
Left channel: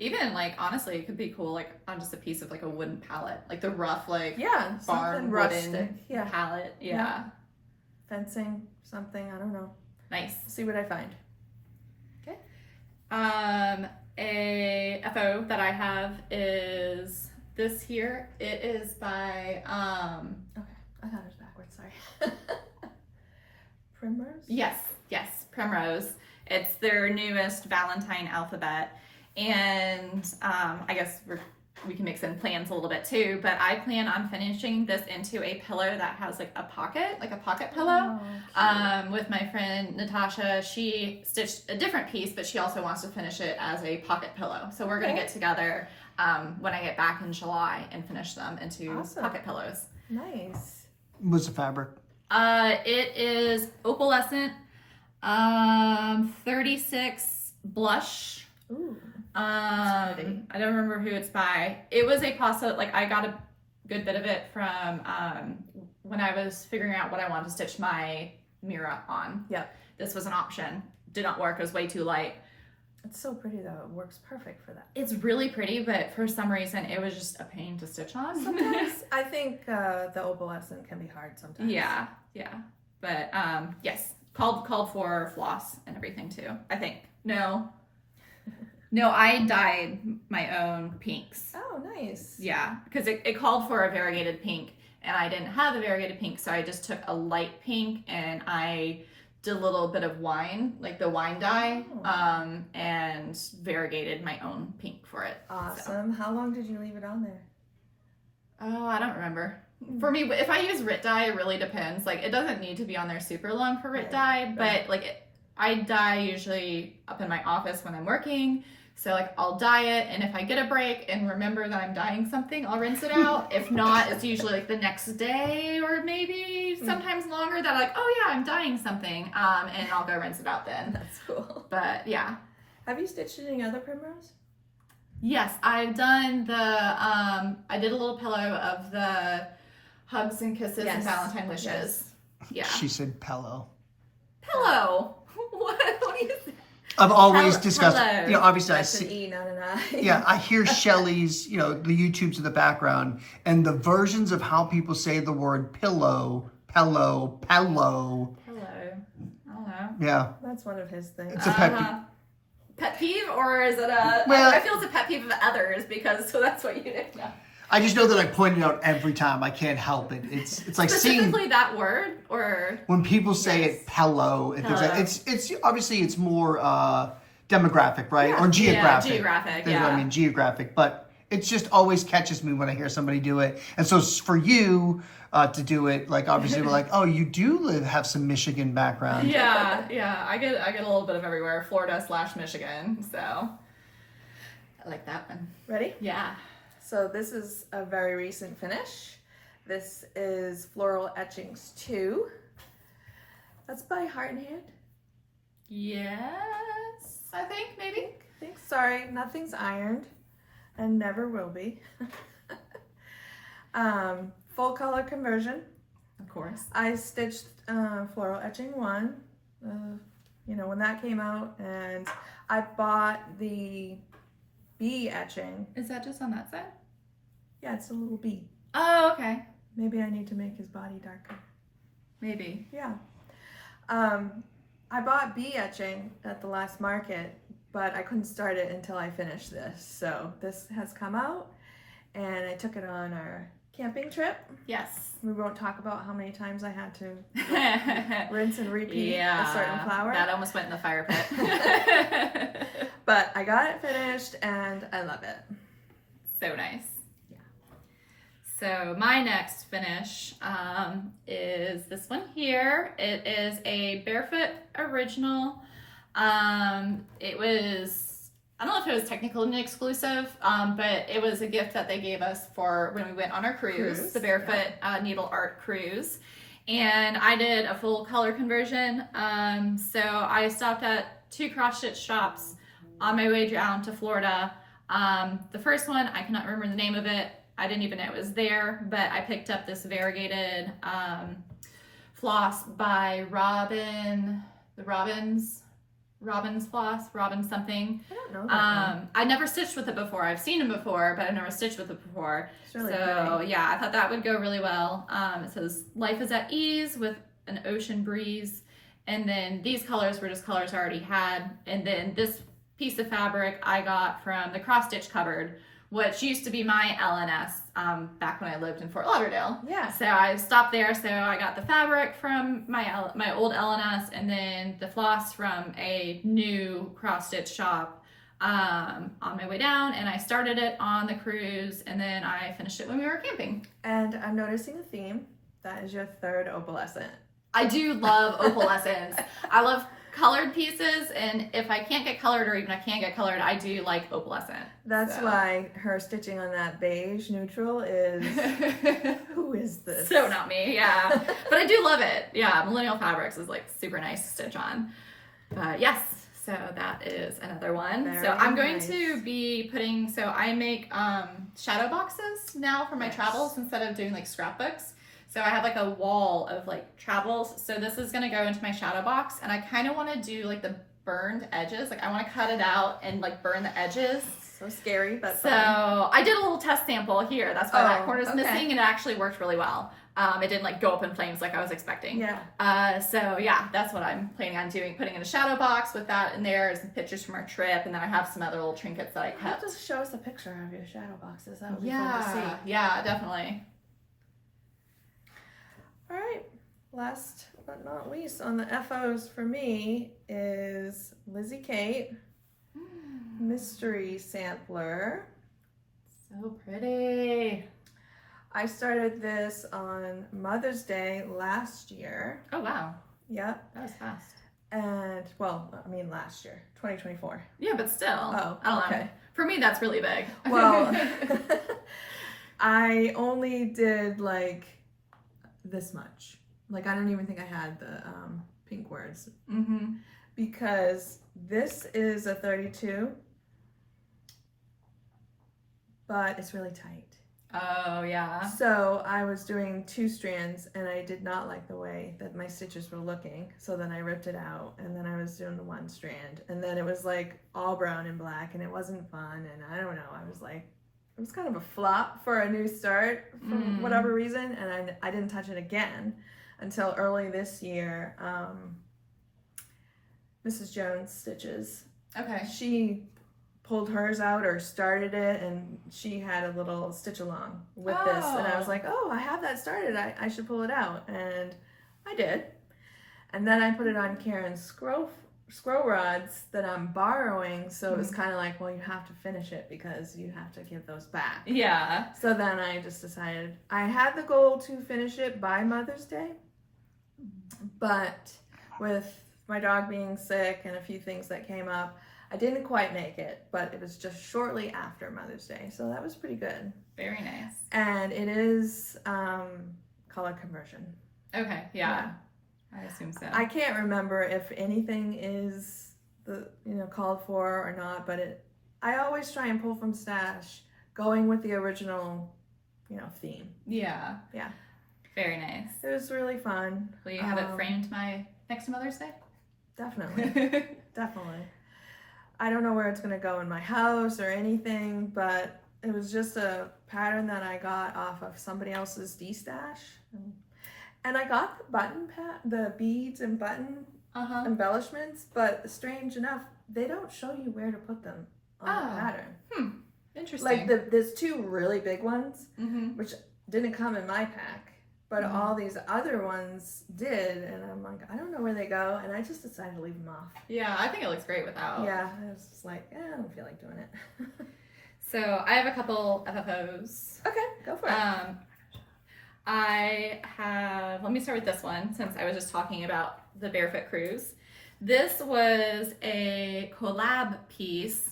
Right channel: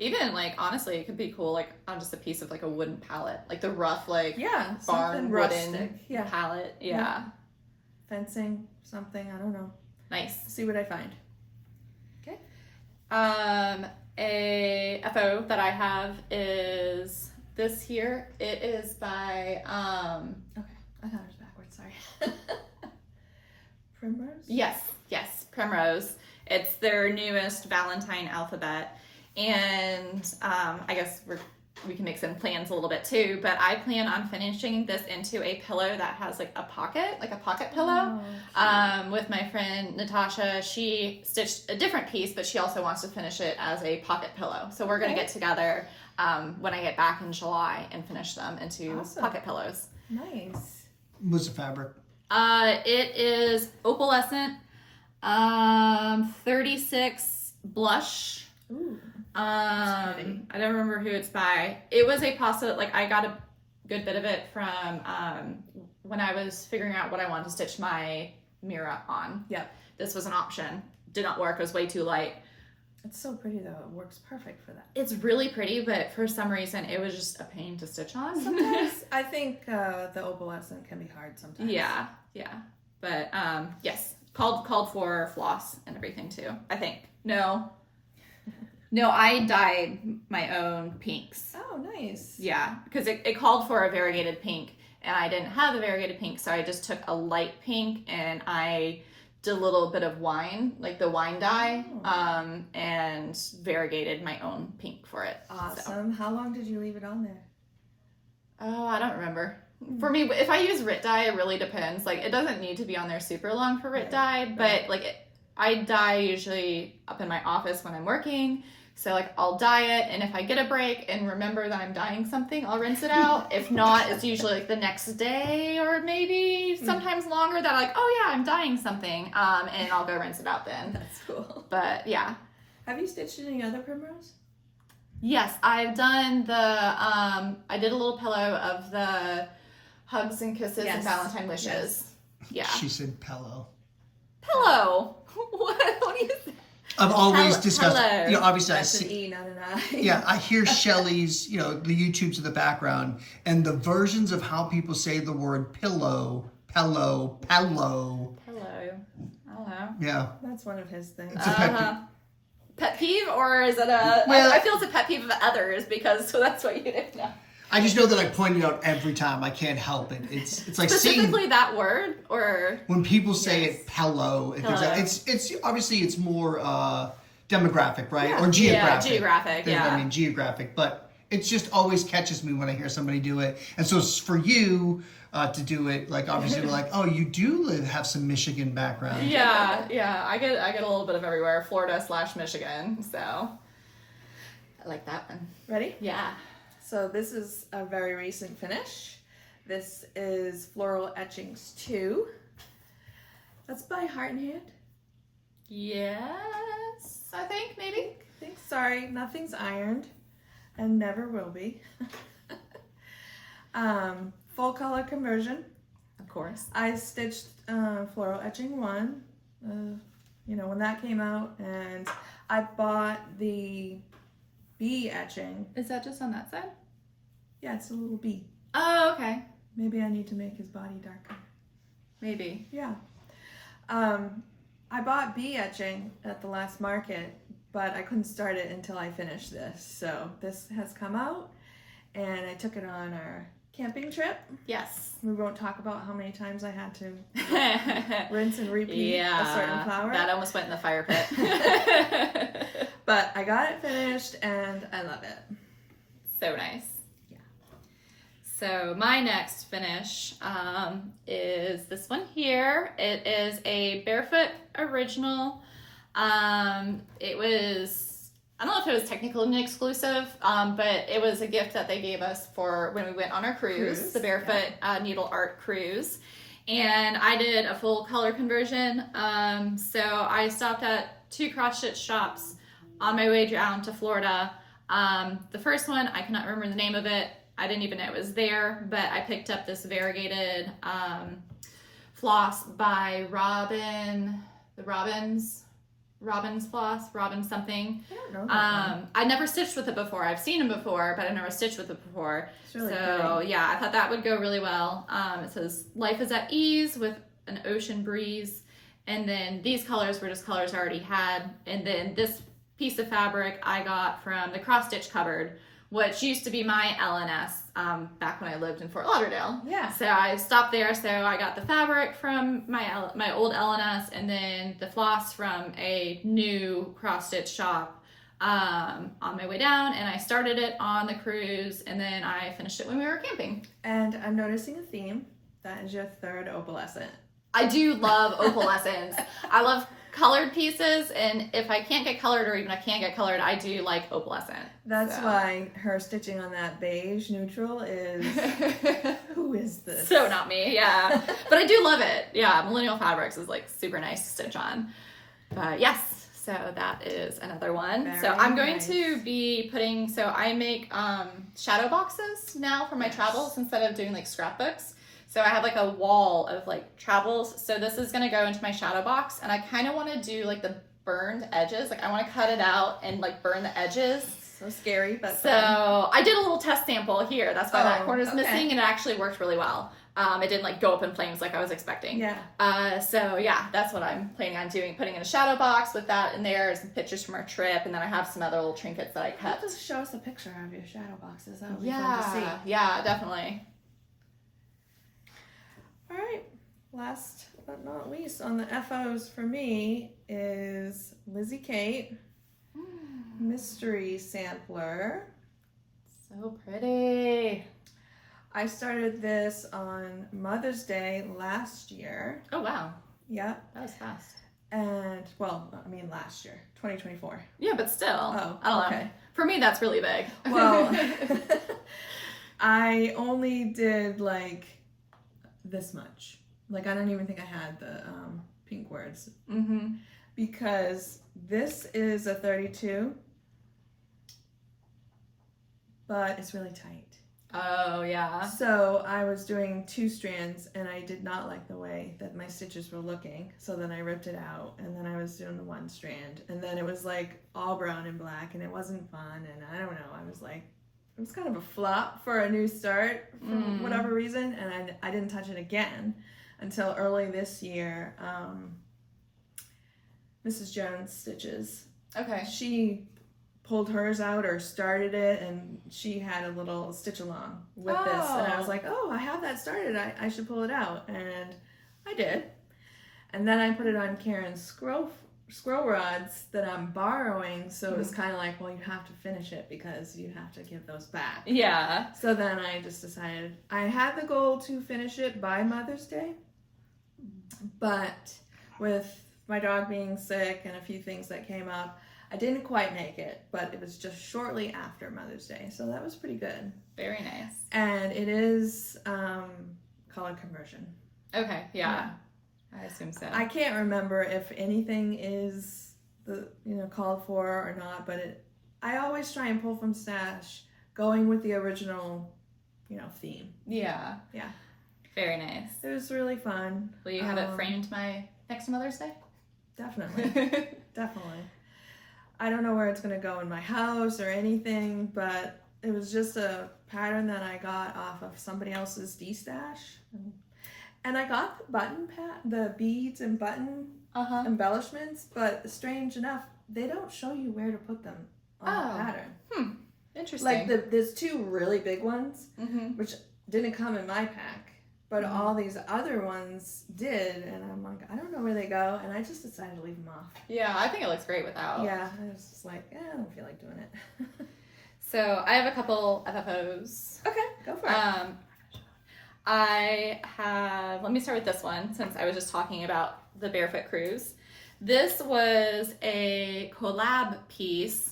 Even like honestly, it could be cool like on just a piece of like a wooden pallet, like the rough like Yeah, barn something wooden rustic. Yeah, pallet. Yeah. fencing, something. I don't know. Nice. See what I find. A FO that I have is this here. It is by Okay, I thought it was backwards. Sorry. Primrose. yes, Primrose. It's their newest Valentine alphabet, and I guess we can make some plans a little bit too. But I plan on finishing this into a pillow that has like a pocket pillow. Oh, With my friend Natasha, she stitched a different piece, but she also wants to finish it as a pocket pillow. So we're gonna Okay. get together when I get back in July and finish them into Awesome. pocket pillows. nice. What's the fabric? It is opalescent, 36 blush. Ooh. I don't remember who it's by. It was a pasta, like I got a good bit of it from when I was figuring out what I wanted to stitch my Mira on. Yep. This was an option. Did not work, it was way too light. It's so pretty though. It works perfect for that. It's really pretty, but for some reason it was just a pain to stitch on. Sometimes I think the opalescent can be hard sometimes. yeah. But yes, called for floss and everything too, I think. No, I dyed my own pinks. Oh, nice. Yeah, because it called for a variegated pink, and I didn't have a variegated pink, so I just took a light pink and I did a little bit of wine, like the wine dye, Oh. and variegated my own pink for it. Awesome. How long did you leave it on there? Oh, I don't remember. For me, if I use Rit dye, it really depends. Like, it doesn't need to be on there super long for Rit dye, but like, I dye usually up in my office when I'm working. So like, I'll dye it, and if I get a break and remember that I'm dyeing something, I'll rinse it out. If not, it's usually like the next day or maybe sometimes longer that I'm like, oh yeah, I'm dyeing something, and I'll go rinse it out then. That's cool. But yeah. Have you stitched any other primrose? Yes, I've done the, I did a little pillow of the hugs and kisses and Yes. Valentine wishes. Yes. Yeah. She said pillow. Pillow. What do you say? I've always Hello. discussed, Hello. you know, obviously I That's an see, E, not an I. yeah, I hear Shelly's, you know, the YouTubes in the background, and the versions of how people say the word pillow, pillow, pillow. Hello. I don't know. Yeah, That's one of his things. It's a pet peeve. Pet peeve, or is it a? Well- I feel it's a pet peeve of others because so that's what you do. No. I just know that I point it out every time. I can't help it. It's like seeing Specifically that word, or when people say Yes. it pillow. Pillow. It's obviously it's more demographic, right, Yeah. or geographic. Yeah, geographic. Than- Yeah. I mean geographic, but it just always catches me when I hear somebody do it. And so for you to do it, like obviously we're like, oh, you do have some Michigan background. Yeah. I get a little bit of everywhere. Florida/Michigan. So I like that one. Ready? Yeah. So this is a very recent finish. This is Floral Etchings 2. That's by Heart and Hand. Yes, I think maybe. Sorry, nothing's ironed and never will be. Full color conversion. Of course. I stitched Floral Etching 1, when that came out, and I bought the bee etching. Is that just on that side? Yeah, it's a little bee. Oh, okay. Maybe I need to make his body darker. Maybe. Yeah. I bought bee etching at the last market, but I couldn't start it until I finished this. So this has come out, and I took it on our camping trip. Yes. We won't talk about how many times I had to rinse and repeat a certain flower. That almost went in the fire pit. But I got it finished, and I love it. So nice. Yeah. So my next finish is this one here. It is a Barefoot original. It was, I don't know if it was technically an exclusive, but it was a gift that they gave us for when we went on our cruise, the Barefoot Needle Art Cruise. And I did a full color conversion. So I stopped at 2 cross-stitch shops on my way down to Florida. The first one, I cannot remember the name of it. I didn't even know it was there, but I picked up this variegated floss by Robin floss, Robin something. I don't know that one. I never stitched with it before. I've seen them before, but I've never stitched with it before. It's really So pretty. yeah, I thought that would go really well. It says life is at ease with an ocean breeze. And then these colors were just colors I already had. And then this piece of fabric I got from the cross stitch cupboard, which used to be my LNS back when I lived in Fort Lauderdale. Yeah. So I stopped there. So I got the fabric from my old LNS, and then the floss from a new cross stitch shop on my way down. And I started it on the cruise, and then I finished it when we were camping. And I'm noticing a theme. That is your third opalescent. I do love opalescence. I love colored pieces, and if I can't get colored, or even I can't get colored, I do like opalescent. That's So. why her stitching on that beige neutral is, who is this? So not me, yeah. But I do love it. Yeah, Millennial Fabrics is like super nice to stitch on. But yes, so that is another one. Very so I'm going nice. to be putting, so I make shadow boxes now for my Yes. travels instead of doing like scrapbooks. So I have like a wall of like travels. So this is gonna go into my shadow box, and I kind of want to do like the burned edges. Like I want to cut it out and like burn the edges. So scary, but So fun. I did a little test sample here. That's why that Oh, corner's okay. missing, and it actually worked really well. It didn't like go up in flames like I was expecting. Yeah. So yeah, that's what I'm planning on doing. Putting in a shadow box with that in there, some pictures from our trip, and then I have some other little trinkets that I You have kept. to show us a picture of your shadow boxes. That would be fun to Yeah, see. yeah, definitely. All right. Last but not least on the FOs for me is Lizzie Kate Mystery Sampler. So pretty. I started this on Mother's Day last year. Oh wow, Yep. that was fast. And, well, I mean last year, 2024. Yeah, but still. Oh, I don't know. okay. For me, that's really big. Well, I only did like this much. Like, I don't even think I had the pink words. Mm-hmm. Because this is a 32, but it's really tight. Oh yeah. So I was doing 2 strands, and I did not like the way that my stitches were looking. So then I ripped it out, and then I was doing the 1 strand, and then it was like all brown and black, and it wasn't fun. And I don't know, I was like, it was kind of a flop for a new start for whatever reason, and I didn't touch it again until early this year. Mrs. Jones Stitches, Okay. she pulled hers out or started it, and she had a little stitch along with this, and I was Oh. like, oh, I have that started, I should pull it out, and I did. And then I put it on Karen's scroll rods that I'm borrowing, so it was kind of like, well, you have to finish it because you have to give those back. Yeah. So then I just decided, I had the goal to finish it by Mother's Day, but with my dog being sick and a few things that came up, I didn't quite make it, but it was just shortly after Mother's Day, so that was pretty good. Very nice. And it is color conversion. Okay. Yeah. I assume so. I can't remember if anything is called for or not, but I always try and pull from stash, going with the original, theme. Yeah. Yeah. Very nice. It was really fun. Will you have it framed next Mother's Day? Definitely. Definitely. I don't know where it's going to go in my house or anything, but it was just a pattern that I got off of somebody else's D-stash. And I got the beads and button embellishments, but strange enough, they don't show you where to put them on the pattern. Interesting. Like there's 2 really big ones, Mm-hmm. which didn't come in my pack, but all these other ones did, and I'm like, I don't know where they go, and I just decided to leave them off. Yeah, I think it looks great without. Yeah, I was just like, I don't feel like doing it. So I have a couple FFOs. Okay, go for it. Let me start with this one since I was just talking about the barefoot cruise. This was a collab piece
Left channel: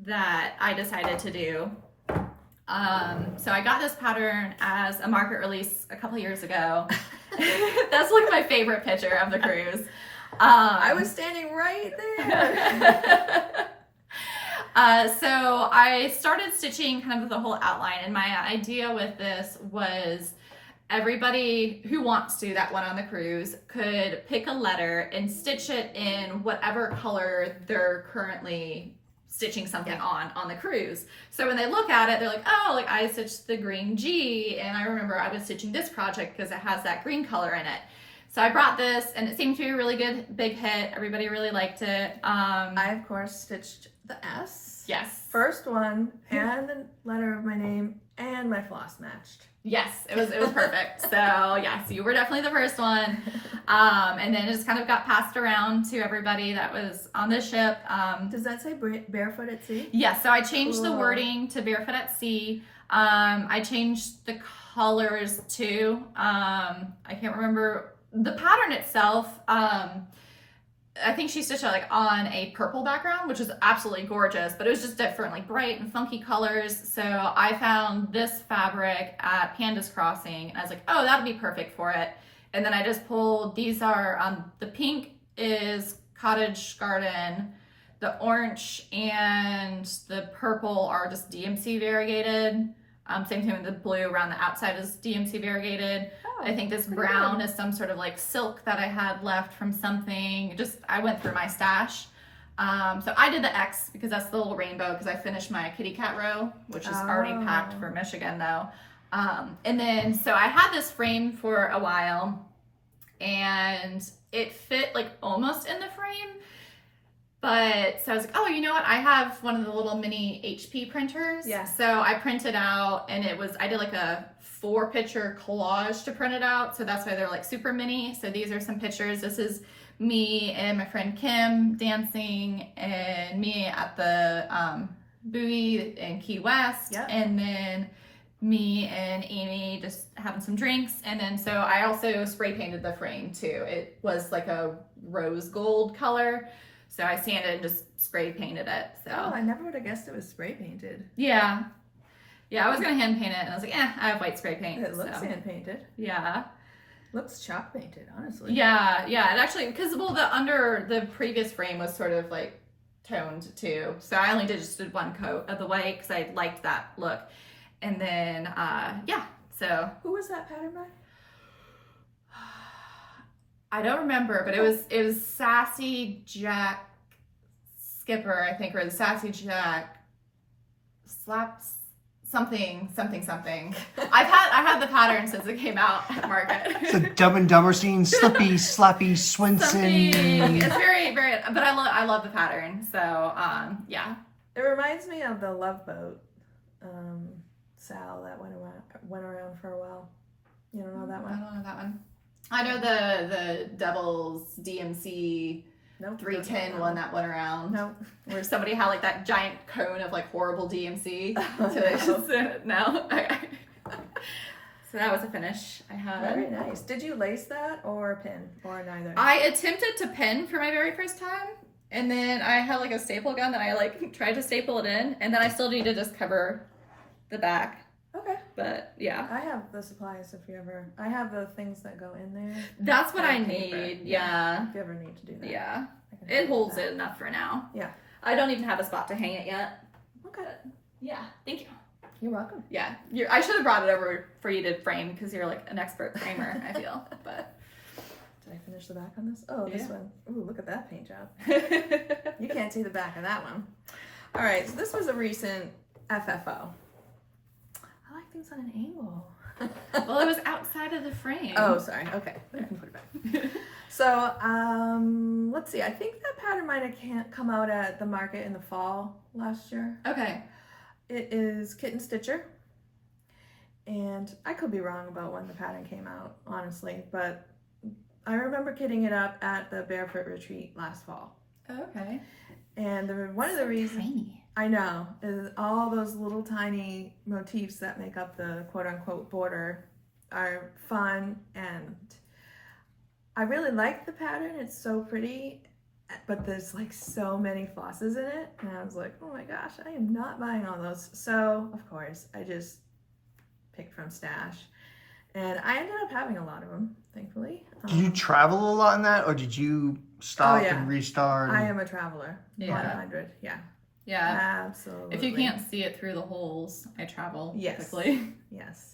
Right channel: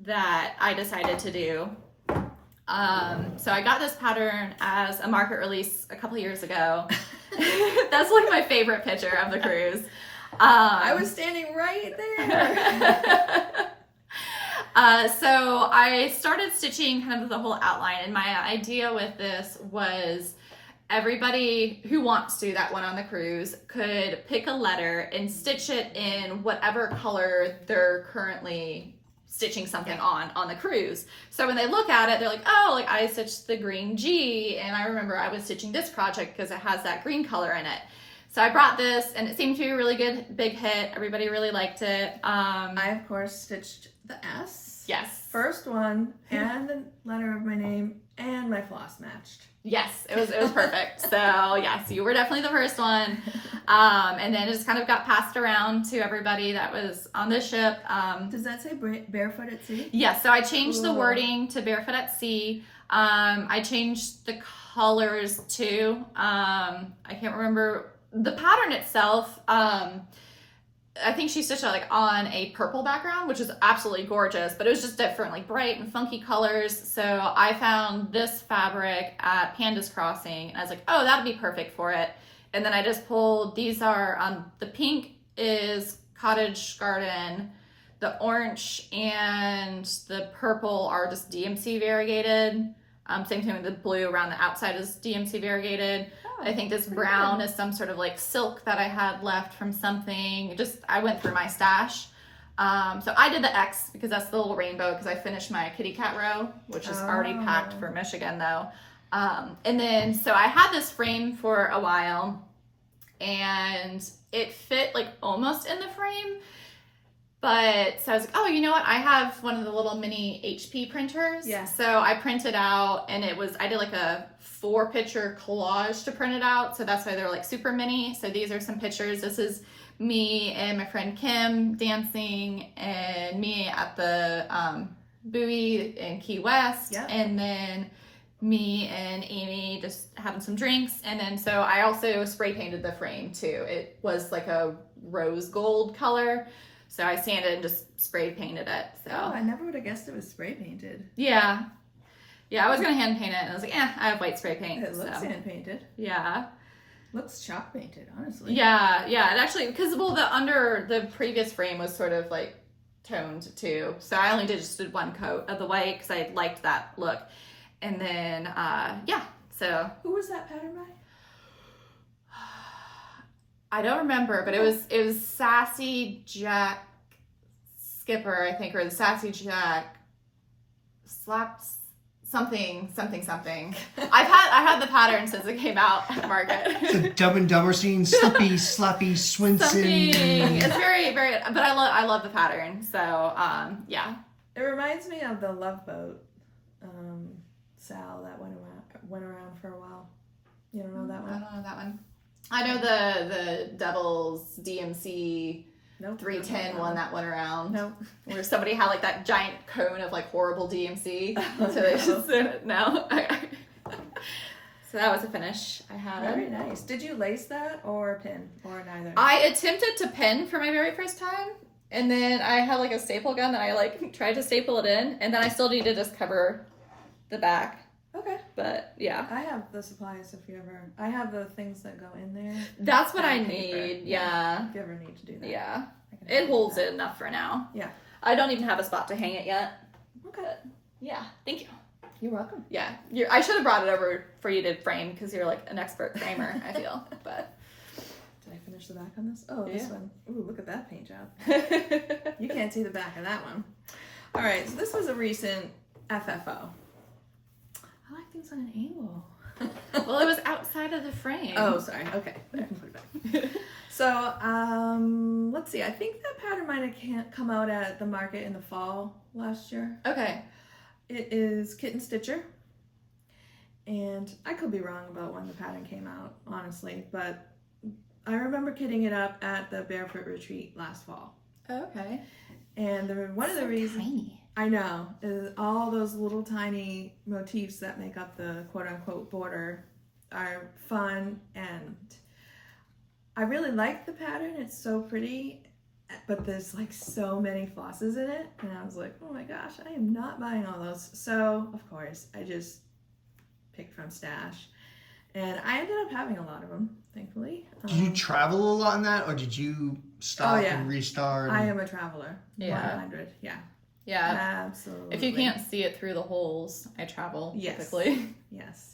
that I decided to do. So I got this pattern as a market release a couple years ago. That's like my favorite picture of the cruise. I was standing right there. So I started stitching kind of the whole outline, and my idea with this was everybody who wants to that went on the cruise could pick a letter and stitch it in whatever color they're currently stitching something on the cruise. So when they look at it, they're like, oh, like I stitched the green G, and I remember I was stitching this project because it has that green color in it. So I brought this, and it seemed to be a really good big hit. Everybody really liked it. I of course stitched the S. Yes. First one, and the letter of my name, and my floss matched. Yes, it was perfect. So yes, you were definitely the first one. And then it just kind of got passed around to everybody that was on the ship. Does that say barefoot at sea? Yes, so I changed the Cool. wording to barefoot at sea. I changed the colors too. I can't remember the pattern itself. I think she stitched it like on a purple background, which is absolutely gorgeous, but it was just different, like bright and funky colors. So I found this fabric at Panda's Crossing, and I was like, oh, that'd be perfect for it. And then I just pulled, these are, the pink is Cottage Garden, the orange and the purple are just DMC variegated. Same thing with the blue around the outside is DMC variegated. Oh, I think this brown is some sort of like silk that I had left from something. I went through my stash. So I did the X because that's the little rainbow because I finished my kitty cat row, which is already packed for Michigan though. And then, so I had this frame for a while and it fit like almost in the frame. But so I was like, oh, you know what? I have one of the little mini HP printers. Yeah. So I printed out, and I did like a 4-picture collage to print it out. So that's why they're like super mini. So these are some pictures. This is me and my friend Kim dancing, and me at the buoy in Key West. Yep. And then me and Amy just having some drinks. And then so I also spray painted the frame too. It was like a rose gold color. So I sanded and just spray painted it. So Oh, I never would have guessed it was spray painted. yeah, I was gonna hand paint it, and I was like, I have white spray paint. It looks so. hand painted. Yeah, Looks chalk painted, honestly. yeah. And actually, because the previous frame was sort of like toned too, so I only did one coat of the white because I liked that look. And then so Who was that pattern by? I don't remember, but it was Sassy Jack Skipper, I think, or the Sassy Jack Slaps something. I've had the pattern since it came out at Market. The Dumb and Dumber scene, Slippy, Slappy, Swinson. Something. It's very, very, but I love the pattern. So yeah. It reminds me of the Love Boat, Sal that went around for a while. You don't know that I one? don't know that one. I know the Devil's DMC Nope. 310 one that went around. Nope. Where somebody had like that giant cone of like horrible DMC. Oh, So they no. just no. So that was a finish I had. Very nice. Did you lace that or pin or neither? I attempted to pin for my very first time, and then I had like a staple gun that I like tried to staple it in, and then I still need to just cover the back. Okay. But yeah, I have the supplies if you ever. I have the things that go in there. that's what I And paper. need. Yeah. If you ever need to do that. Yeah. I can It help holds with it enough for now. Yeah. I don't even have a spot to hang it yet. that. Okay. Yeah. Thank you. You're welcome. Yeah. I should have brought it over for you to frame because you're like an expert framer, I feel. But Did I finish the back on this? Oh, this Yeah. one. Ooh, look at that paint job. You can't see the back of that one. All right. So this was a recent FFO. I like things on an angle. well, it was outside of the frame. Oh, sorry. Okay. There, put it back. So, let's see. I think that pattern might have come out at the market in the fall last year. Okay. It is Kitten Stitcher. And I could be wrong about when the pattern came out, honestly, but I remember kitting it up at the Barefoot Retreat last fall. Okay. And one of the reasons... Tiny. I know. All those little tiny motifs that make up the quote-unquote border are fun, and I really like the pattern. It's so pretty, but there's like so many flosses in it, and I was like, oh my gosh, I am not buying all those. So of course I just picked from Stash, and I ended up having a lot of them, thankfully. Did you travel a lot in that, or did you stop Oh, yeah. and restart? I am a traveler. Yeah. 100. Yeah. Yeah. Absolutely. If you can't see it through the holes, I travel Yes. typically. Yes.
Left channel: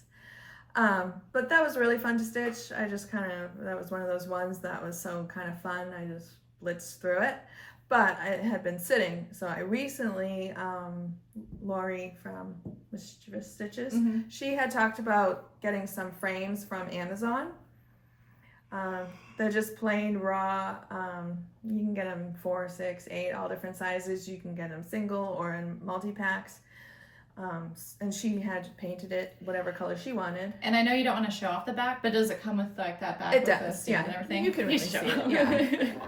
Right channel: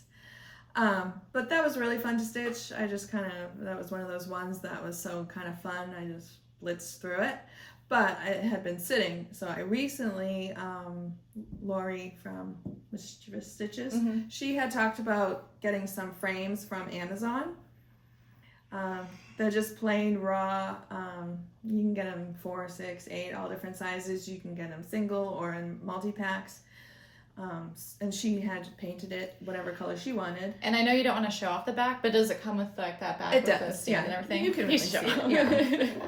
But that was really fun to stitch. I just that was one of those ones that was so kind of fun. I just blitzed through it. But it had been sitting. So I recently, Lori from Mischievous Stitches, she had talked about getting some frames from Amazon. They're just plain raw. You can get them 4, 6, 8, all different sizes. You can get them single or in multi-packs. And she had painted it whatever color she wanted. And I know you don't want to show off the back, but does it come with like that back? It with does, the stamp yeah. and everything? You can really show see it. it, yeah.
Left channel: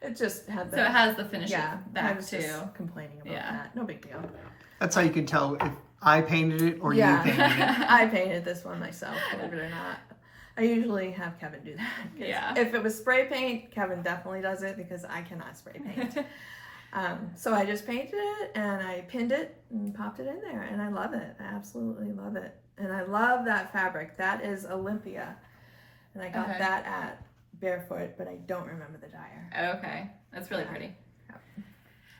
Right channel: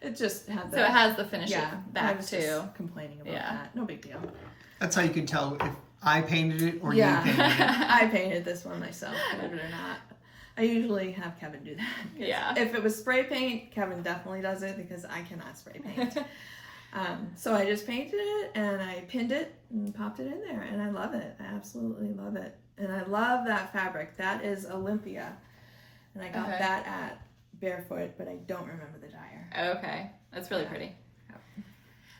It just had the... So it has the finishing I back was too. just complaining about that. No big deal. That's how you can tell if I painted it or Yeah. you painted it. I painted this one myself, believe it or not. I usually have Kevin do that. Yeah. If it was spray paint, Kevin definitely does it because I cannot spray paint. So I just painted it and I pinned it and popped it in there, and I love it. I absolutely love it. And I love that fabric. That is Olympia. And I got that at Barefoot, but I don't remember the dyer. Okay. That's really pretty.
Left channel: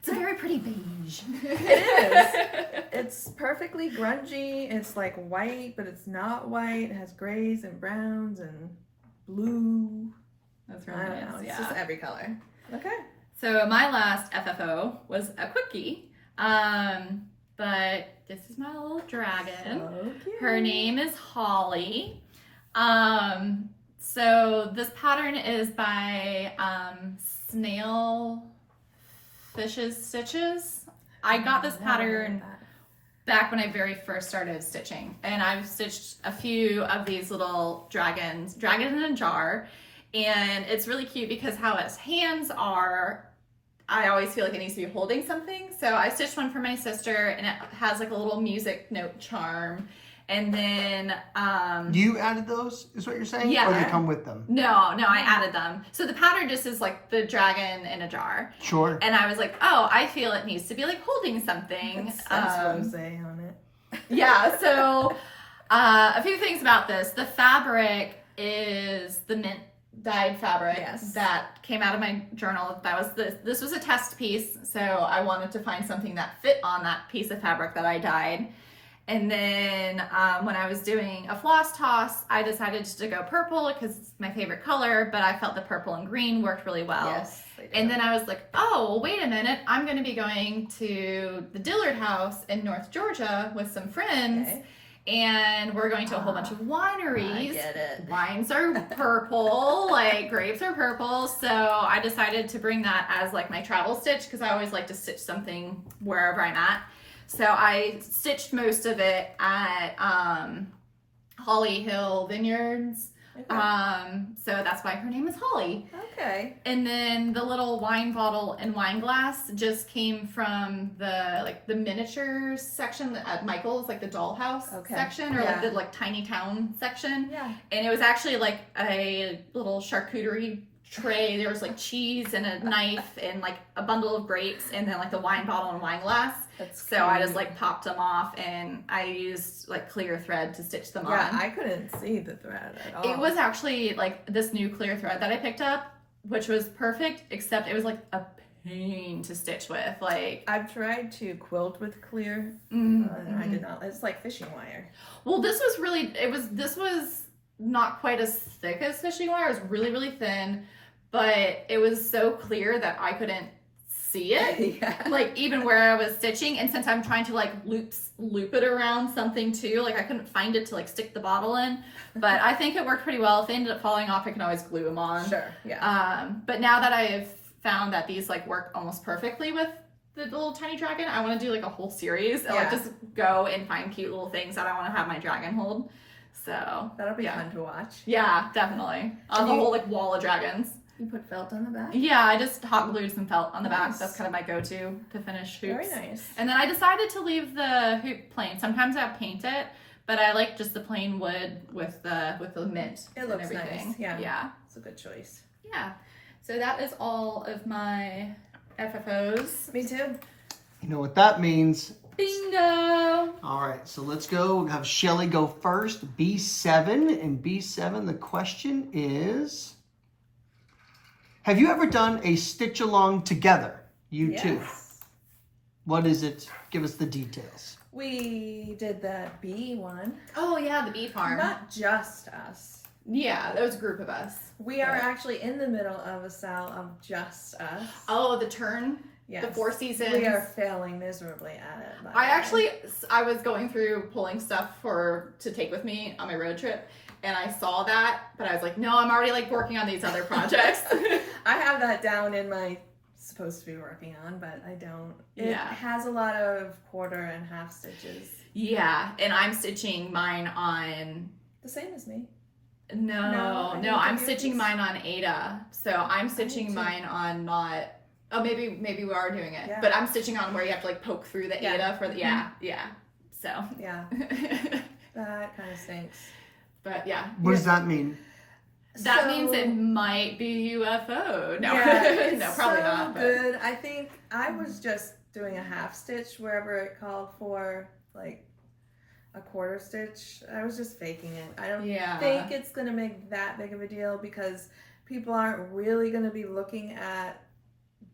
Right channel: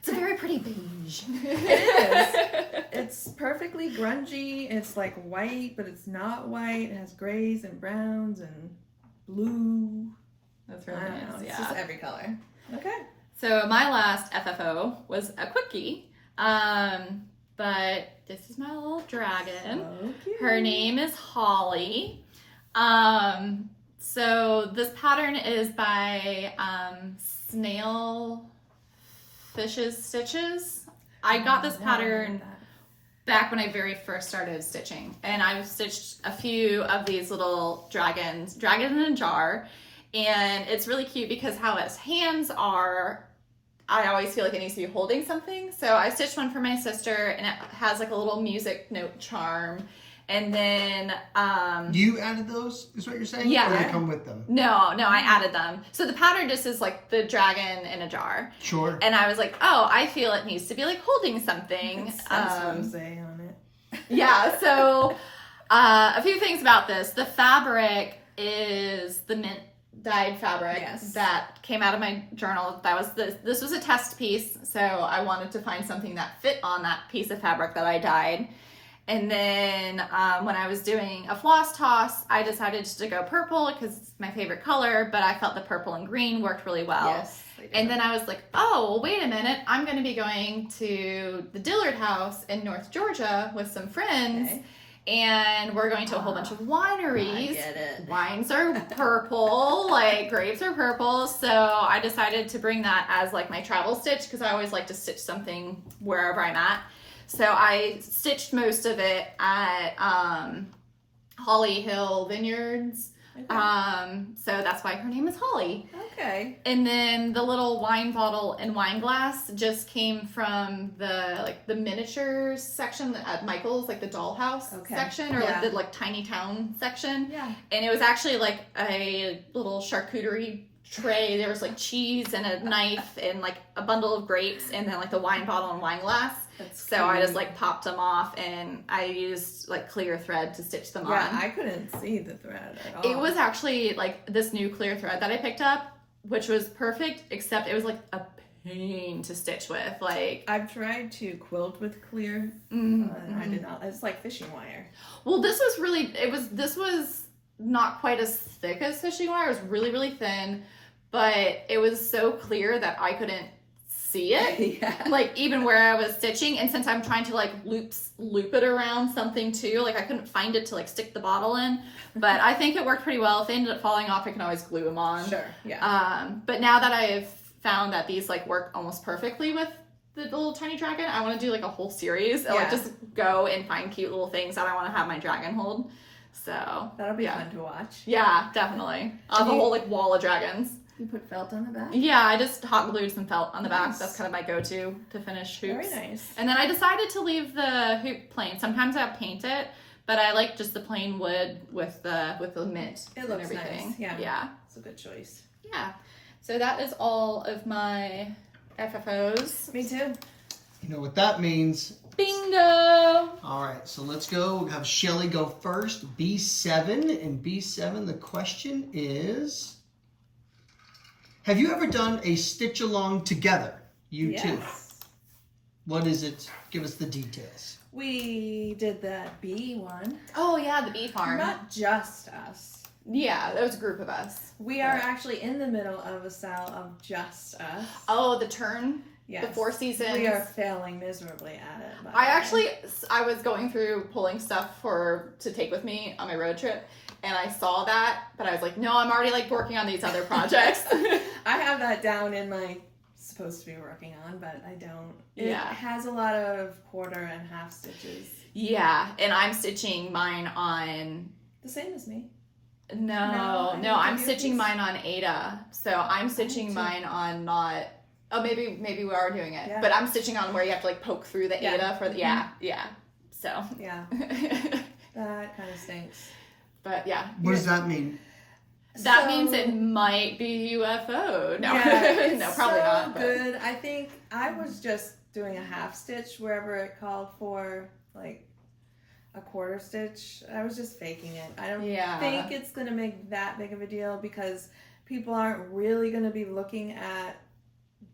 It's a very pretty beige. It is. It's perfectly grungy. It's like white, but it's not white. It has grays and browns and blue. That's I really don't know. nice. It's Yeah. just every color. Okay. So my last FFO was a quickie. But this is my little dragon. So cute. Her name is Holly. So this pattern is by Snail Fish's Stitches. I got this pattern back when I very first started stitching, and I've stitched a few of these little dragons in a jar, and it's really cute because how its hands are, I always feel like it needs to be holding something. So I stitched one for my sister, and it has like a little music note charm. And then You added those, is what you're saying? Yeah. Or they come with them? no, I added them. So the pattern just is like the dragon in a jar. Sure. And I was like, oh, I feel it needs to be like holding something. It says rose on it. Yeah, so a few things about this. The fabric is the mint dyed fabric that came out of my journal. This was a test piece, so I wanted to find something that fit on that piece of fabric that I dyed. And then when I was doing a floss toss, I decided just to go purple because it's my favorite color, but I felt the purple and green worked really well. Yes, they do. And then I was like, oh, well, wait a minute. I'm going to be going to the Dillard House in North Georgia with some friends. Okay. And we're going to a whole bunch of wineries. I get it. Wines are purple, like grapes are purple. So I decided to bring that as like my travel stitch because I always like to stitch something wherever I'm at. So I stitched most of it at Holly Hill Vineyards. Okay. So that's why her name is Holly. Okay. And then the little wine bottle and wine glass just came from the miniature section at Michael's, like the dollhouse section, or like the tiny town section. Yeah. And it was actually like a little charcuterie tray. There was like cheese and a knife and like a bundle of grapes and then like the wine bottle and wine glass. That's So I just like popped them off and I used like clear thread to stitch them on. Yeah, I couldn't see the thread at all. It was actually like this new clear thread that I picked up, which was perfect, except it was like a pain to stitch with. Like I've tried to quilt with clear, mm-hmm. and I did not. It's like fishing wire. Well, this was not quite as thick as fishing wire. It was really, really thin, but it was so clear that I couldn't see it. Yeah. Like even where I was stitching, and since I'm trying to like loop it around something too, like I couldn't find it to like stick the bottle in, but I think it worked pretty well. If they ended up falling off, I can always glue them on. Sure. Yeah. But now that I've found that these like work almost perfectly with the little tiny dragon, I want to do like a whole series and like just go and find cute little things that I want to have my dragon hold. So That'll be fun to watch. yeah, definitely. I'll have a whole like wall of dragons. You put felt on the back? Yeah, I just hot glued some felt on the back. Nice. That's kind of my go-to to finish hoops. Very nice. And then I decided to leave the hoop plain. Sometimes I'll paint it, but I like just the plain wood with the mint It and looks everything. nice. Yeah. Yeah. It's a good choice. Yeah. So that is all of my FFOs. Me too. You know what that means? Bingo! All right, so let's go. We'll have Shelly go first. B7. And B7, the question is, have you ever done a stitch along together? You Yes. two. What is it? Give us the details. We did the bee one. Oh yeah, the bee farm. Not just us. Yeah, that was a group of us. We are actually in the middle of a style of just us. Oh, the turn, Yes. the 4 seasons. We are failing miserably at it. by the way. I was going through pulling stuff to take with me on my road trip, and I saw that, but I was like, no, I'm already like working on these other projects. I have that down in my supposed to be working on, but I don't. It Yeah. has a lot of quarter and half stitches. Yeah, and I'm stitching mine on. The same as me. No, I didn't I'm give you a stitching piece. mine on Ada. So I'm stitching too. mine on not. Oh, maybe we are doing it, Yeah. but I'm stitching on where you have to like poke through the Yeah. Ada for the yeah. So, Yeah, that kind of stinks. but yeah, What does that mean? that So- means it might be UFO. No, Yeah, it's no, probably so not. But good. I think I was just doing a half stitch wherever it called for like a quarter stitch. I was just faking it. I don't yeah, think it's gonna make that big of a deal because people aren't really gonna be looking at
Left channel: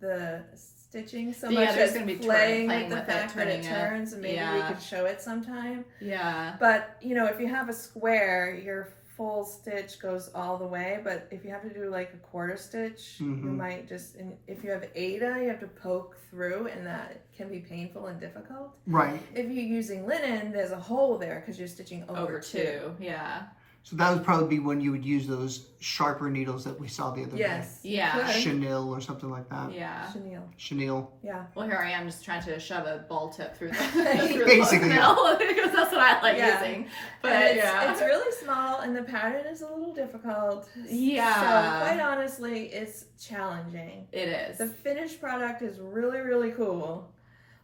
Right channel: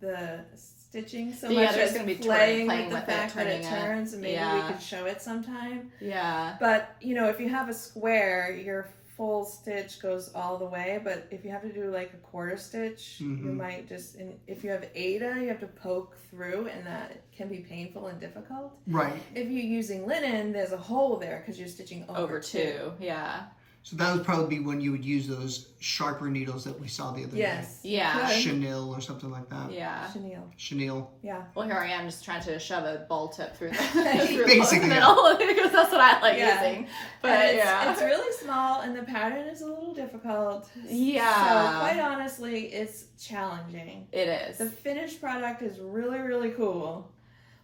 the stitching so Yeah, much they're as just gonna be playing playing with the with it, fact that it turning it. turns, and maybe we Yeah. could show it sometime. yeah, But you know, if you have a square, your full stitch goes all the way. But if you have to do like a quarter stitch, you Mhm. might just. And if you have Ada, you have to poke through, and that can be painful and difficult. Right. If you're using linen, there's a hole there because you're stitching over two. Yeah, So that would probably be when you would use those sharper needles that we saw the other Yes. Yeah. Good. day. Chenille or something like that. yeah. Chenille. Chenille. Yeah. Well, here I am just trying to shove a ball tip through the, Basically, the middle because that's what I like Yeah. using. But And it's, yeah, it's really small, and the pattern is a little difficult. Yeah. So quite honestly, it's challenging. it is. The finished product is really, really cool,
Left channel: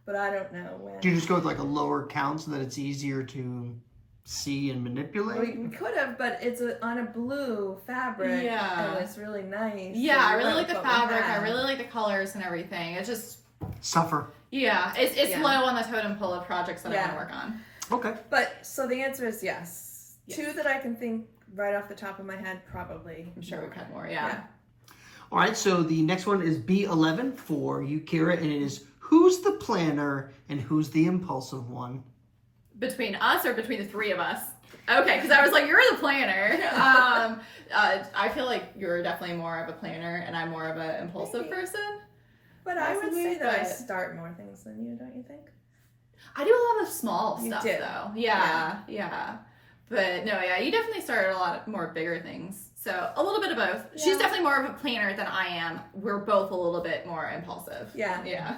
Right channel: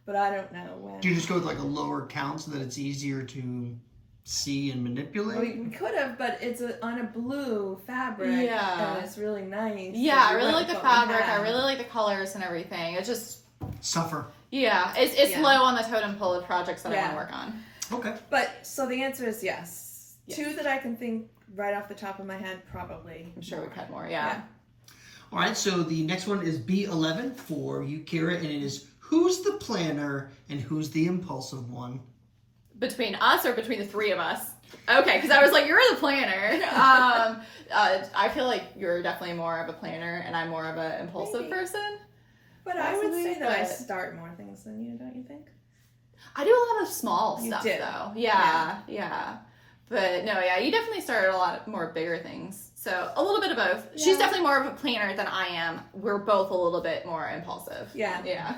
but I don't know when. Do you just go with like a lower count so that it's easier to see and manipulate? We could have, but it's on a blue fabric, Yeah. and it's really nice. Yeah, so I we really went like the with what we fabric. I had. really like the colors and everything. It's just, Suffer. yeah, it's Yeah. low on the totem pole of projects that I Yeah. want to work on. Okay. But so the answer is yes. Yes. Two that I can think right off the top of my head, probably. I'm sure we've had more. Yeah. All right, so the next one is B11 for you, Kira, and it is who's the planner and who's the impulsive one? Between us or between the three of us? Okay, because I was like, you're the planner. I feel like you're definitely more of a planner, and I'm more of an impulsive Maybe. person. But I would Possibly, say that I but- start more things than you, don't you think? I do a lot of small You stuff do. though. Yeah. But no, yeah, you definitely started a lot more bigger things. So a little bit of both. Yeah. She's definitely more of a planner than I am. We're both a little bit more impulsive. Yeah. Yeah.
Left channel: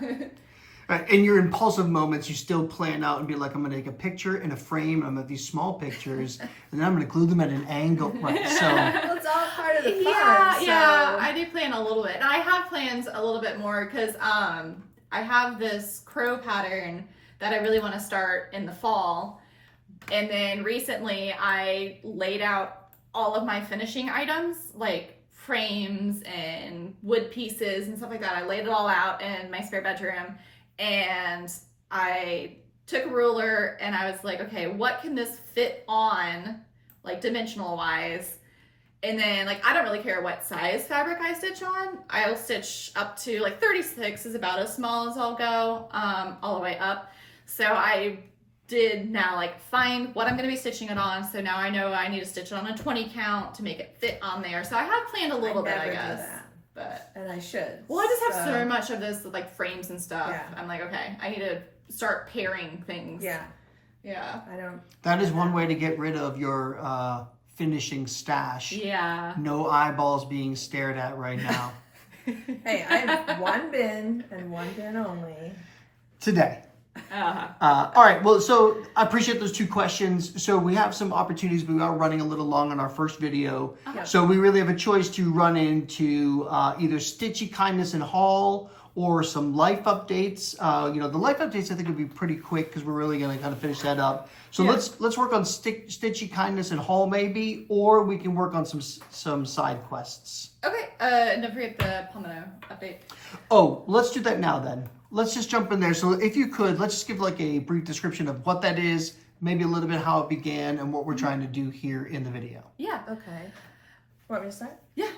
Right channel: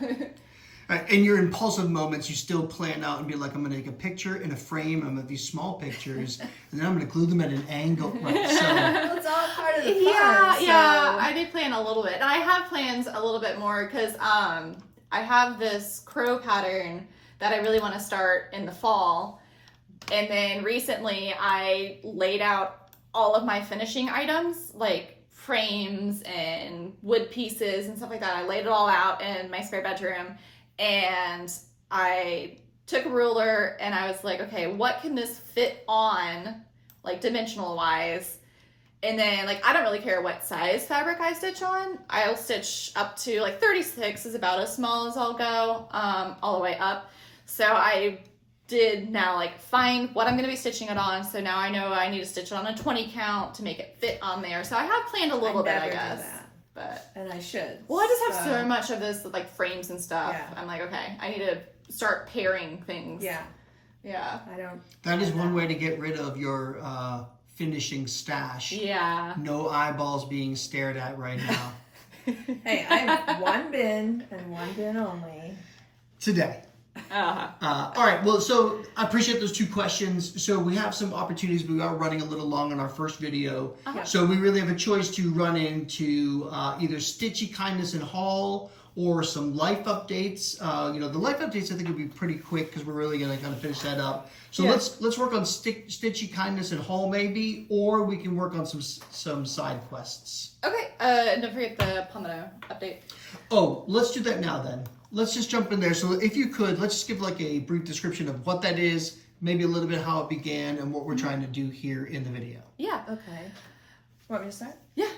All right, in your impulsive moments, you still plan out and be like, I'm gonna take a picture in a frame, I'm gonna have these small pictures, and then I'm gonna glue them at an angle. Right, so Well, it's all part of the fun. Yeah, so... yeah. I do plan a little bit. And I have plans a little bit more because I have this crow pattern that I really want to start in the fall. And then recently I laid out all of my finishing items, like frames and wood pieces and stuff like that. I laid it all out in my spare bedroom, and I took a ruler and I was like, okay, what can this fit on, like dimensional wise? And then, like, I don't really care what size fabric I stitch on. I'll stitch up to, like, 36 is about as small as I'll go, all the way up. So I did now, like, find what I'm going to be stitching it on. So now I know I need to stitch it on a 20 count to make it fit on there. So I have planned a little bit, I never do guess. that, But, and I should. well, I just have so much of this, like, frames and stuff. Yeah. I'm like, okay, I need to start pairing things. Yeah, Yeah. I don't. that is one way to get rid of your finishing stash. Yeah. No eyeballs being stared at right now. Hey, I have one bin and one bin only. Today. All right, well, so I appreciate those two questions. So we have some opportunities, but we are running a little long on our first video. So we really have a choice to run into either Stitchy-Kindness Haul or some life updates. The life updates I think would be pretty quick because we're really going to kind of finish that up. So let's work on Stitchy-Kindness Haul maybe, or we can work on some side quests. Okay, and don't forget the Palmetto update. Oh, let's do that now then. Let's just jump in there. So if you could, let's just give like a brief description of what that is, maybe a little bit how it began and what we're trying to do here in the video. Yeah. Okay. Want me to start? Yeah.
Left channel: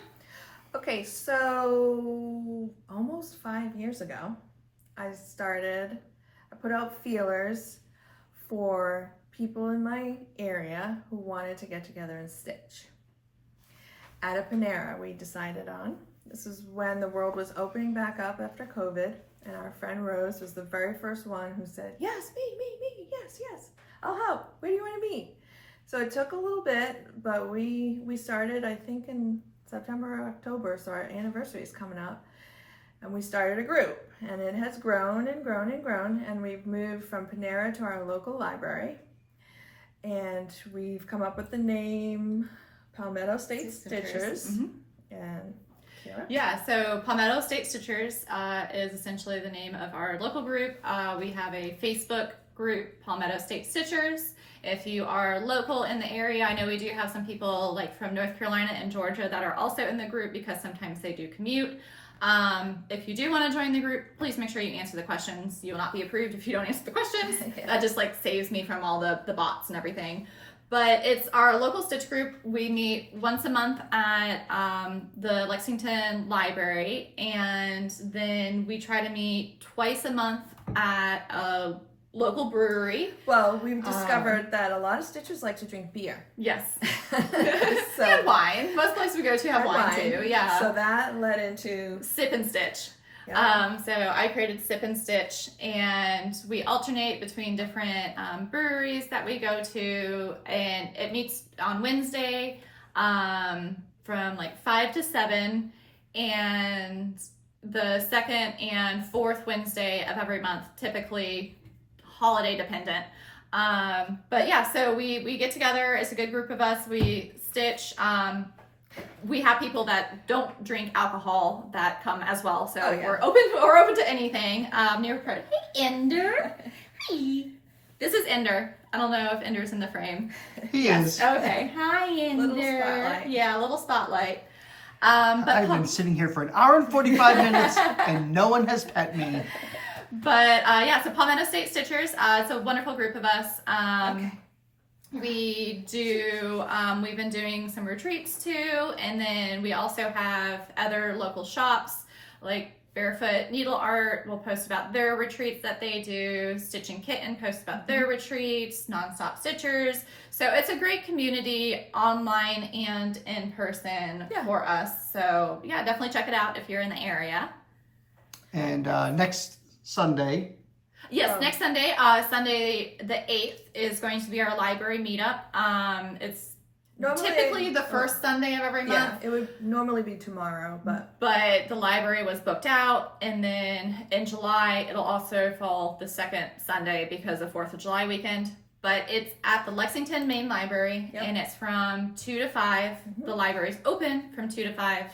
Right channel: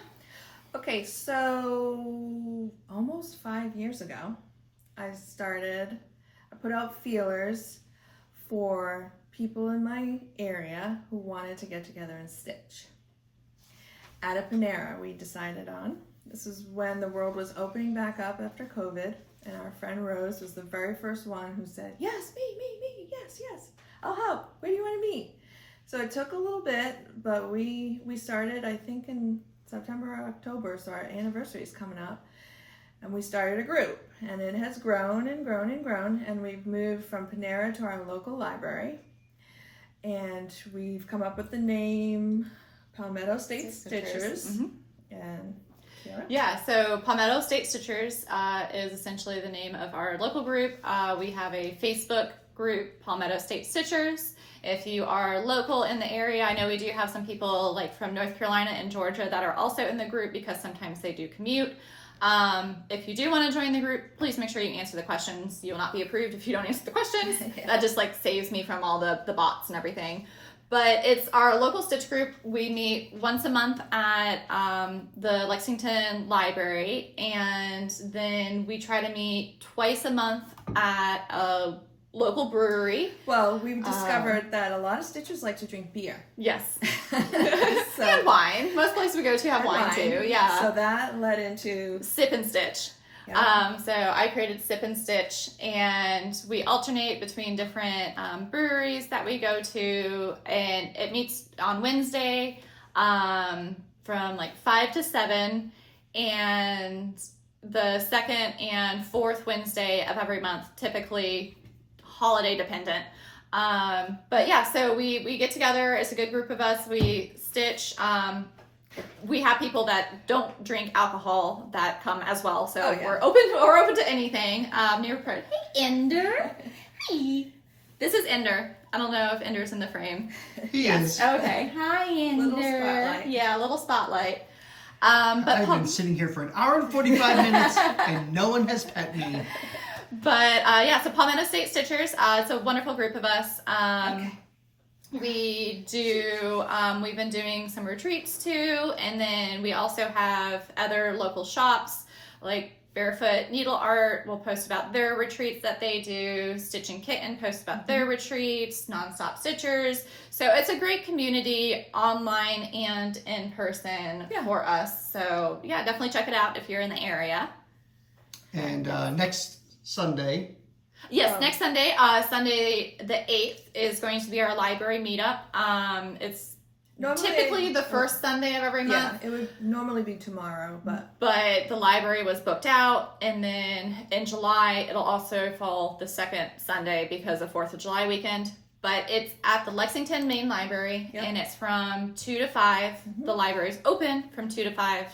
Okay, so almost 5 years ago, I put out feelers for people in my area who wanted to get together and stitch. At a Panera, we decided on. This is when the world was opening back up after COVID, and our friend Rose was the very first one who said, yes, me, yes, I'll help. Where do you want to meet? So it took a little bit, but we started, I think, in September or October, so our anniversary is coming up, and we started a group, and it has grown and grown and grown, and we've moved from Panera to our local library, and we've come up with the name Palmetto State Stitchers. And yeah, so Palmetto State Stitchers is essentially the name of our local group. We have a Facebook group, Palmetto State Stitchers. If you are local in the area, I know we do have some people like from North Carolina and Georgia that are also in the group because sometimes they do commute. If you do want to join the group, please make sure you answer the questions. You will not be approved if you don't answer the questions. That just like saves me from all the bots and everything. But it's our local stitch group. We meet once a month at the Lexington Library, and then we try to meet twice a month at a local brewery. Well, we've discovered that a lot of stitchers like to drink beer. Yes. And wine. Most places we go to have wine too. Yeah. So that led into Sip and Stitch. Yeah. So I created Sip and Stitch, and we alternate between different breweries that we go to, and it meets on Wednesday from like 5 to 7, and the second and fourth Wednesday of every month, typically holiday dependent. But yeah, so we get together. It's a good group of us. We stitch. We have people that don't drink alcohol that come as well, so we're open to anything. Hey Ender. Hi. This is Ender. I don't know if Ender's in the frame. He is. Okay. Hi Ender. Little spotlight. Yeah, a little spotlight. But I've been sitting here for an hour and 45 minutes and no one has pet me. But yeah, so Palmetto State Stitchers. It's a wonderful group of us. We do, we've been doing some retreats too, and then we also have other local shops like Barefoot Needle Art will post about their retreats that they do. Stitch and Kitten posts about their retreats, Nonstop Stitchers. So it's a great community online and in person for us. So yeah, definitely check it out if you're in the area. And next Sunday. Yes, next Sunday, Sunday the 8th is going to be our library meetup. It's typically the first Sunday of every month. Yeah, it would normally be tomorrow, but the library was booked out, and then in July it'll also fall the second Sunday because of 4th of July weekend. But it's at the Lexington Main Library, and it's from 2 to 5. The library's open from 2 to 5.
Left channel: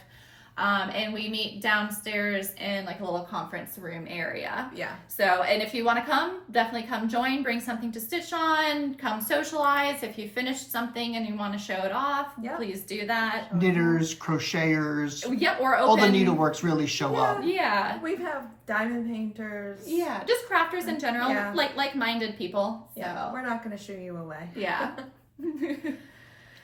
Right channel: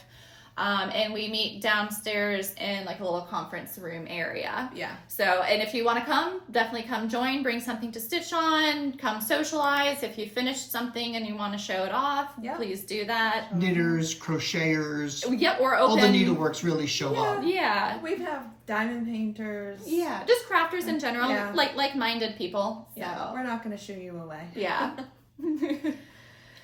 And we meet downstairs in like a little conference room area. Yeah. So, and if you want to come, definitely come join, bring something to stitch on, come socialize. If you finished something and you want to show it off, please do that. Knitters, crocheters. Yep, we're open. All the needleworks really show up. Yeah. We have diamond painters. Yeah, just crafters in general, like-minded people. So. Yeah, we're not going to shoo you away. Yeah.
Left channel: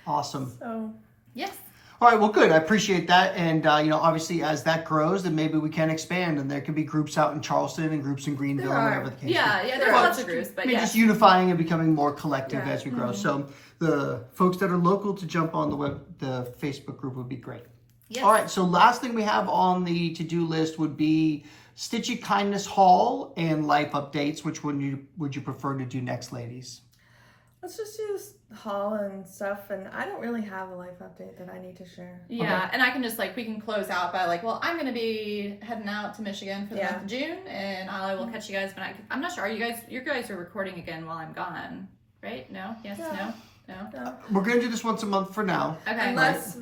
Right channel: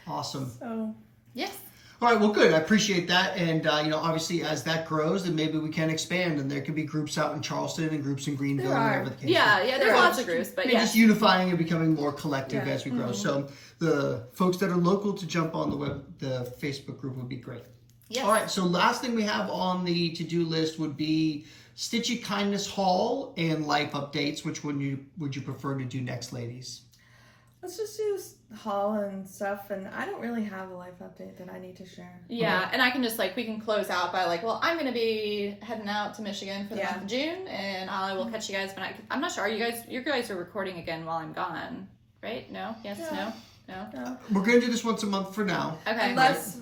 Awesome. So, yes. All right, well, good. I appreciate that. And, obviously, as that grows, then maybe we can expand. And there can be groups out in Charleston and groups in Greenville and whatever the case is. Yeah, there's lots of groups. But just unifying and becoming more collective as we grow. So the folks that are local to jump on the Facebook group would be great. Yes. All right, so last thing we have on the to-do list would be Stitchy-Kindness Haul and life updates. Which one would you prefer to do next, ladies? let's just do this haul and stuff. And I don't really have a life update that I need to share. Yeah, Okay. and I can just like, we can close out by like, well, I'm gonna be heading out to Michigan for the month of June, and I will catch you guys when I'm not sure. Are you guys are recording again while I'm gone, right? No? Yes? Yeah. No? We're going to do this once a month for now. Okay. Unless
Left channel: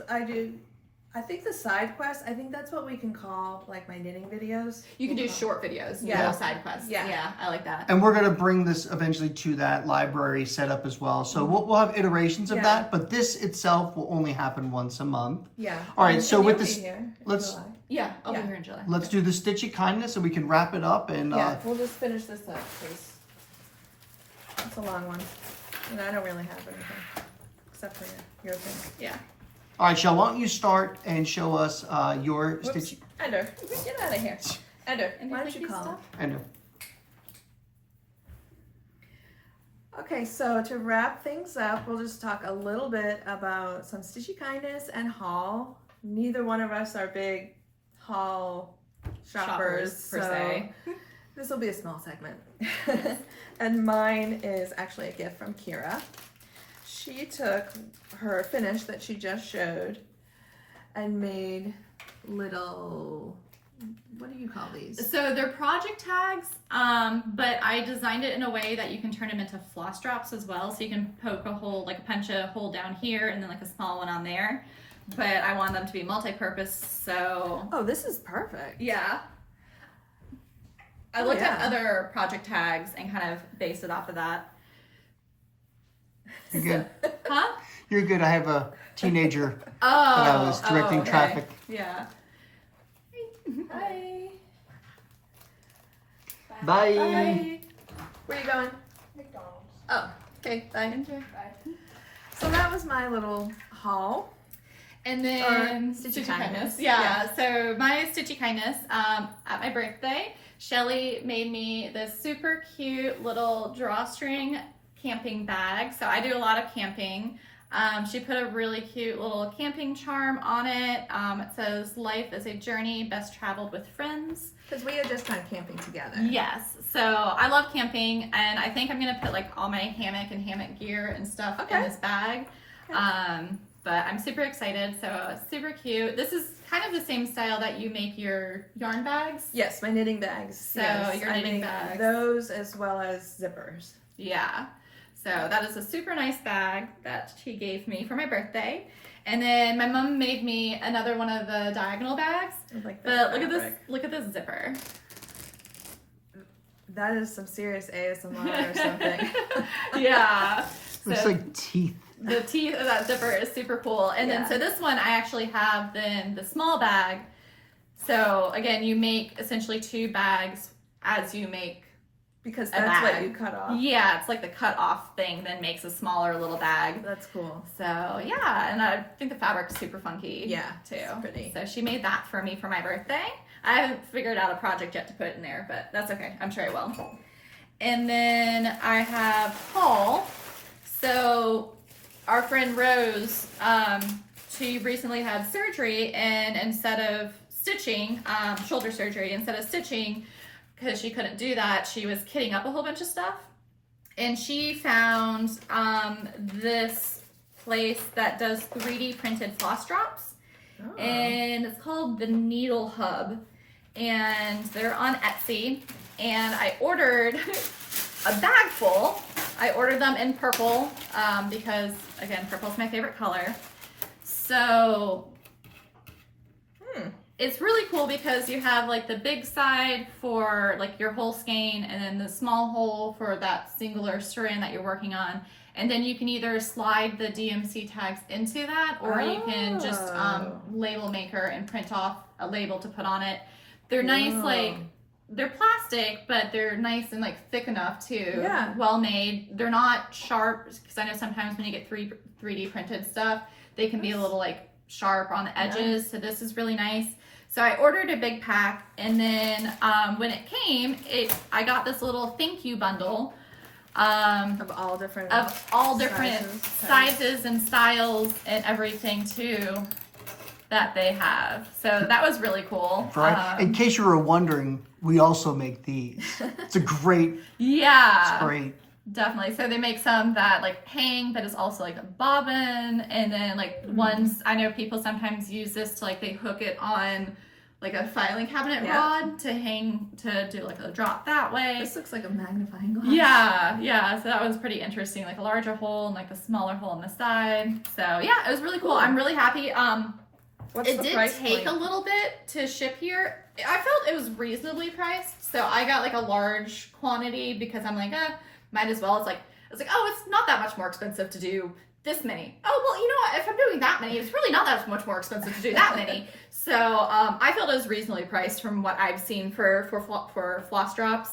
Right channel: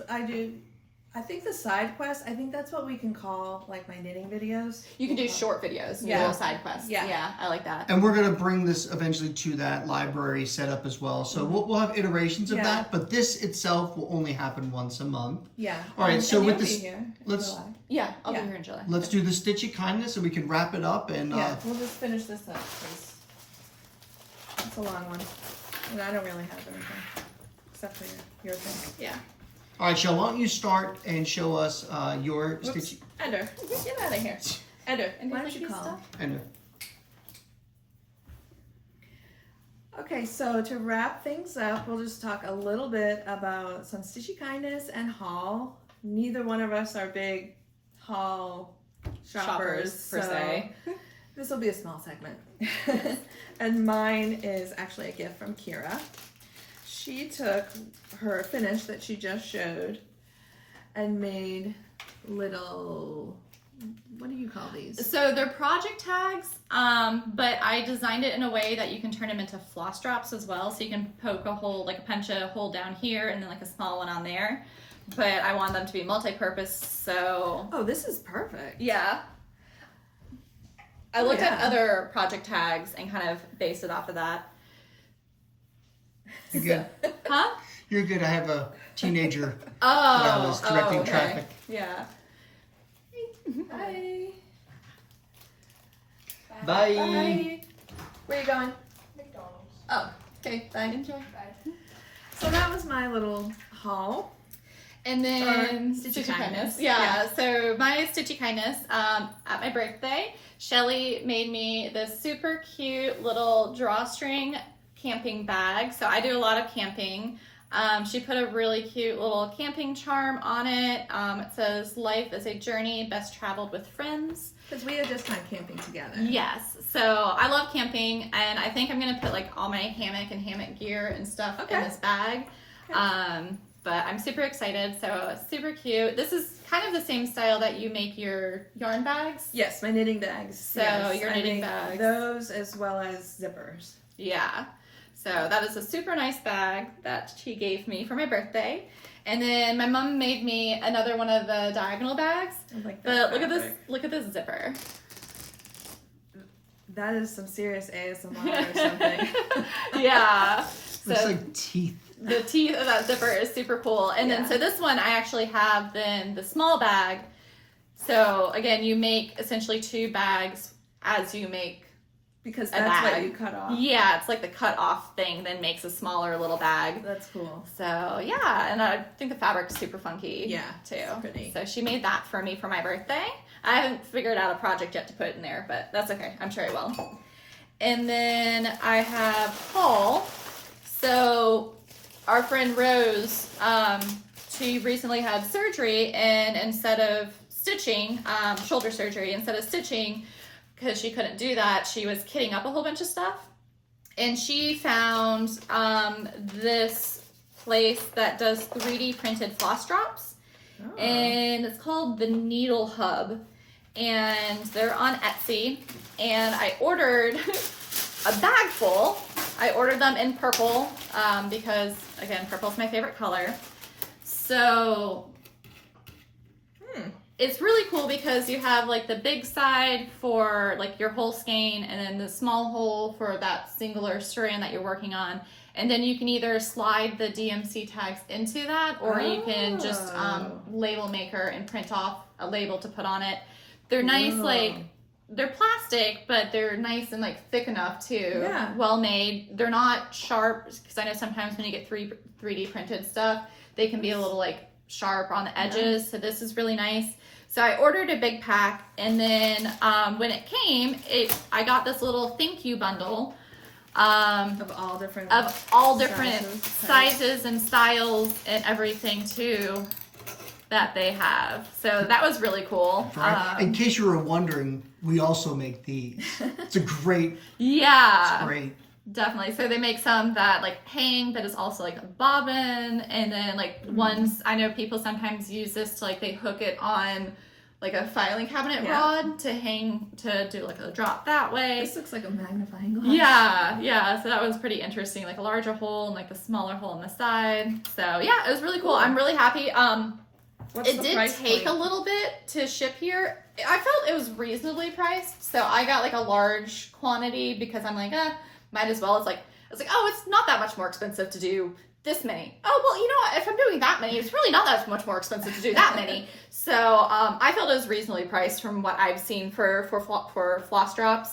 I think the side quest, I think that's what we can call like my knitting videos. You can do short videos, little side quests. Yeah, I like that. And we're going to bring this eventually to that library setup as well. So we'll have iterations of that, but this itself will only happen once a month. Yeah. All right, so And with you'll this, be here in let's- July. Yeah, I'll be here in July. let's do the Stitchy Kindness, and we can wrap it up. And We'll just finish this up, please. It's a long one, and I don't really have anything except for your thing. Yeah. all right, Shell, why don't you start and show us your Whoops. Stitchy Ender, get out of here. Ender, why don't you call him? Ender. Okay, so to wrap things up, we'll just talk a little bit about some Stitchy Kindness and haul. Neither one of us are big haul shoppers per se. This will be a small segment. And mine is actually a gift from Kira. She took her finish that she just showed and made little, what do you call these? So they're project tags, but I designed it in a way that you can turn them into floss drops as well. So you can poke a hole, like punch a hole down here and then like a small one on there. But I wanted them to be multi-purpose, so... Oh, this is perfect. Yeah. I looked at other project tags and kind of based it off of that. You're good. Huh? You're good. I have a teenager that Oh, I was directing okay. traffic. Yeah. Bye. Bye. Bye. Where are you going? McDonald's. Oh, okay, bye. Enjoy. So that was my little haul. And then Stitchy Kindness. Yeah. So my Stitchy Kindness, at my birthday, Shelly made me this super cute little drawstring camping bag. So I do a lot of camping. She put a really cute little camping charm on it. It says, "Life is a journey best traveled with friends." Because we had just gone camping together. Yes. So I love camping, and I think I'm gonna put like all my hammock and hammock gear and stuff in this bag. Okay. But I'm super excited. So super cute. This is kind of the same style that you make your yarn bags. Yes, my knitting bags. So yes, your I knitting make bags. Those as well as zippers. Yeah. So that is a super nice bag that she gave me for my birthday. And then my mom made me another one of the diagonal bags. I like But that look at this, fabric. look at this zipper. That is some serious ASMR or something. Yeah. Looks So like teeth. the teeth of that zipper is super cool. And then, Yeah. so this one I actually have then the small bag. So again, you make essentially two bags as you make. Because A that's what bag. you cut off. Yeah, it's like the cut off thing then makes a smaller little bag. That's cool. So yeah, and I think the fabric's super funky. Yeah, too. pretty. So she made that for me for my birthday. I haven't figured out a project yet to put in there, but that's okay. I'm sure I will. And then I have haul. So our friend Rose, she recently had surgery, and instead of stitching, shoulder surgery, instead of stitching, because she couldn't do that, she was kitting up a whole bunch of stuff. And she found this place that does 3D printed floss drops. Oh. And it's called the Needle Hub, and they're on Etsy. And I ordered a bag full. I ordered them in purple because, again, purple's my favorite color. So it's really cool because you have like the big side for like your whole skein, and then the small hole for that singular strand that you're working on. And then you can either slide the DMC tags into that, or you can just label maker and print off a label to put on it. They're nice, like they're plastic, but they're nice and like thick enough too. Yeah. Well made. They're not sharp, because I know sometimes when you get 3D printed stuff, they can be a little like sharp on the edges. So this is really nice. So I ordered a big pack, and then when it came, I got this little thank you bundle Of all different sizes and styles and everything too that they have. So that was really cool. Right. In case you were wondering, we also make these. It's a great, Yeah. great. Definitely. So they make some that like hang, but it's also like a bobbin, and then like ones I know people sometimes use this to like they hook it on like a filing cabinet rod to hang to do like a drop that way. This looks like a magnifying glass. Yeah. So that was pretty interesting. Like a larger hole and like the smaller hole on the side. So yeah, it was really cool. I'm really happy. It did take a little bit to ship here. I felt it was reasonably priced, so I got like a large quantity because I'm like, might as well. It's like, oh, it's not that much more expensive to do this many. Oh, well, you know what? If I'm doing that many, it's really not that much more expensive to do that many. So I felt it was reasonably priced from what I've seen for floss drops.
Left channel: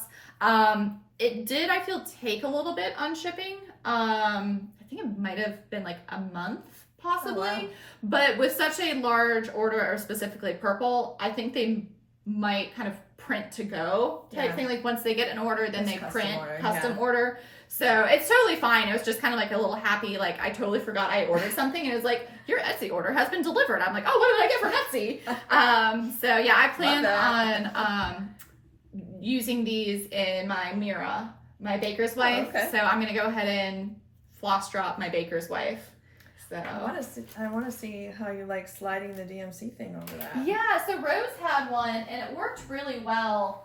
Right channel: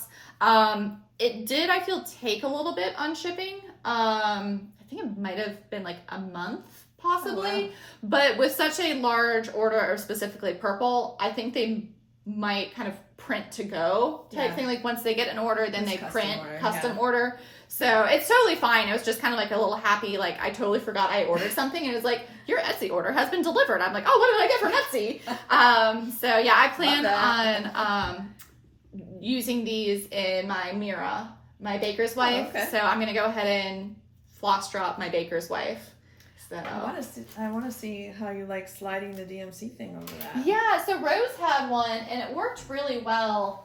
It did, I feel, take a little bit on shipping. I think it might have been like a month possibly. Oh, wow. But with such a large order, or specifically purple, I think they might kind of print to go type thing. Like once they get an order, then they print custom order. So it's totally fine. It was just kind of like a little happy, like I totally forgot I ordered something, and it was like, your Etsy order has been delivered. I'm like, oh, what did I get from Etsy? So yeah, I plan on using these in my Mira, my baker's wife. Oh, okay. So I'm gonna go ahead and floss drop my baker's wife. So I want to see how you like sliding the DMC thing over that. yeah, so Rose had one and it worked really well.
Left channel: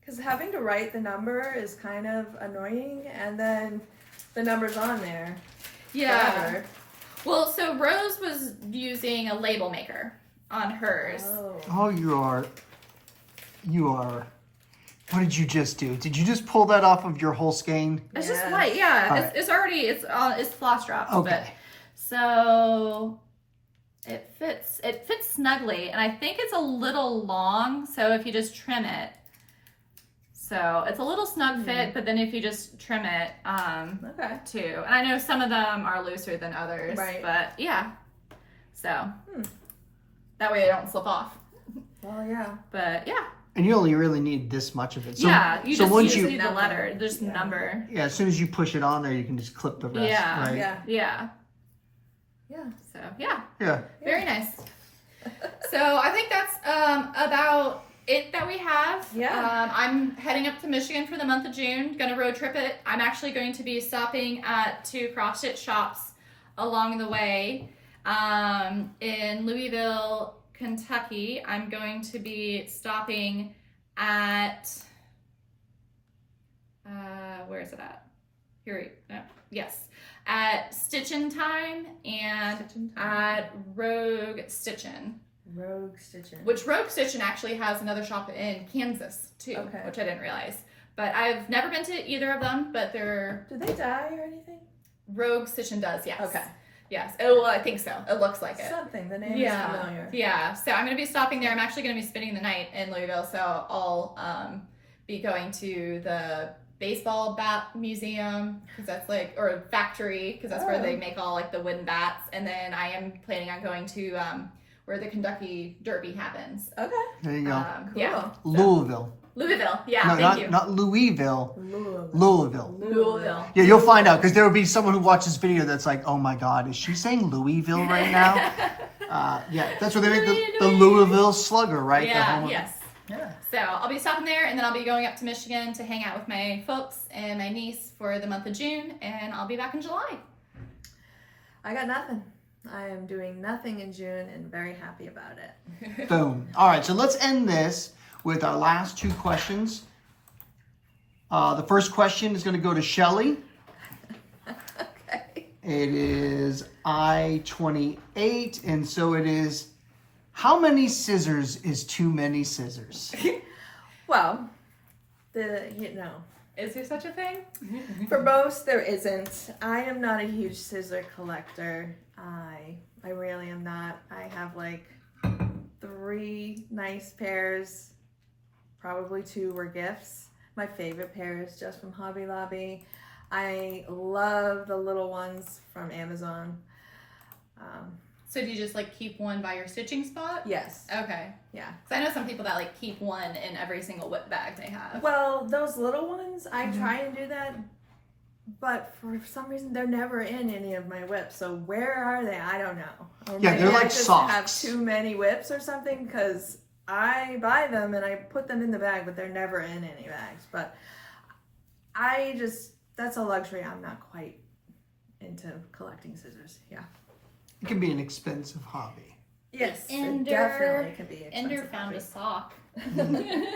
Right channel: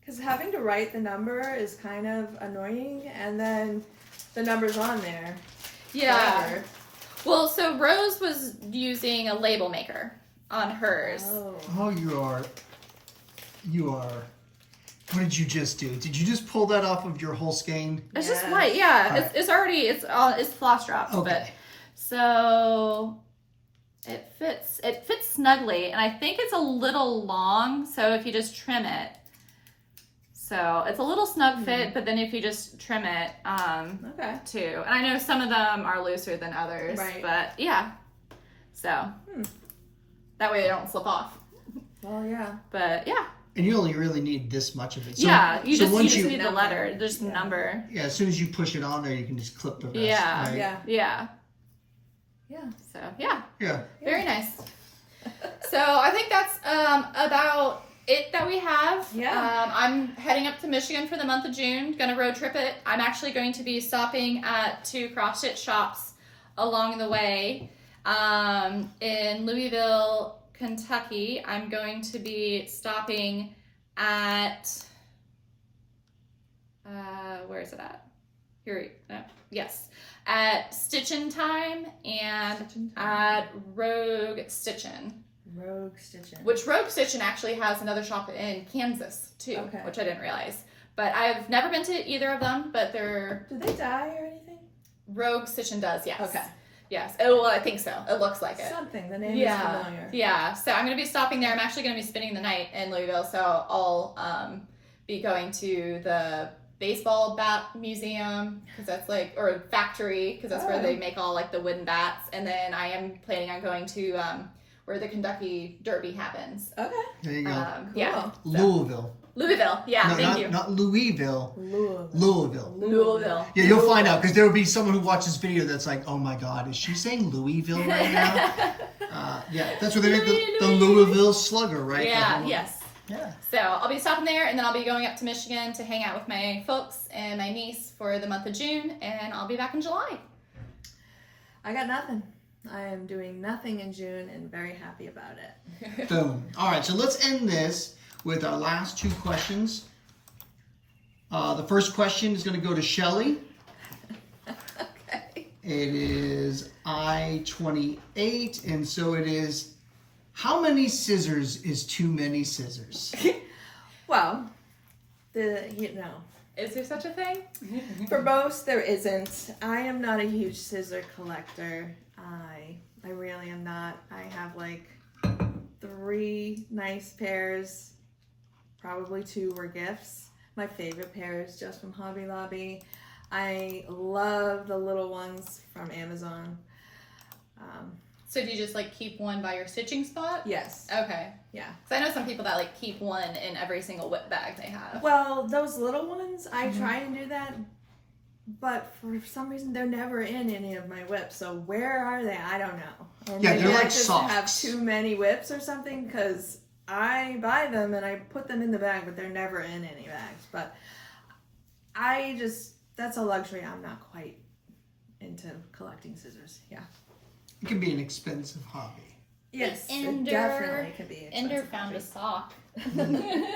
Because having to write the number is kind of annoying, and then the number's on there. Yeah. Forever. Well, so Rose was using a label maker on hers. Oh, you are. What did you just do? Did you just pull that off of your whole skein? It's just white, yeah. Right. It's already it's floss drops, Okay. but so it fits snugly, and I think it's a little long. So if you just trim it, so it's a little snug fit, but then if you just trim it, too. And I know some of them are looser than others, Right. but yeah. So that way they don't slip off. Oh yeah. But yeah. And you only really need this much of it. So, Yeah, you just once need the letter, just the number. Yeah, as soon as you push it on there, you can just clip the rest. Yeah, right? yeah. So yeah, very nice. So I think that's about it that we have. Yeah. I'm heading up to Michigan for the month of June. Gonna road trip it. I'm actually going to be stopping at 2 cross stitch shops along the way. In Louisville, Kentucky, I'm going to be stopping at where is it at? At Stitchin' Time and at Rogue Stitchin'. Which Rogue Stitchin' actually has another shop in Kansas too, which I didn't realize. But I've never been to either of them, but they're... Do they dye or anything? Rogue Stitchin' does, yes. Okay. Yes. Oh, well, I think so. It looks like it. Something. The name is familiar. Yeah. So I'm going to be stopping there. I'm actually going to be spending the night in Louisville, so I'll be going to the baseball bat museum, because that's like, or factory, because that's where they make all like the wooden bats. And then I am planning on going to where the Kentucky Derby happens. Okay. There you go. Cool. Yeah. Louisville. Yeah, No, thank you. not Louisville. Louisville. Yeah, you'll find out, because there will be someone who watches this video that's like, oh my God, is she saying Louisville right now? Yeah, that's where they make the Louisville Slugger, right? Yeah, yes. Yeah. So I'll be stopping there, and then I'll be going up to Michigan to hang out with my folks and my niece for the month of June, and I'll be back in July. I got nothing. I am doing nothing in June and very happy about it. Boom. All right, so let's end this with our last 2 questions. The first question is going to go to Shelly. Okay. It is I-28, and so it is, how many scissors is too many scissors? Well, Is there such a thing? for most there isn't. I am not a huge scissor collector. I really am not. I have like 3 nice pairs. Probably 2 were gifts. My favorite pair is just from Hobby Lobby. I love the little ones from Amazon. So do you just like keep one by your stitching spot? Yes. Okay. Yeah. Because I know some people that like keep one in every single whip bag they have. Well, those little ones, I try and do that, but for some reason they're never in any of my whips. So where are they? I don't know. Or Yeah, maybe they're like I just socks. have too many whips or something, because I buy them and I put them in the bag, but they're never in any bags. But I that's a luxury. I'm not quite into collecting scissors. Yeah. It can be an expensive hobby. Yes, Ender- it definitely can be Ender expensive found hobby. a sock.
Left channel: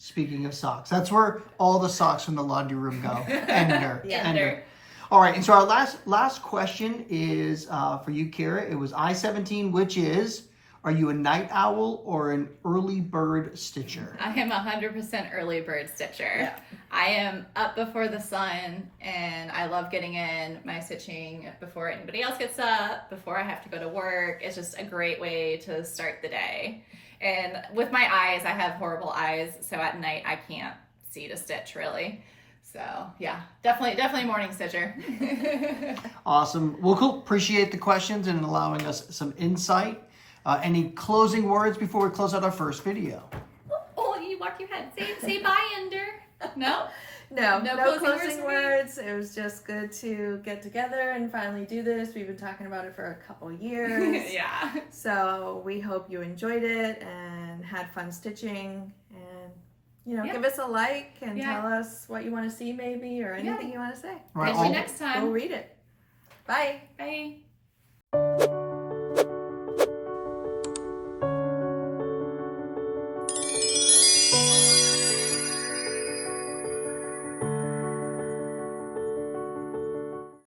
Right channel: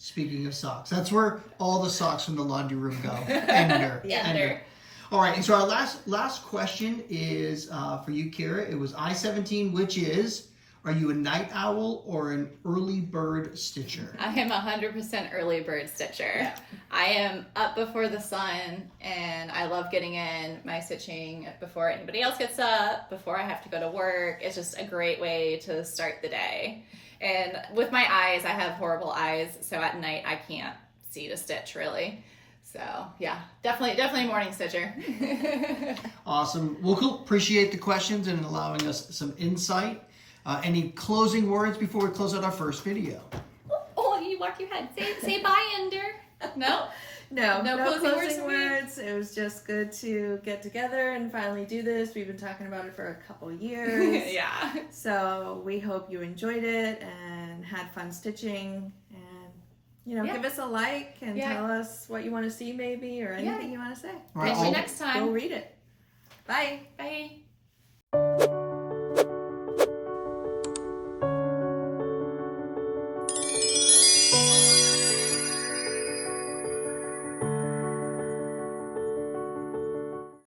Speaking of socks, that's where all the socks from the laundry room go. Ender. Yeah. Ender. All right, and so our last question is for you, Kira. It was I-17, which is, are you a night owl or an early bird stitcher? I am 100% early bird stitcher. Yeah. I am up before the sun, and I love getting in my stitching before anybody else gets up, before I have to go to work. It's just a great way to start the day. And with my eyes, I have horrible eyes, so at night I can't see to stitch really. So yeah, definitely morning stitcher. Awesome. Well, cool. Appreciate the questions and allowing us some insight. Any closing words before we close out our first video? Oh, you walk your head. Say bye, Ender. No? No No closing closing words for me? words. It was just good to get together and finally do this. We've been talking about it for a couple years. Yeah. So we hope you enjoyed it and had fun stitching. And, Yeah. give us a like and Yeah. tell us what you want to see maybe or anything you want to say. All right, See you all- next Go time. read it. Bye. Bye.